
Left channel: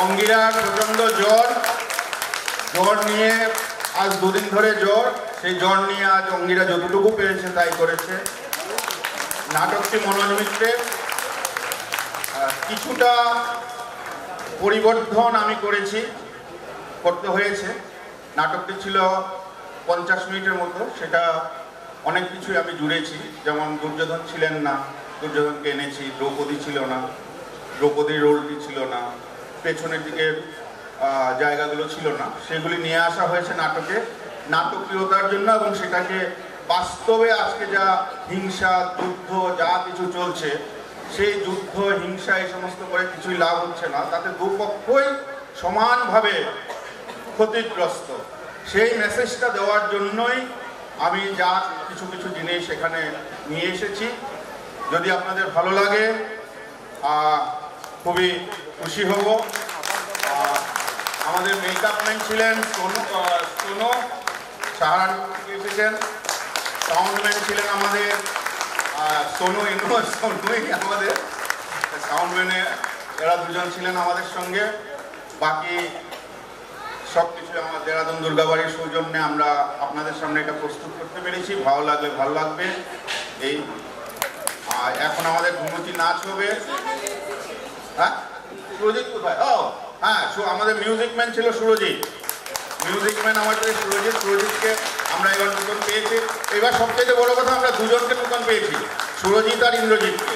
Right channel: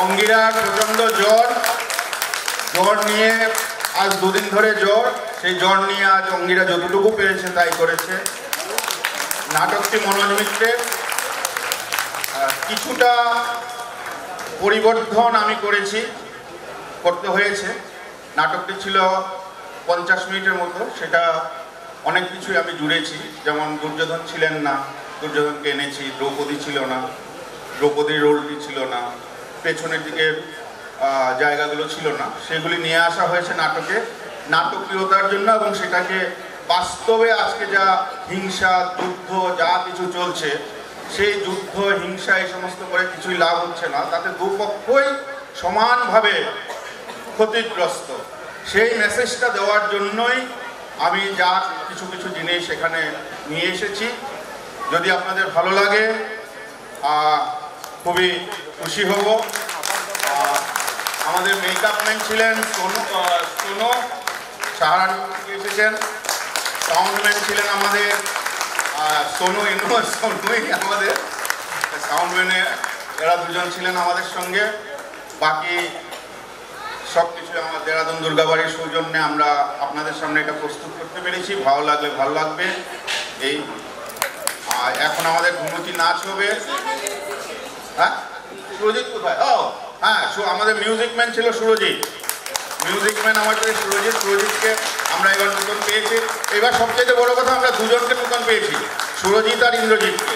অঙ্গিরার প্রচণ্ড জ্বর নিয়ে আজ দুদিন ধরে জ্বর, সেই জ্বর নিয়ে আজ অঙ্গিরা যতটুকু পেরেছে তাই করেছে। নাটকটি মনোজ মিত্রের, কিছুটা পরিবর্তন আমি করতে হয়েছে। নাটকটি ছিল 50 মিনিটের মতো, সেটা অনেক কিছুই আমি জুড়েছি। যেমন দুর্যোধন ছিলেন না, দুর্যোধনকে এনেছি। দ্রৌপদী ছিল না, দ্রৌপদীর রোলটি ছিল না, পেছনের দিকের জায়গাগুলো ছিল না, সেগুলি নিয়ে আসা হয়েছে নাটকে নাটকীয়তার জন্য। এবং সেটাকে বাস্তবে আজকে যা হিংসা, যুদ্ধ যা কিছু চলছে সেই যুদ্ধ হিংসা এই সমস্ত করে কিছুই লাভ হচ্ছে না, তাতে দুপক্ষই সমানভাবে ক্ষতিগ্রস্ত। সেই মেসেজটা দেওয়ার জন্যই আমি যা কিছু কিছু জিনিস এখানে নিয়ে এসেছি। যদি আপনাদের ভালো লাগে খুবই খুশি হব। আমাদের মেকআপ ম্যান ছিলেন সোনু সাহারানপুর থেকে এসেছেন। সাউন্ডম্যান ছিলেন আমাদের সোনুই আমাদের সাউন্ডম্যানে, এরা দুজন ছিলেন আমাদের সঙ্গে। বাকি সব কিছু আমার দেরাদুন দুর্গাবাড়ির সৌজন্যে আমরা আপনাদের সামনে এটা প্রস্তুত করতে পেরেছি। ভালো লাগলে ভালো লাগবে। এই এখন আমাদের ধুনুচি নাচ হবে। হ্যাঁ, সুরজিৎ কোথায়? ও হ্যাঁ, আমাদের মিউজিক ম্যান ছিল সুরজিৎ। মিউজিক ম্যান আমাদের সুরজিৎকে আমরা এবার নতুন পেয়েছি। এবার সবচেয়ে বড় কথা, আমরা দুজনকে নতুন পেয়েছি, সুরজিৎ আর ইন্দ্রজিৎকে।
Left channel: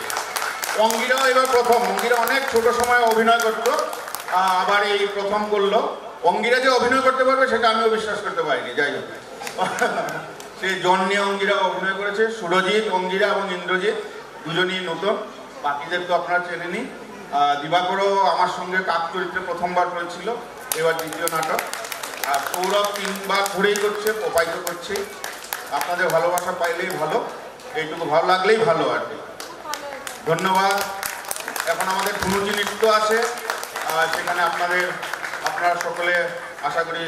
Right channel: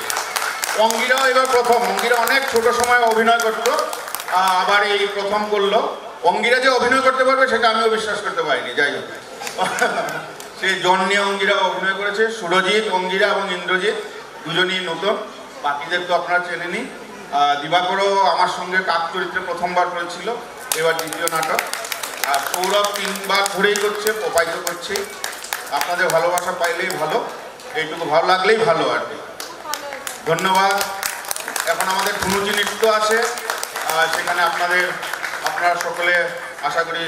অঙ্গিরাও এবার প্রথম। অঙ্গিরা অনেক ছোট সময় অভিনয় করত, আবার এই প্রথম করলো। অঙ্গিরা যে অভিনয় করতে পারবে সেটা আমিও বিশ্বাস করতে পারিনি। যাই হোক, সেই জন নিয়ে অঙ্গিরা অভিনয় করেছে। সুরজিৎ, অঙ্গিরা এবং ইন্দ্রজিৎ দুজনই নতুন। বাকিদের তো আপনারা চেনেনি। দিবাকরও আমার সঙ্গে কাক চরিত্রে প্রথমবার করেছিল, এবার দ্বিতীয় নাটক। আর সৌরভ 3বার ধরেই করছে, প্রপাইত করছে। আপনাদের ভালোবাসা পাইলেই ভালো, এইটুকু ভালো লাগলেই ভালো আর কি। ধন্যবাদ। এখন আমাদের ধুনুচি নৃত্য আছে, সেখানে আপনারা সকলে আশা করি